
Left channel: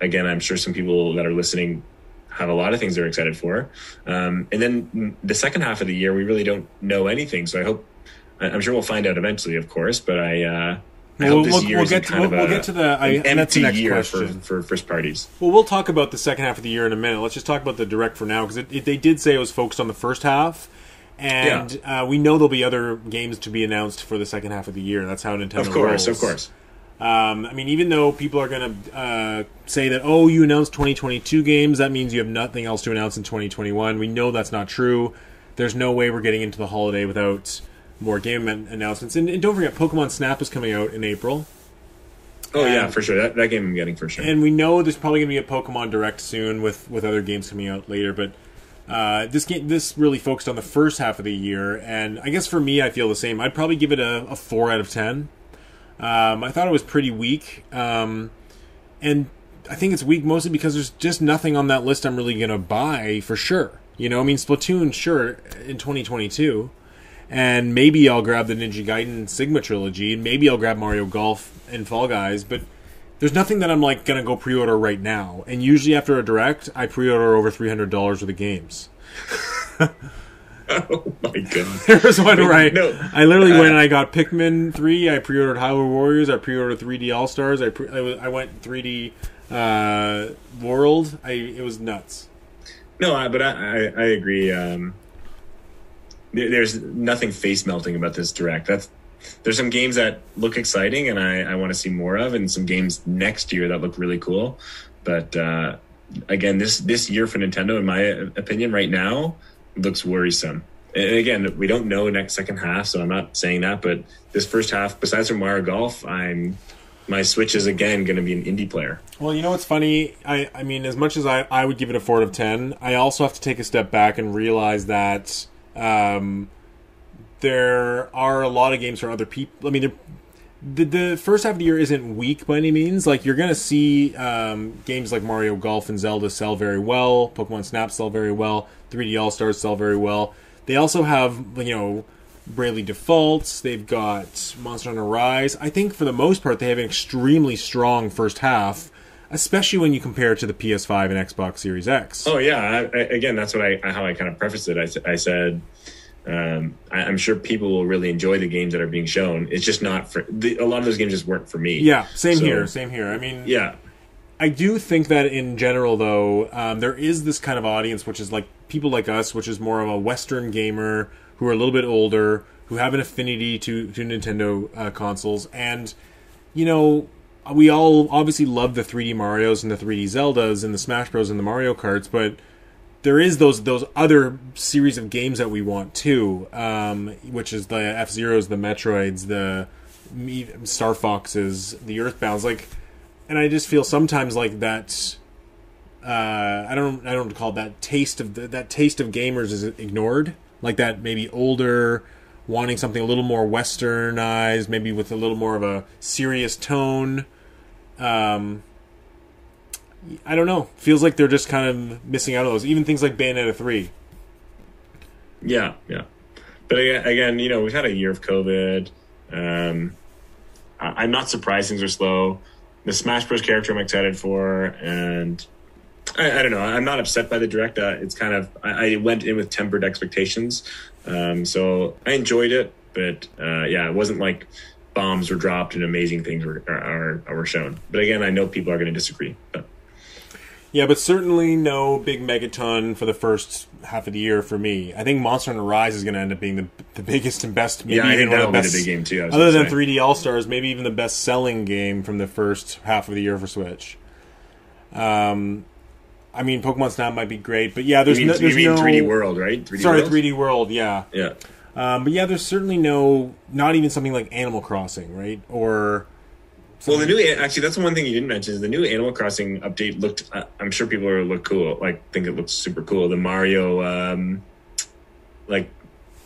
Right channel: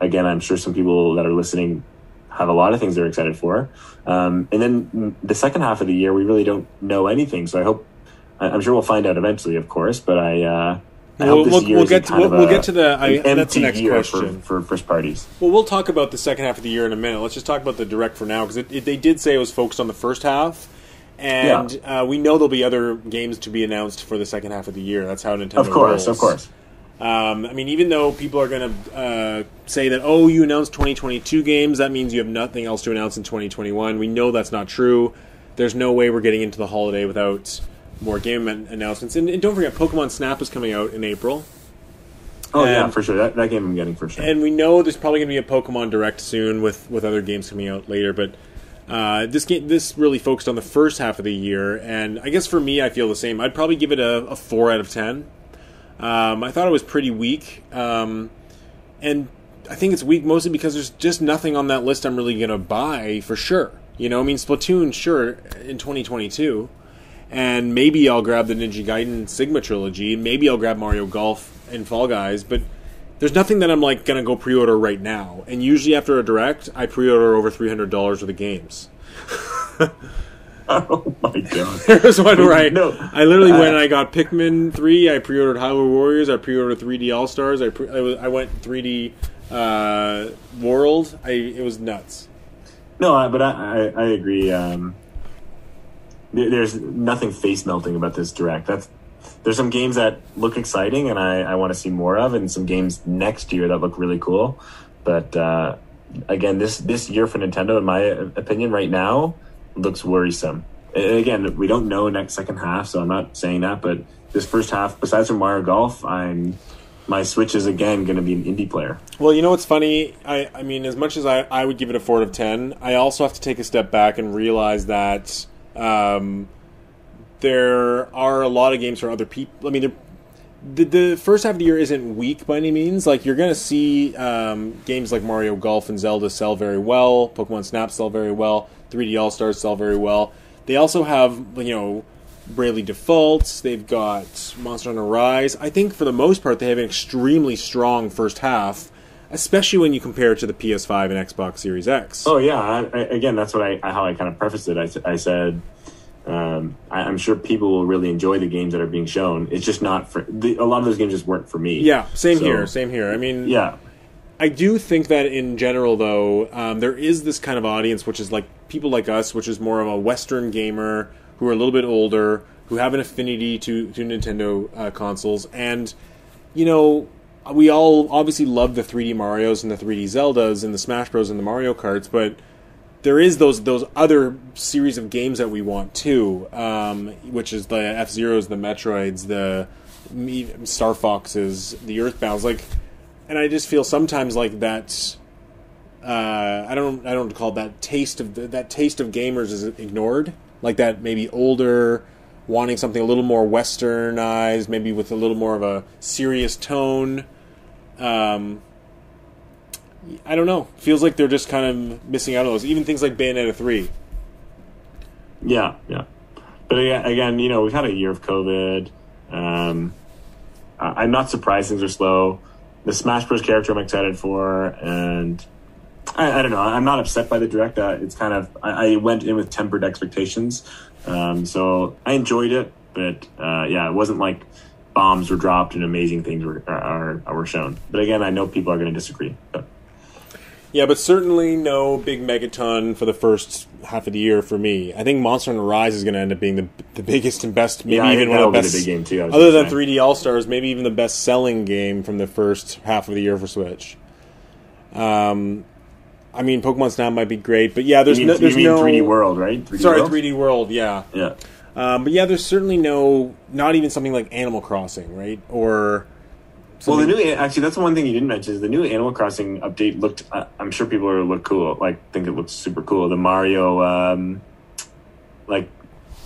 Again, I'm sure some people that are listening have a lot of things they're excited for, and then the second half of the year we really don't know anything, so I'm sure we'll find out eventually, of course, but we'll get to that's the next question for first parties. Well, we'll talk about the second half of the year in a minute. Let's just talk about the Direct for now, because they did say it was focused on the first half, and we know there'll be other games to be announced for the second half of the year. That's how Nintendo rolls. Of course. I mean, even though people are going to say that, you announced 2022 games, that means you have nothing else to announce in 2021. We know that's not true. There's no way we're getting into the holiday without more game announcements. And don't forget, Pokemon Snap is coming out in April. Yeah, for sure. That game I'm getting for sure. And we know there's probably going to be a Pokemon Direct soon with other games coming out later. But this really focused on the first half of the year. And I guess for me, I feel the same. I'd probably give it a 4 out of 10. I thought it was pretty weak. And I think it's weak mostly because there's just nothing on that list I'm really going to buy for sure. I mean, Splatoon, sure, in 2022. And maybe I'll grab the Ninja Gaiden Sigma Trilogy. Maybe I'll grab Mario Golf and Fall Guys. But there's nothing that I'm going to go pre-order right now. And usually after a Direct, I pre-order over $300 worth of games. Oh my god. There was one where I literally went and I got Pikmin 3, I pre-ordered Hyrule Warriors, I pre-ordered 3D All-Stars, I went 3D World. It was nuts. No, but I agree. There's nothing face-melting about this Direct. There's some games that look exciting and I want to see more of, and some games next year that look really cool. But again, this year for Nintendo, in my opinion, right now, looks worrisome. And again, we don't know next second half, so I'm not saying that, but this first half, besides from Mario Golf, my Switch is again going to be an indie player. Well, you know what's funny? I mean, as much as I would give it a 4 out of 10, I also have to take a step back and realize that there are a lot of games for other people. I mean, the first half of the year isn't weak by any means. Like, you're going to see games like Mario Golf and Zelda sell very well, Pokemon Snap sell very well, 3D All-Stars sell very well. They also have, Bravely Default. They've got Monster Hunter Rise. I think for the most part they have an extremely strong first half, especially when you compare it to the PS5 and Xbox Series X. Oh yeah, again, that's what how I kind of prefaced it. I said I'm sure people will really enjoy the games that are being shown. It's just not for a lot of those games just weren't for me. Yeah, same here. I mean, yeah. I do think that in general, though, there is this kind of audience, which is like people like us, which is more of a Western gamer who are a little bit older, who have an affinity to Nintendo consoles. And, we all obviously love the 3D Marios and the 3D Zeldas and the Smash Bros. And the Mario Karts, but there is those other series of games that we want too, which is the F-Zeros, the Metroids, the Star Foxes, the Earthbounds, and I just feel sometimes like that. I don't call it that taste of gamers is ignored. Like that, maybe older, wanting something a little more westernized, maybe with a little more of a serious tone. I don't know. Feels like they're just kind of missing out on those. Even things like Bayonetta 3. Yeah. But again, we've had a year of COVID. I'm not surprised things are slow. The Smash Bros. Character I'm excited for, and I don't know. I'm not upset by the Direct. It's kind of I went in with tempered expectations, so I enjoyed it. But it wasn't like bombs were dropped and amazing things were shown. But again, I know people are going to disagree. But. Yeah, but certainly no big Megaton for the first half of the year for me. I think Monster Hunter Rise is going to end up being the biggest and best, maybe even one of the best. Be the big game too, other than 3D All Stars, maybe even the best selling game from the first half of the year for Switch. I mean, Pokemon Snap might be great, but yeah, there's no 3D World, right? 3D World, yeah. Yeah. But yeah, there's certainly not even something like Animal Crossing, right? Or something. Well, actually, that's one thing you didn't mention is the new Animal Crossing update looked. I'm sure people are look cool. Like, think it looks super cool. The Mario,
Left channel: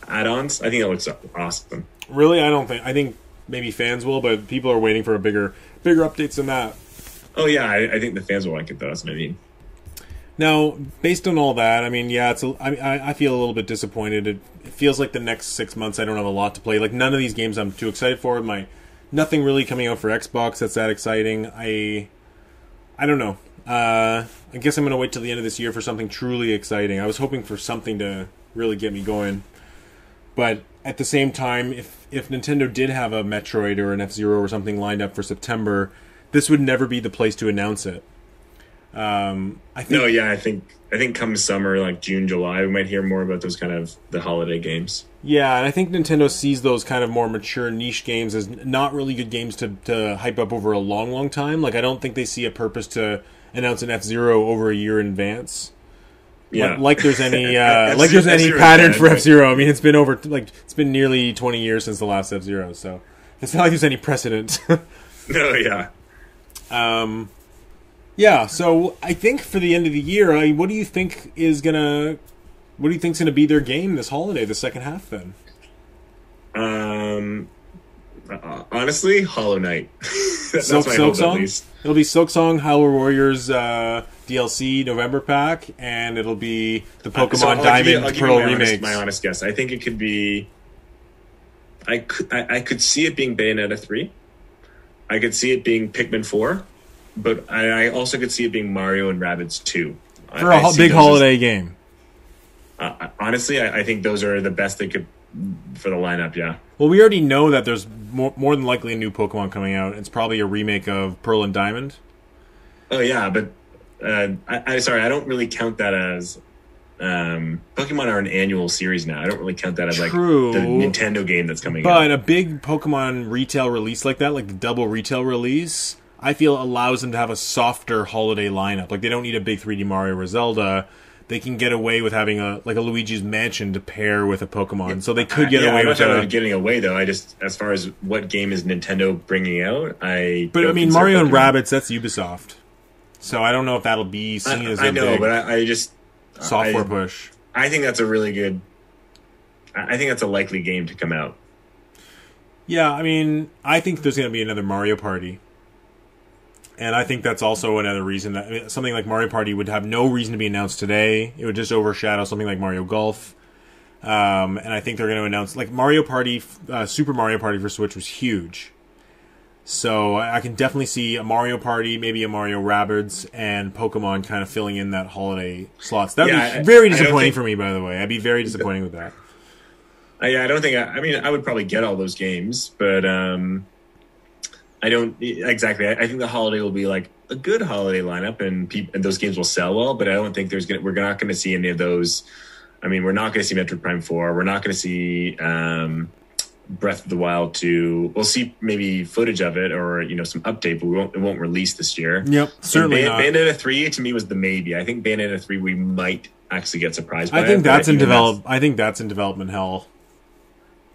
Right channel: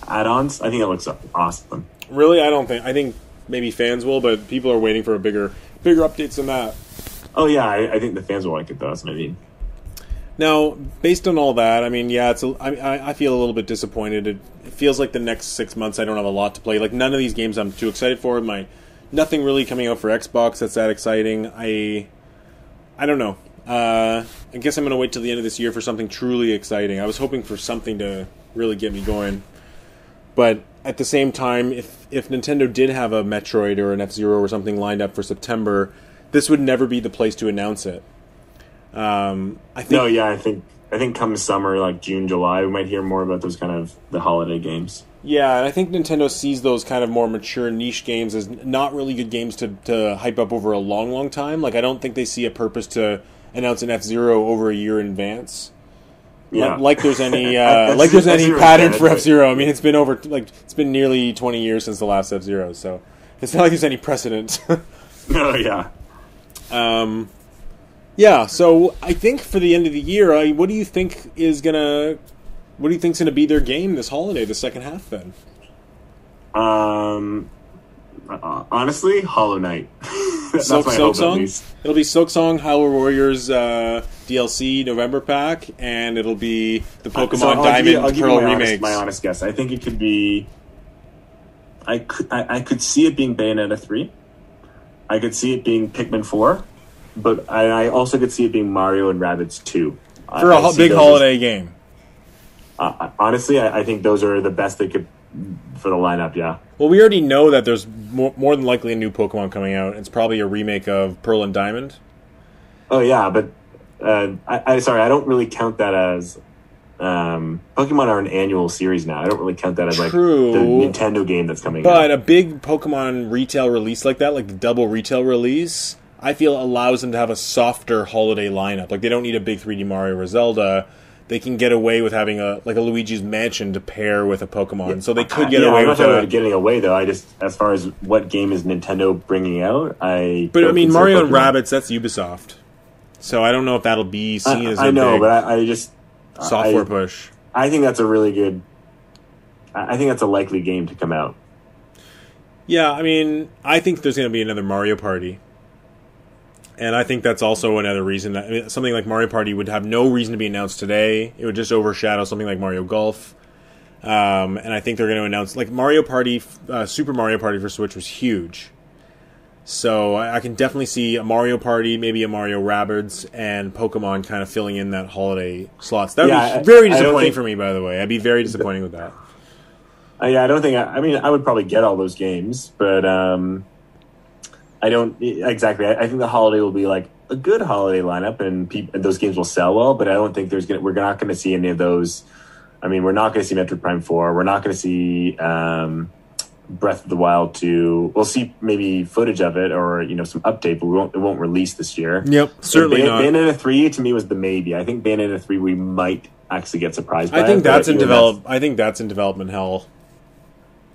add-ons. I think it looks awesome. Really, I think maybe fans will, but people are waiting for bigger updates than that. Oh yeah, I think the fans will like it though. That's what I mean. Now, based on all that, I mean, yeah, I feel a little bit disappointed. It feels like the next 6 months I don't have a lot to play. Like, none of these games I'm too excited for. Nothing really coming out for Xbox that's that exciting. I don't know. I guess I'm going to wait till the end of this year for something truly exciting. I was hoping for something to really get me going. But at the same time, if Nintendo did have a Metroid or an F-Zero or something lined up for September, this would never be the place to announce it. I think come summer, like June, July, we might hear more about those kind of the holiday games. Yeah, and I think Nintendo sees those kind of more mature niche games as not really good games to hype up over a long, long time. Like, I don't think they see a purpose to announce an F-Zero over a year in advance. Yeah. Like there's any pattern for F-Zero. I mean, it's been nearly 20 years since the last F-Zero, so it's not like there's any precedent. No, yeah. Yeah, so I think for the end of the year, what do you think is gonna be their game this holiday, the second half? Then, honestly, Hollow Knight. Silksong. It'll be Silksong, Hyrule Warriors DLC November pack, and it'll be the Pokemon Diamond Pearl remakes. My honest guess, I think it could be. I could see it being Bayonetta 3. I could see it being Pikmin 4. But I also could see it being Mario and Rabbids 2. For a big holiday game. Honestly, I think those are the best they could for the lineup, yeah. Well, we already know that there's more than likely a new Pokemon coming out. It's probably a remake of Pearl and Diamond. Oh, yeah, but I don't really count that as... Pokemon are an annual series now. I don't really count that as the Nintendo game that's coming out. But a big Pokemon retail release like that, like the double retail release... I feel allows them to have a softer holiday lineup. Like, they don't need a big 3D Mario or Zelda. They can get away with having a Luigi's Mansion to pair with a Pokemon. So they could get away with getting away, though. I just, as far as what game is Nintendo bringing out, But I mean, Mario and Rabbids, that's Ubisoft. So I don't know if that'll be seen as a big but I just software push. I think that's a really good. I think that's a likely game to come out. Yeah, I mean, I think there's going to be another Mario Party. And I think that's also another reason that something like Mario Party would have no reason to be announced today. It would just overshadow something like Mario Golf. And I think they're going to announce... Like, Mario Party, Super Mario Party for Switch was huge. So I can definitely see a Mario Party, maybe a Mario Rabbids, and Pokemon kind of filling in that holiday slots. That would be very disappointing for me, by the way. I'd be very disappointing with that. I don't think... I mean, I would probably get all those games, but... I don't exactly. I think the holiday will be like a good holiday lineup, and those games will sell well. But I don't think we're not going to see any of those. I mean, we're not going to see Metroid Prime 4. We're not going to see Breath of the Wild 2. We'll see maybe footage of it or some update, but it won't release this year. Yep, certainly not. Bayonetta 3 to me was the maybe. I think Bayonetta 3 we might actually get surprised by. I think that's in development hell.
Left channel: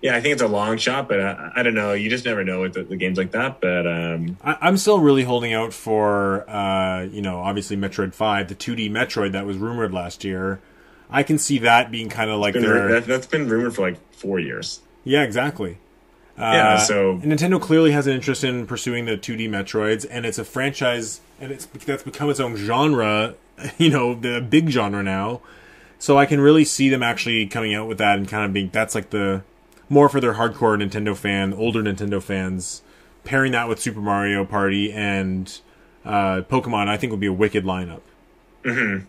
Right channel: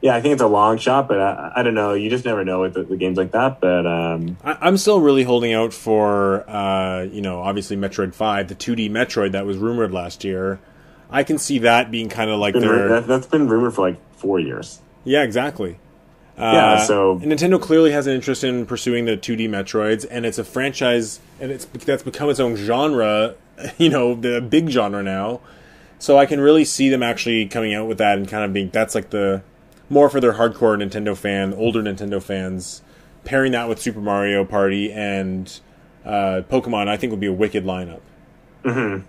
Yeah, I think it's a long shot, but I don't know. You just never know with the games like that. But I'm still really holding out for, obviously Metroid 5, the 2D Metroid that was rumored last year. I can see that being kind of like that's been rumored for like 4 years. Yeah, exactly. So Nintendo clearly has an interest in pursuing the 2D Metroids, and it's a franchise, and that's become its own genre. The big genre now. So I can really see them actually coming out with that and kind of being that's like the more for their hardcore Nintendo older Nintendo fans, pairing that with Super Mario Party and Pokemon, I think would be a wicked lineup. Mm-hmm.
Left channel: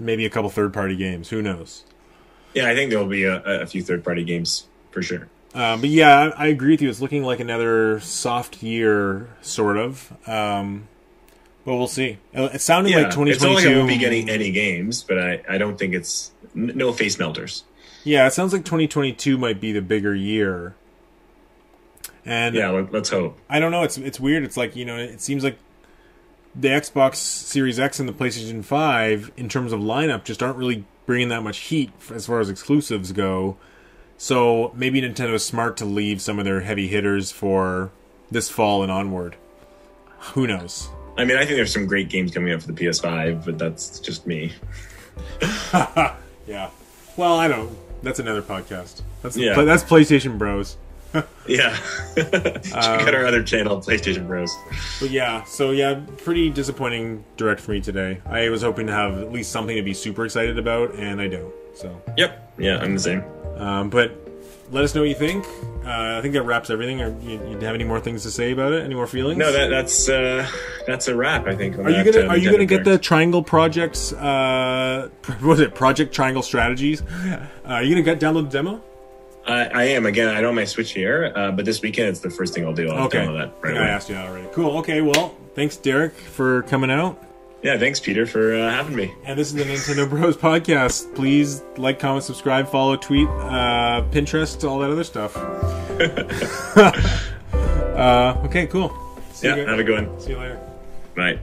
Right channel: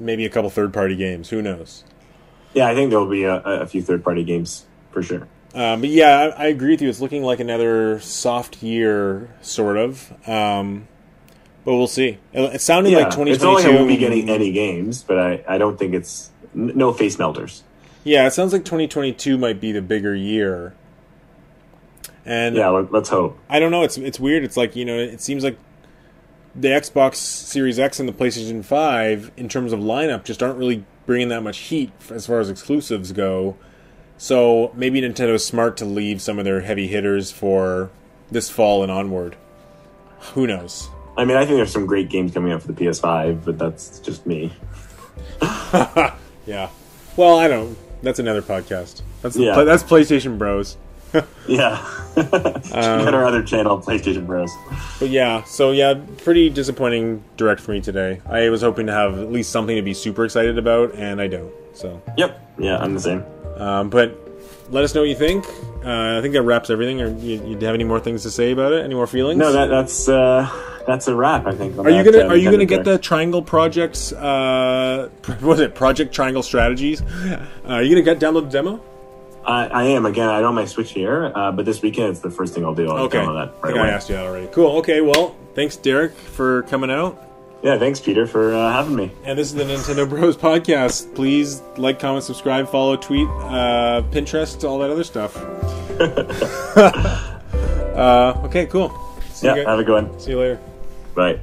Maybe a couple third-party games. Who knows? Yeah, I think there will be a few third-party games for sure. But yeah, I agree with you. It's looking like another soft year, sort of. But we'll see. It's sounding like 2022. It's not like I won't be getting any games, but I don't think it's no face melters. Yeah, it sounds like 2022 might be the bigger year. And yeah, let's hope. I don't know. It's weird. It's like, it seems like the Xbox Series X and the PlayStation 5, in terms of lineup, just aren't really bringing that much heat as far as exclusives go. So maybe Nintendo's smart to leave some of their heavy hitters for this fall and onward. Who knows? I mean, I think there's some great games coming up for the PS5, but that's just me. Yeah. Well, I don't. That's another podcast. That's PlayStation Bros. Yeah. Check out our other channel, PlayStation Bros. But yeah, pretty disappointing direct for me today. I was hoping to have at least something to be super excited about, and I don't. So. Yep. Yeah, I'm the same. But let us know what you think. I think that wraps everything. Or you have any more things to say about it? Any more feelings? No, that's a wrap. I think. Are you gonna get the Triangle Projects? What was it? Project Triangle Strategies. Are you gonna download the demo? I am. Again, I don't have my Switch here, but this weekend it's the first thing I'll do. I'll download that I think I asked you that already. Cool. Okay. Well, thanks, Derek, for coming out. Yeah, thanks, Peter, for having me. And this is the Nintendo Bros Podcast. Please like, comment, subscribe, follow, tweet, Pinterest, all that other stuff. Okay, cool. Have a good one. See you later. Bye.